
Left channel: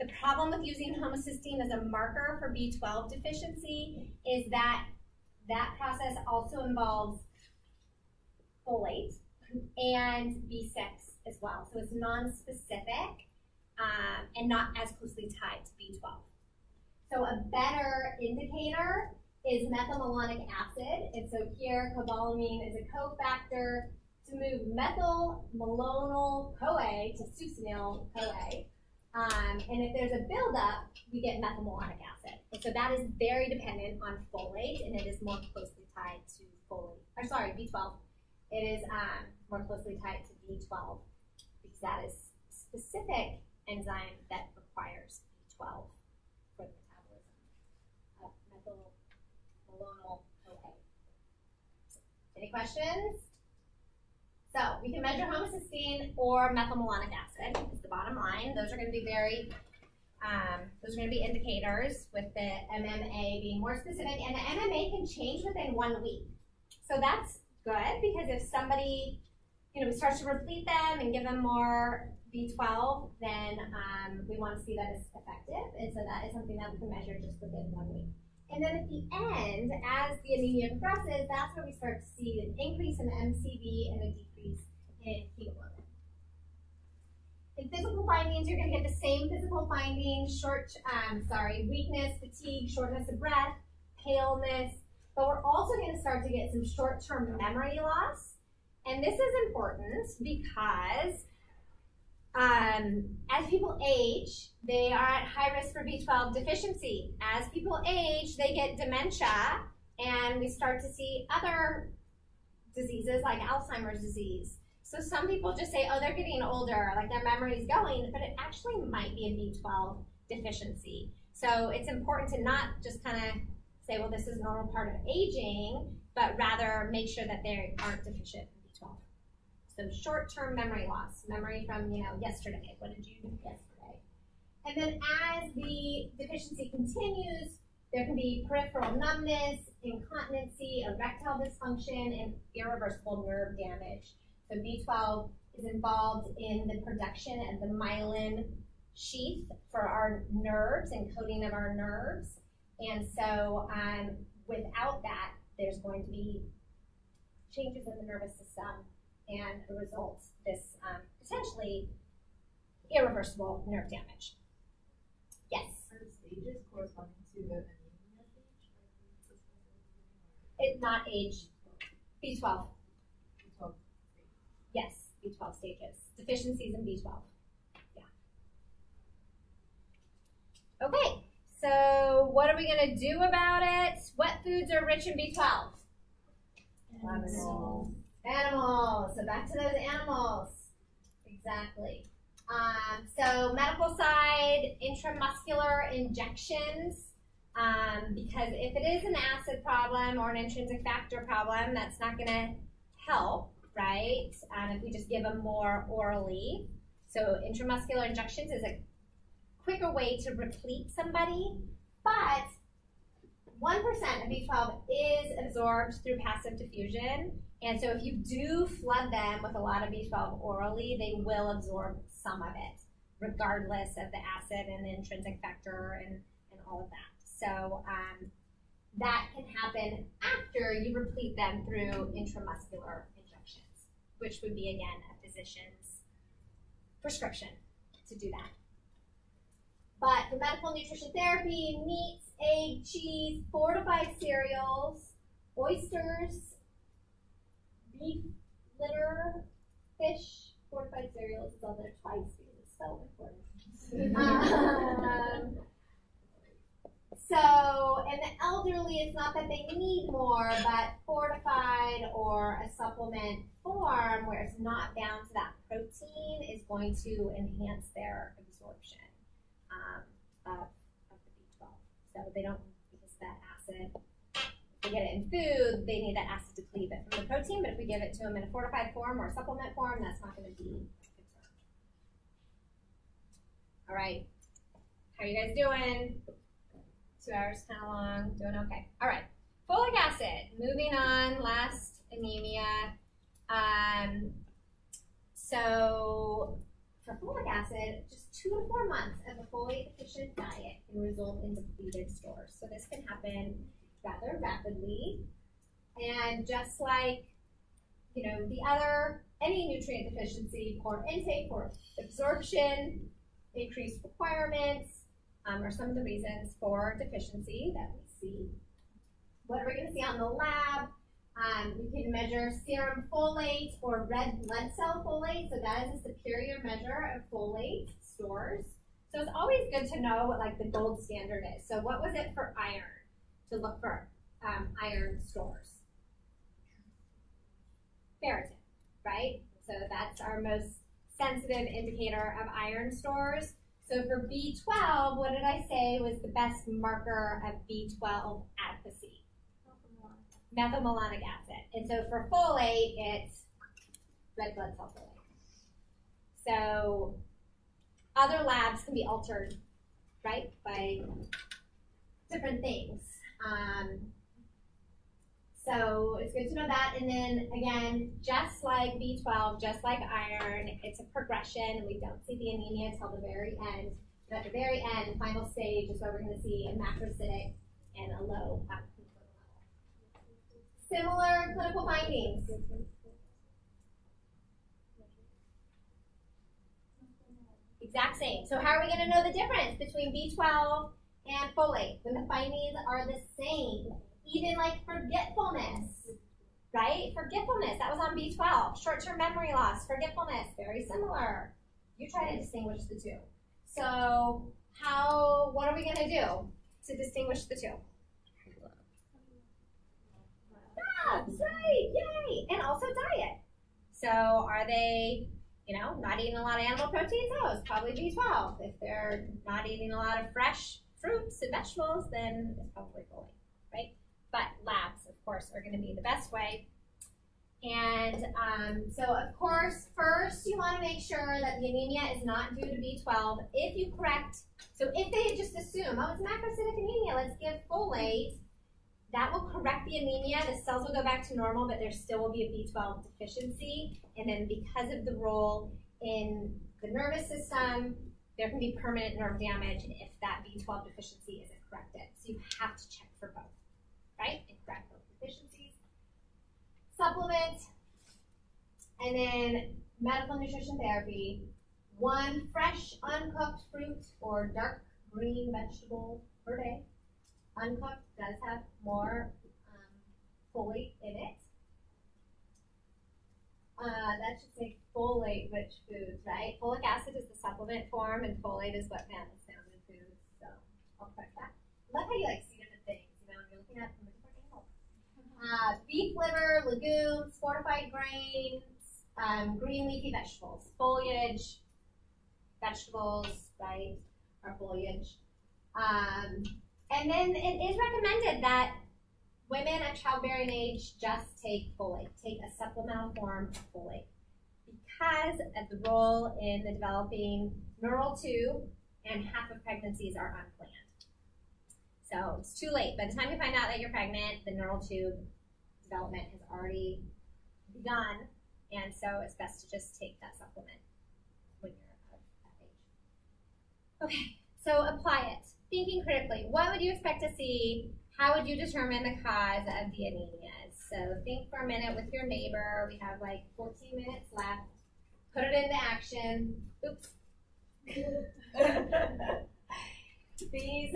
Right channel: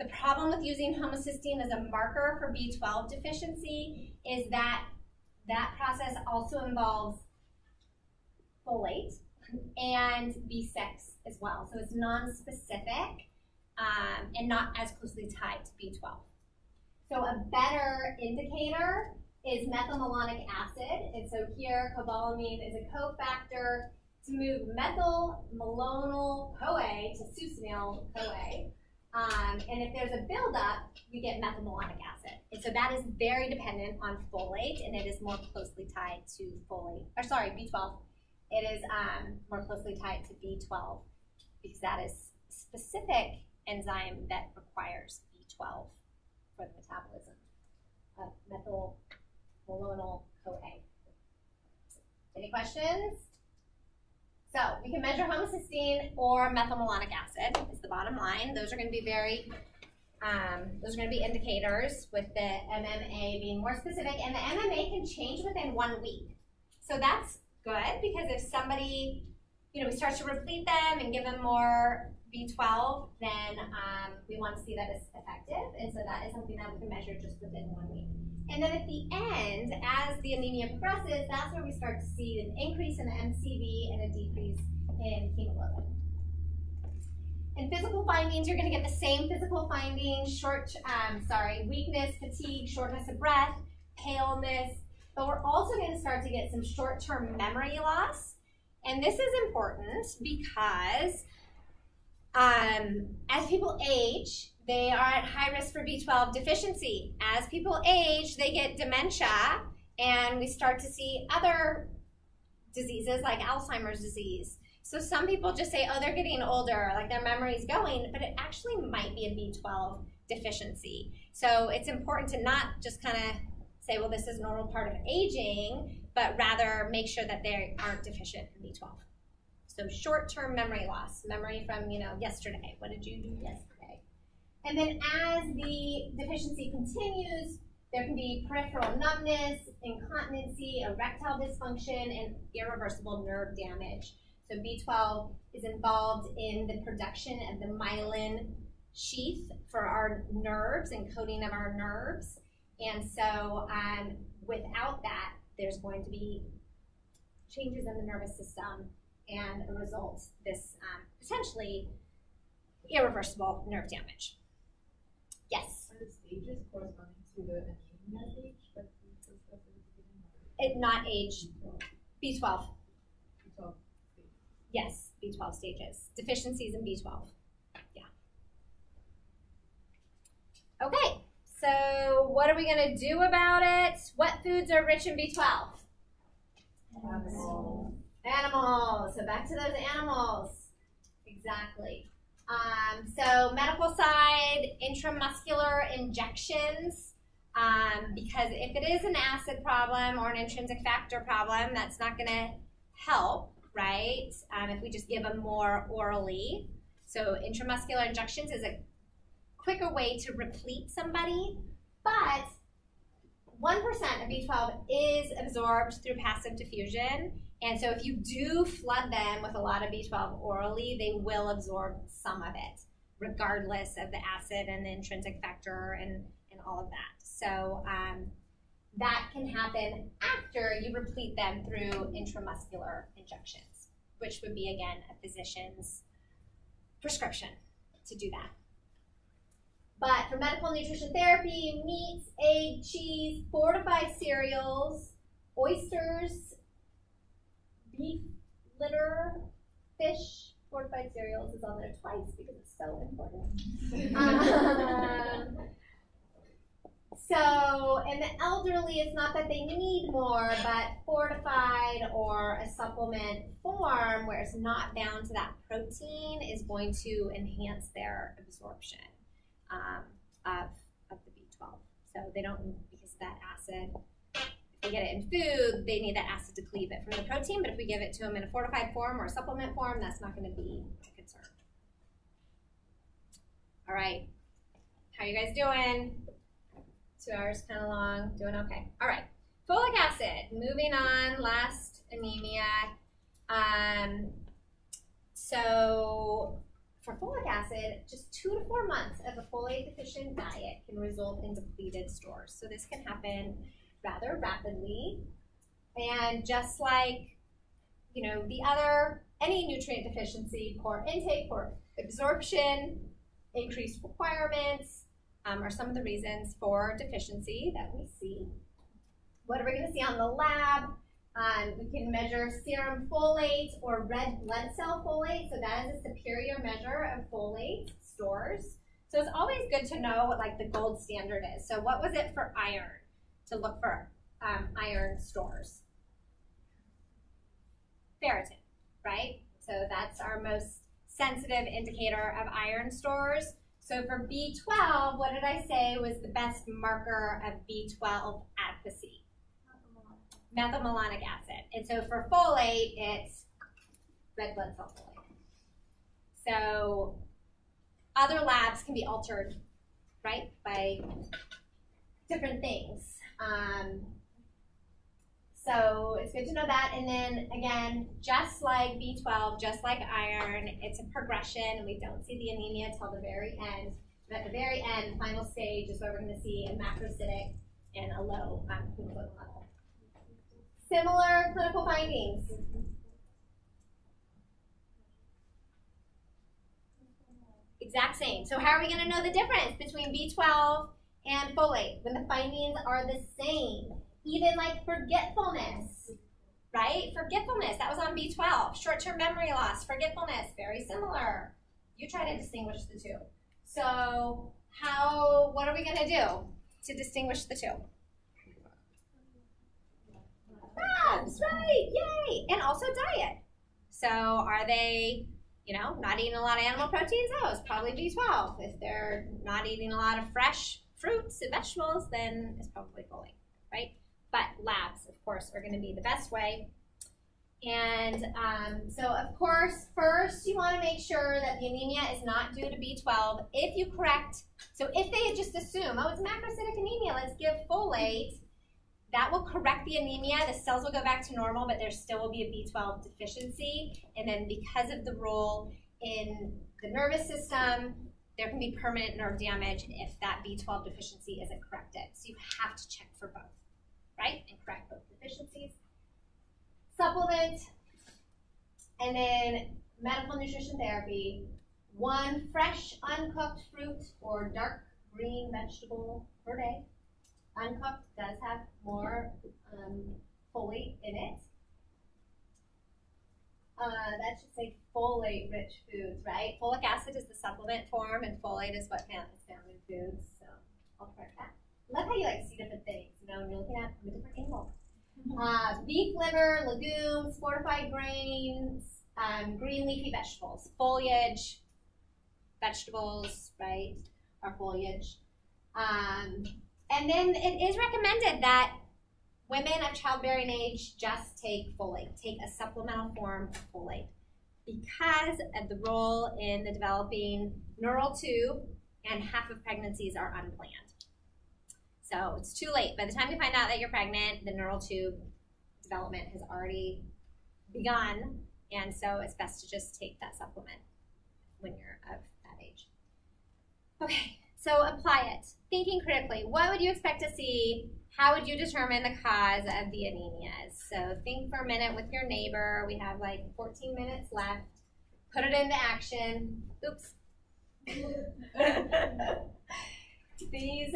The problem with using homocysteine as a marker for B12 deficiency is that that process also involves folate and B6 as well. So it's non-specific and not as closely tied to B12. So a better indicator is methylmalonic acid. And so here, cobalamin is a cofactor to move methylmalonyl-CoA to succinyl-CoA. And if there's a buildup, we get methylmalonic acid. And so that is very dependent on folate, and it is more closely tied to B12. It is more closely tied to B12 because that is a specific enzyme that requires B12 for the metabolism of methylmalonyl-CoA. Any questions? So we can measure homocysteine or methylmalonic acid is the bottom line. Those are going to be those are going to be indicators, with the MMA being more specific, and the MMA can change within 1 week. So that's good because if somebody, we start to replete them and give them more B12, then we want to see that it's effective, and so that is something that we can measure just within 1 week. And then at the end, as the anemia progresses, that's where we start to see an increase in the MCV and a decrease in hemoglobin. In physical findings, you're going to get the same physical findings: weakness, fatigue, shortness of breath, paleness, but we're also going to start to get some short-term memory loss. And this is important because as people age, they are at high risk for B12 deficiency. As people age, they get dementia, and we start to see other diseases like Alzheimer's disease. So some people just say, oh, they're getting older, like their memory's going, but it actually might be a B12 deficiency. So it's important to not just kind of say, well, this is a normal part of aging, but rather make sure that they aren't deficient in B12. So short-term memory loss, memory from, yesterday. What did you do yesterday? And then as the deficiency continues, There can be peripheral numbness, incontinency, erectile dysfunction, and irreversible nerve damage. So B12 is involved in the production of the myelin sheath for our nerves and coating of our nerves. And so without that, there's going to be changes in the nervous system and a result, this potentially irreversible nerve damage. Yes? Are the stages corresponding to the anemia stage that we discussed at the beginning? Not age. B12. B12 stage. Yes, B12 stages. Deficiencies in B12. Yeah. Okay, so what are we going to do about it? What foods are rich in B12? Animals. Animals. So back to those animals. Exactly. So medical side, intramuscular injections, because if it is an acid problem or an intrinsic factor problem, that's not going to help, right? If we just give them more orally. So intramuscular injections is a quicker way to replete somebody, but 1% of B12 is absorbed through passive diffusion. And so if you do flood them with a lot of B12 orally, they will absorb some of it, regardless of the acid and the intrinsic factor and all of that. So that can happen after you replete them through intramuscular injections, which would be, again, a physician's prescription to do that. But for medical nutrition therapy, meats, egg, cheese, fortified cereals, oysters, beef litter, fish, fortified cereals is on there twice because it's so important. So, and the elderly, it's not that they need more, but fortified or a supplement form where it's not bound to that protein is going to enhance their absorption of the B12. So they don't, because that acid, if they get it in food, they need that acid to cleave it from the protein, but if we give it to them in a fortified form or a supplement form, that's not going to be a concern. All right, how are you guys doing? 2 hours kind of long, doing okay. All right, folic acid, moving on, last anemia. So for folic acid, just 2 to 4 months of a folate deficient diet can result in depleted stores. So this can happen rather rapidly. And just like, you know, any nutrient deficiency, poor intake, poor absorption, increased requirements, are some of the reasons for deficiency that we see. What are we going to see on the lab? We can measure serum folate or red blood cell folate. So that is a superior measure of folate stores. So it's always good to know what like the gold standard is. So what was it for iron to look for iron stores? Ferritin, right? So that's our most sensitive indicator of iron stores. So for B12, what did I say was the best marker of B12 adequacy? Methylmalonic acid. And so for folate, it's red blood cell folate. So other labs can be altered, right, by different things. So it's good to know that. And then again, just like B12, just like iron, it's a progression. We don't see the anemia till the very end. But at the very end, final stage is where we're going to see a macrocytic and a low hemoglobin level. Similar clinical findings. Exact same. So how are we going to know the difference between B12 and folate when the findings are the same? Even like forgetfulness, right? Forgetfulness, that was on B12. Short-term memory loss, forgetfulness, very similar. You try to distinguish the two. So what are we going to do to distinguish the two? Labs, right, yay. And also diet. So are they, you know, not eating a lot of animal proteins? Oh, it's probably B12. If they're not eating a lot of fresh fruits and vegetables, then it's probably folate, right? But labs, of course, are going to be the best way. And so, of course, first you want to make sure that the anemia is not due to B12. If you correct So if they just assume, oh, it's macrocytic anemia, let's give folate, that will correct the anemia. The cells will go back to normal, but there still will be a B12 deficiency. And then because of the role in the nervous system, there can be permanent nerve damage if that B12 deficiency isn't corrected. So you have to check for both, right? And correct both deficiencies. Supplement, and then medical nutrition therapy. 1 fresh, uncooked fruit or dark green vegetable per day. Uncooked does have more folate in it. That should say folate-rich foods, right? Folic acid is the supplement form, and folate is what is found in foods. So I'll correct that. I love how you like see different things, you know, when you're looking at from a different angle. Beef liver, legumes, fortified grains, green leafy vegetables, foliage, vegetables, right, are foliage. And then it is recommended that women of childbearing age just take folate, take a supplemental form of folate, because of the role in the developing neural tube, and half of pregnancies are unplanned. So it's too late. By the time you find out that you're pregnant, the neural tube development has already begun, and so it's best to just take that supplement when you're of that age. Okay, so apply it. Thinking critically, what would you expect to see? How would you determine the cause of the anemias? So think for a minute with your neighbor. We have like 14 minutes left. Put it into action. Oops. These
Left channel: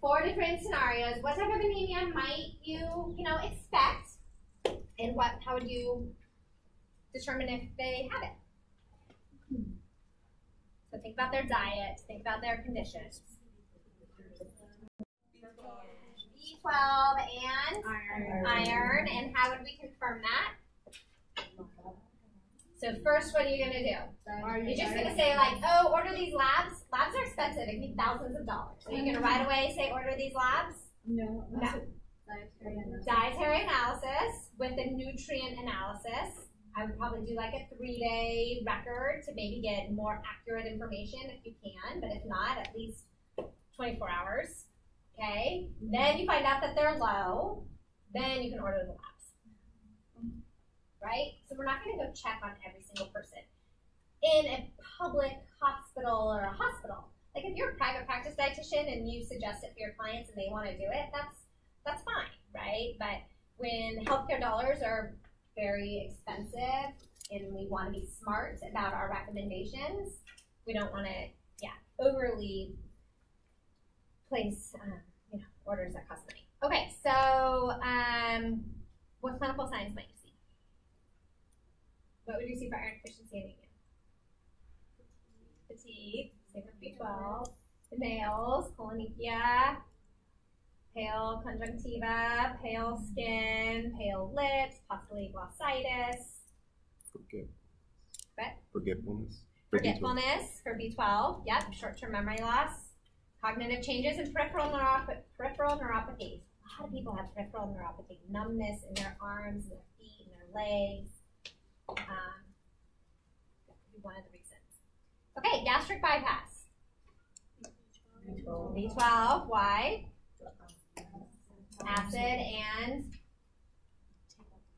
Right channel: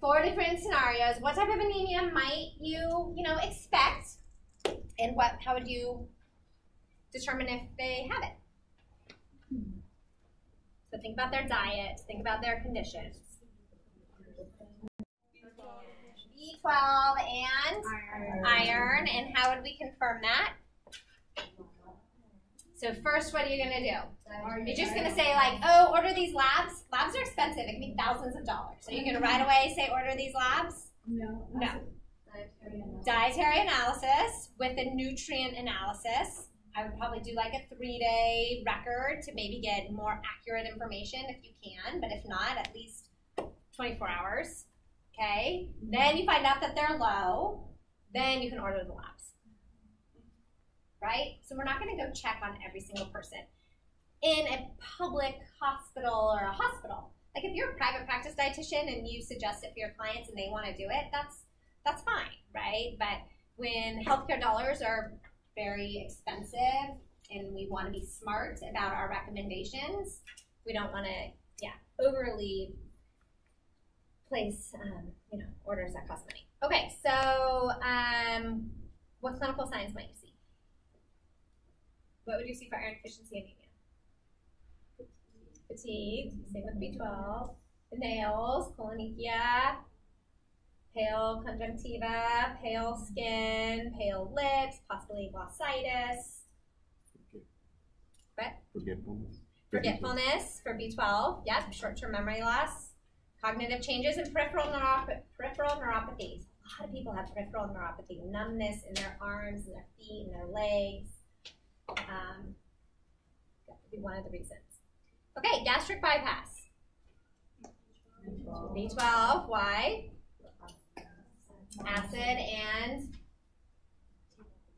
4 different scenarios. What type of anemia might you expect? And how would you determine if they have it? So think about their diet, think about their conditions. B12 and iron. And how would we confirm that? So first, what are you going to do? You're just going to say like, oh, order these labs. Labs are expensive. It can be thousands of dollars. So you're going to right away say order these labs? No. No. Dietary analysis with a nutrient analysis. I would probably do like a 3-day record to maybe get more accurate information if you can, but if not, at least 24 hours. Okay? Then you find out that they're low, then you can order the labs. Right? So we're not going to go check on every single person in a public hospital or a hospital. Like if you're a private practice dietitian and you suggest it for your clients and they want to do it, that's fine, right? But when healthcare dollars are very expensive and we want to be smart about our recommendations, we don't want to, overly place, orders that cost money. Okay, so what clinical signs might you see? What would you see for iron deficiency anemia? Fatigue, same with B12, the nails, cholonychia, pale conjunctiva, pale skin, pale lips, possibly glossitis. Forgetfulness for B12, yep, short-term memory loss. Cognitive changes and peripheral neuropathy. A lot of people have peripheral neuropathy, numbness in their arms, and their feet, and their legs. That could be one of the reasons. Okay, gastric bypass. B12, why? Acid and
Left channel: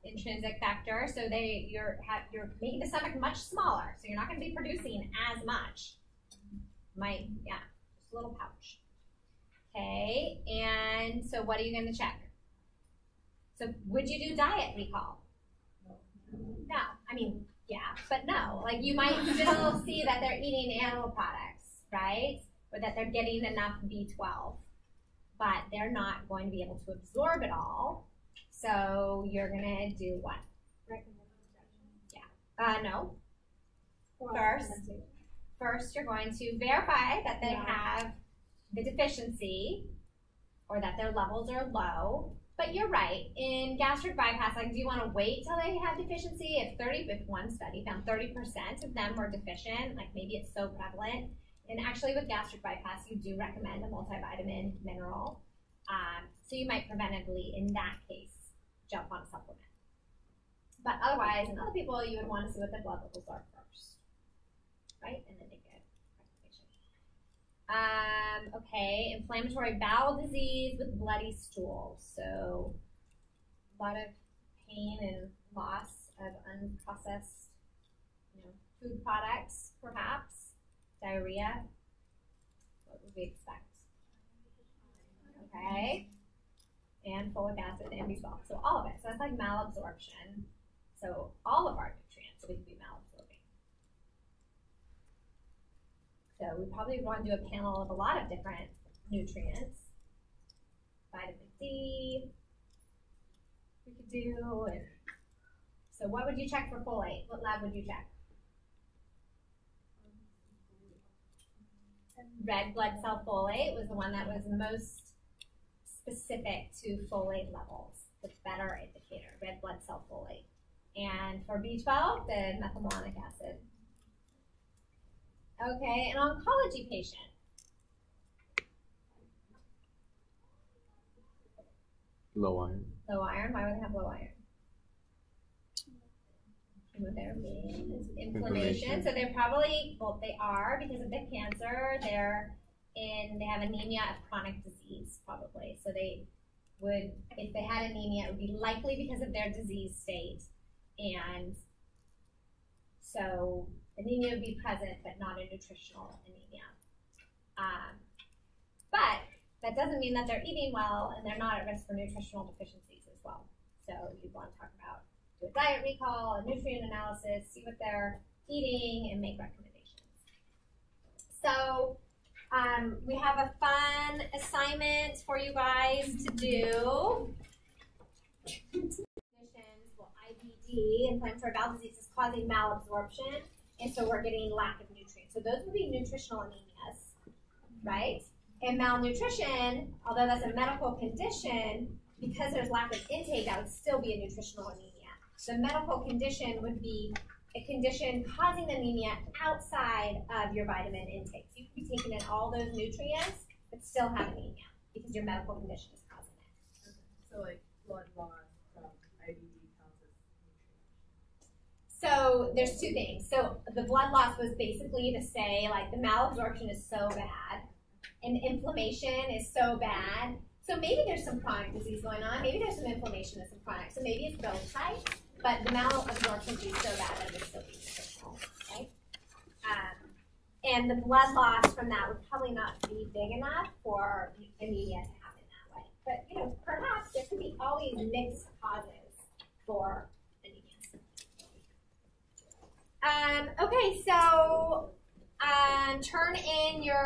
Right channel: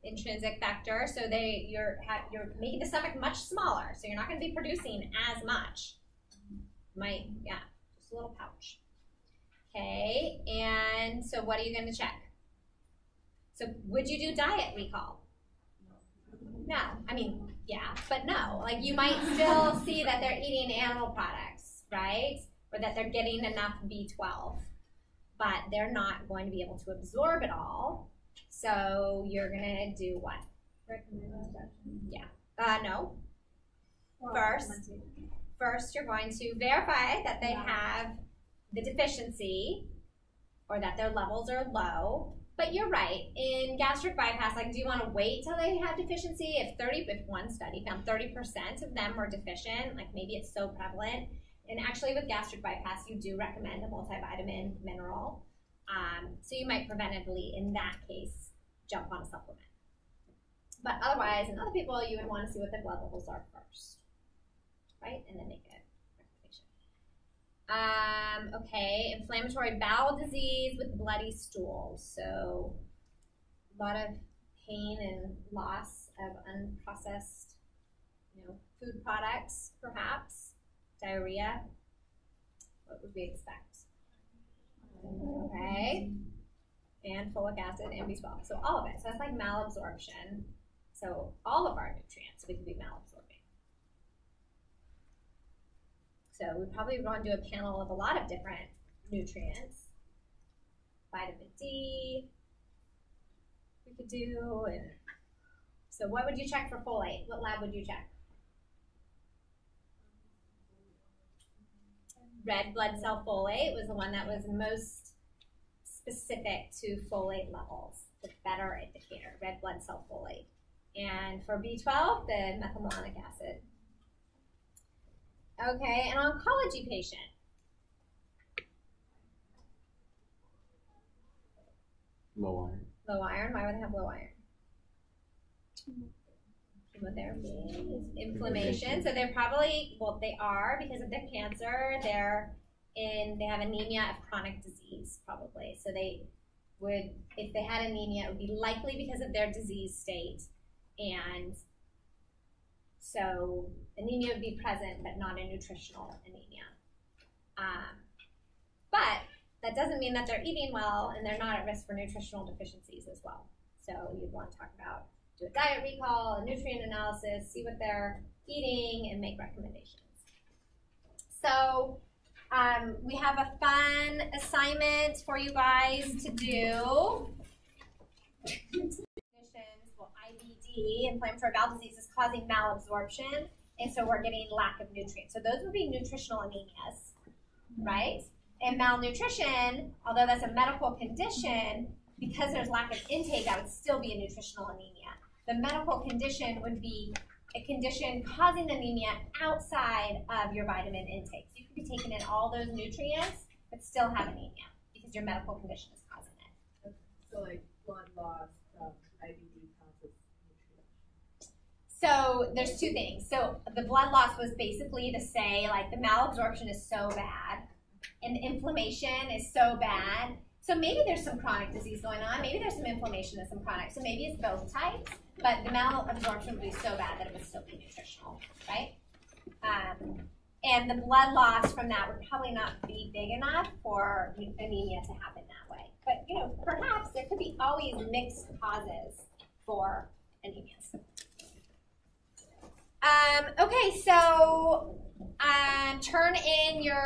intrinsic factor. So you're making the stomach much smaller, so you're not going to be producing as much. Just a little pouch. Okay, and so what are you going to check? So would you do diet recall? No, but no. Like you might still see that they're eating animal products, right? Or that they're getting enough B12, but they're not going to be able to absorb it all. So you're gonna do what? No. First you're going to verify that they have the deficiency or that their levels are low. But you're right, in gastric bypass, like do you want to wait till they have deficiency? If one study found 30% of them were deficient, like maybe it's so prevalent. And actually with gastric bypass, you do recommend a multivitamin mineral. So you might preventively, in that case, jump on a supplement. But otherwise, in other people, you would want to see what their blood levels are first, right? And then make a recommendation. Okay, inflammatory bowel disease with bloody stool. So a lot of pain and loss of unprocessed, food products, perhaps. Diarrhea. What would we expect? Okay. And folic acid and B12. So all of it. So that's like malabsorption. So all of our nutrients we could be malabsorbing. So we probably want to do a panel of a lot of different nutrients. Vitamin D we could do. And so what would you check for folate? What lab would you check? Red blood cell folate was the one that was most specific to folate levels, the better indicator, red blood cell folate. And for B12, the methylmalonic acid. Okay, an oncology patient. Low iron. Low iron, why would they have low iron? Chemotherapy, inflammation. So they're probably, well, they are because of their cancer. They have anemia of chronic disease, probably. So they would, if they had anemia, it would be likely because of their disease state. And so anemia would be present, but not a nutritional anemia. But that doesn't mean that they're eating well and they're not at risk for nutritional deficiencies as well. So you'd want to talk about, do a diet recall, a nutrient analysis, see what they're eating, and make recommendations. So we have a fun assignment for you guys to do. Well, IBD, inflammatory bowel disease, is causing malabsorption, and so we're getting lack of nutrients. So those would be nutritional anemias, right? And malnutrition, although that's a medical condition, because there's lack of intake, that would still be a nutritional anemia. The medical condition would be a condition causing anemia outside of your vitamin intake. So you could be taking in all those nutrients, but still have anemia because your medical condition is causing it. Okay. So like blood loss from IBD counts as nutrients. So there's two things. So the blood loss was basically to say like the malabsorption is so bad and the inflammation is so bad. So maybe there's some chronic disease going on. Maybe there's some inflammation and some chronic. So maybe it's both types, but the malabsorption would be so bad that it would still be nutritional, right? And the blood loss from that would probably not be big enough for anemia to happen that way. But perhaps there could be always mixed causes for anemias. Okay, so turn in your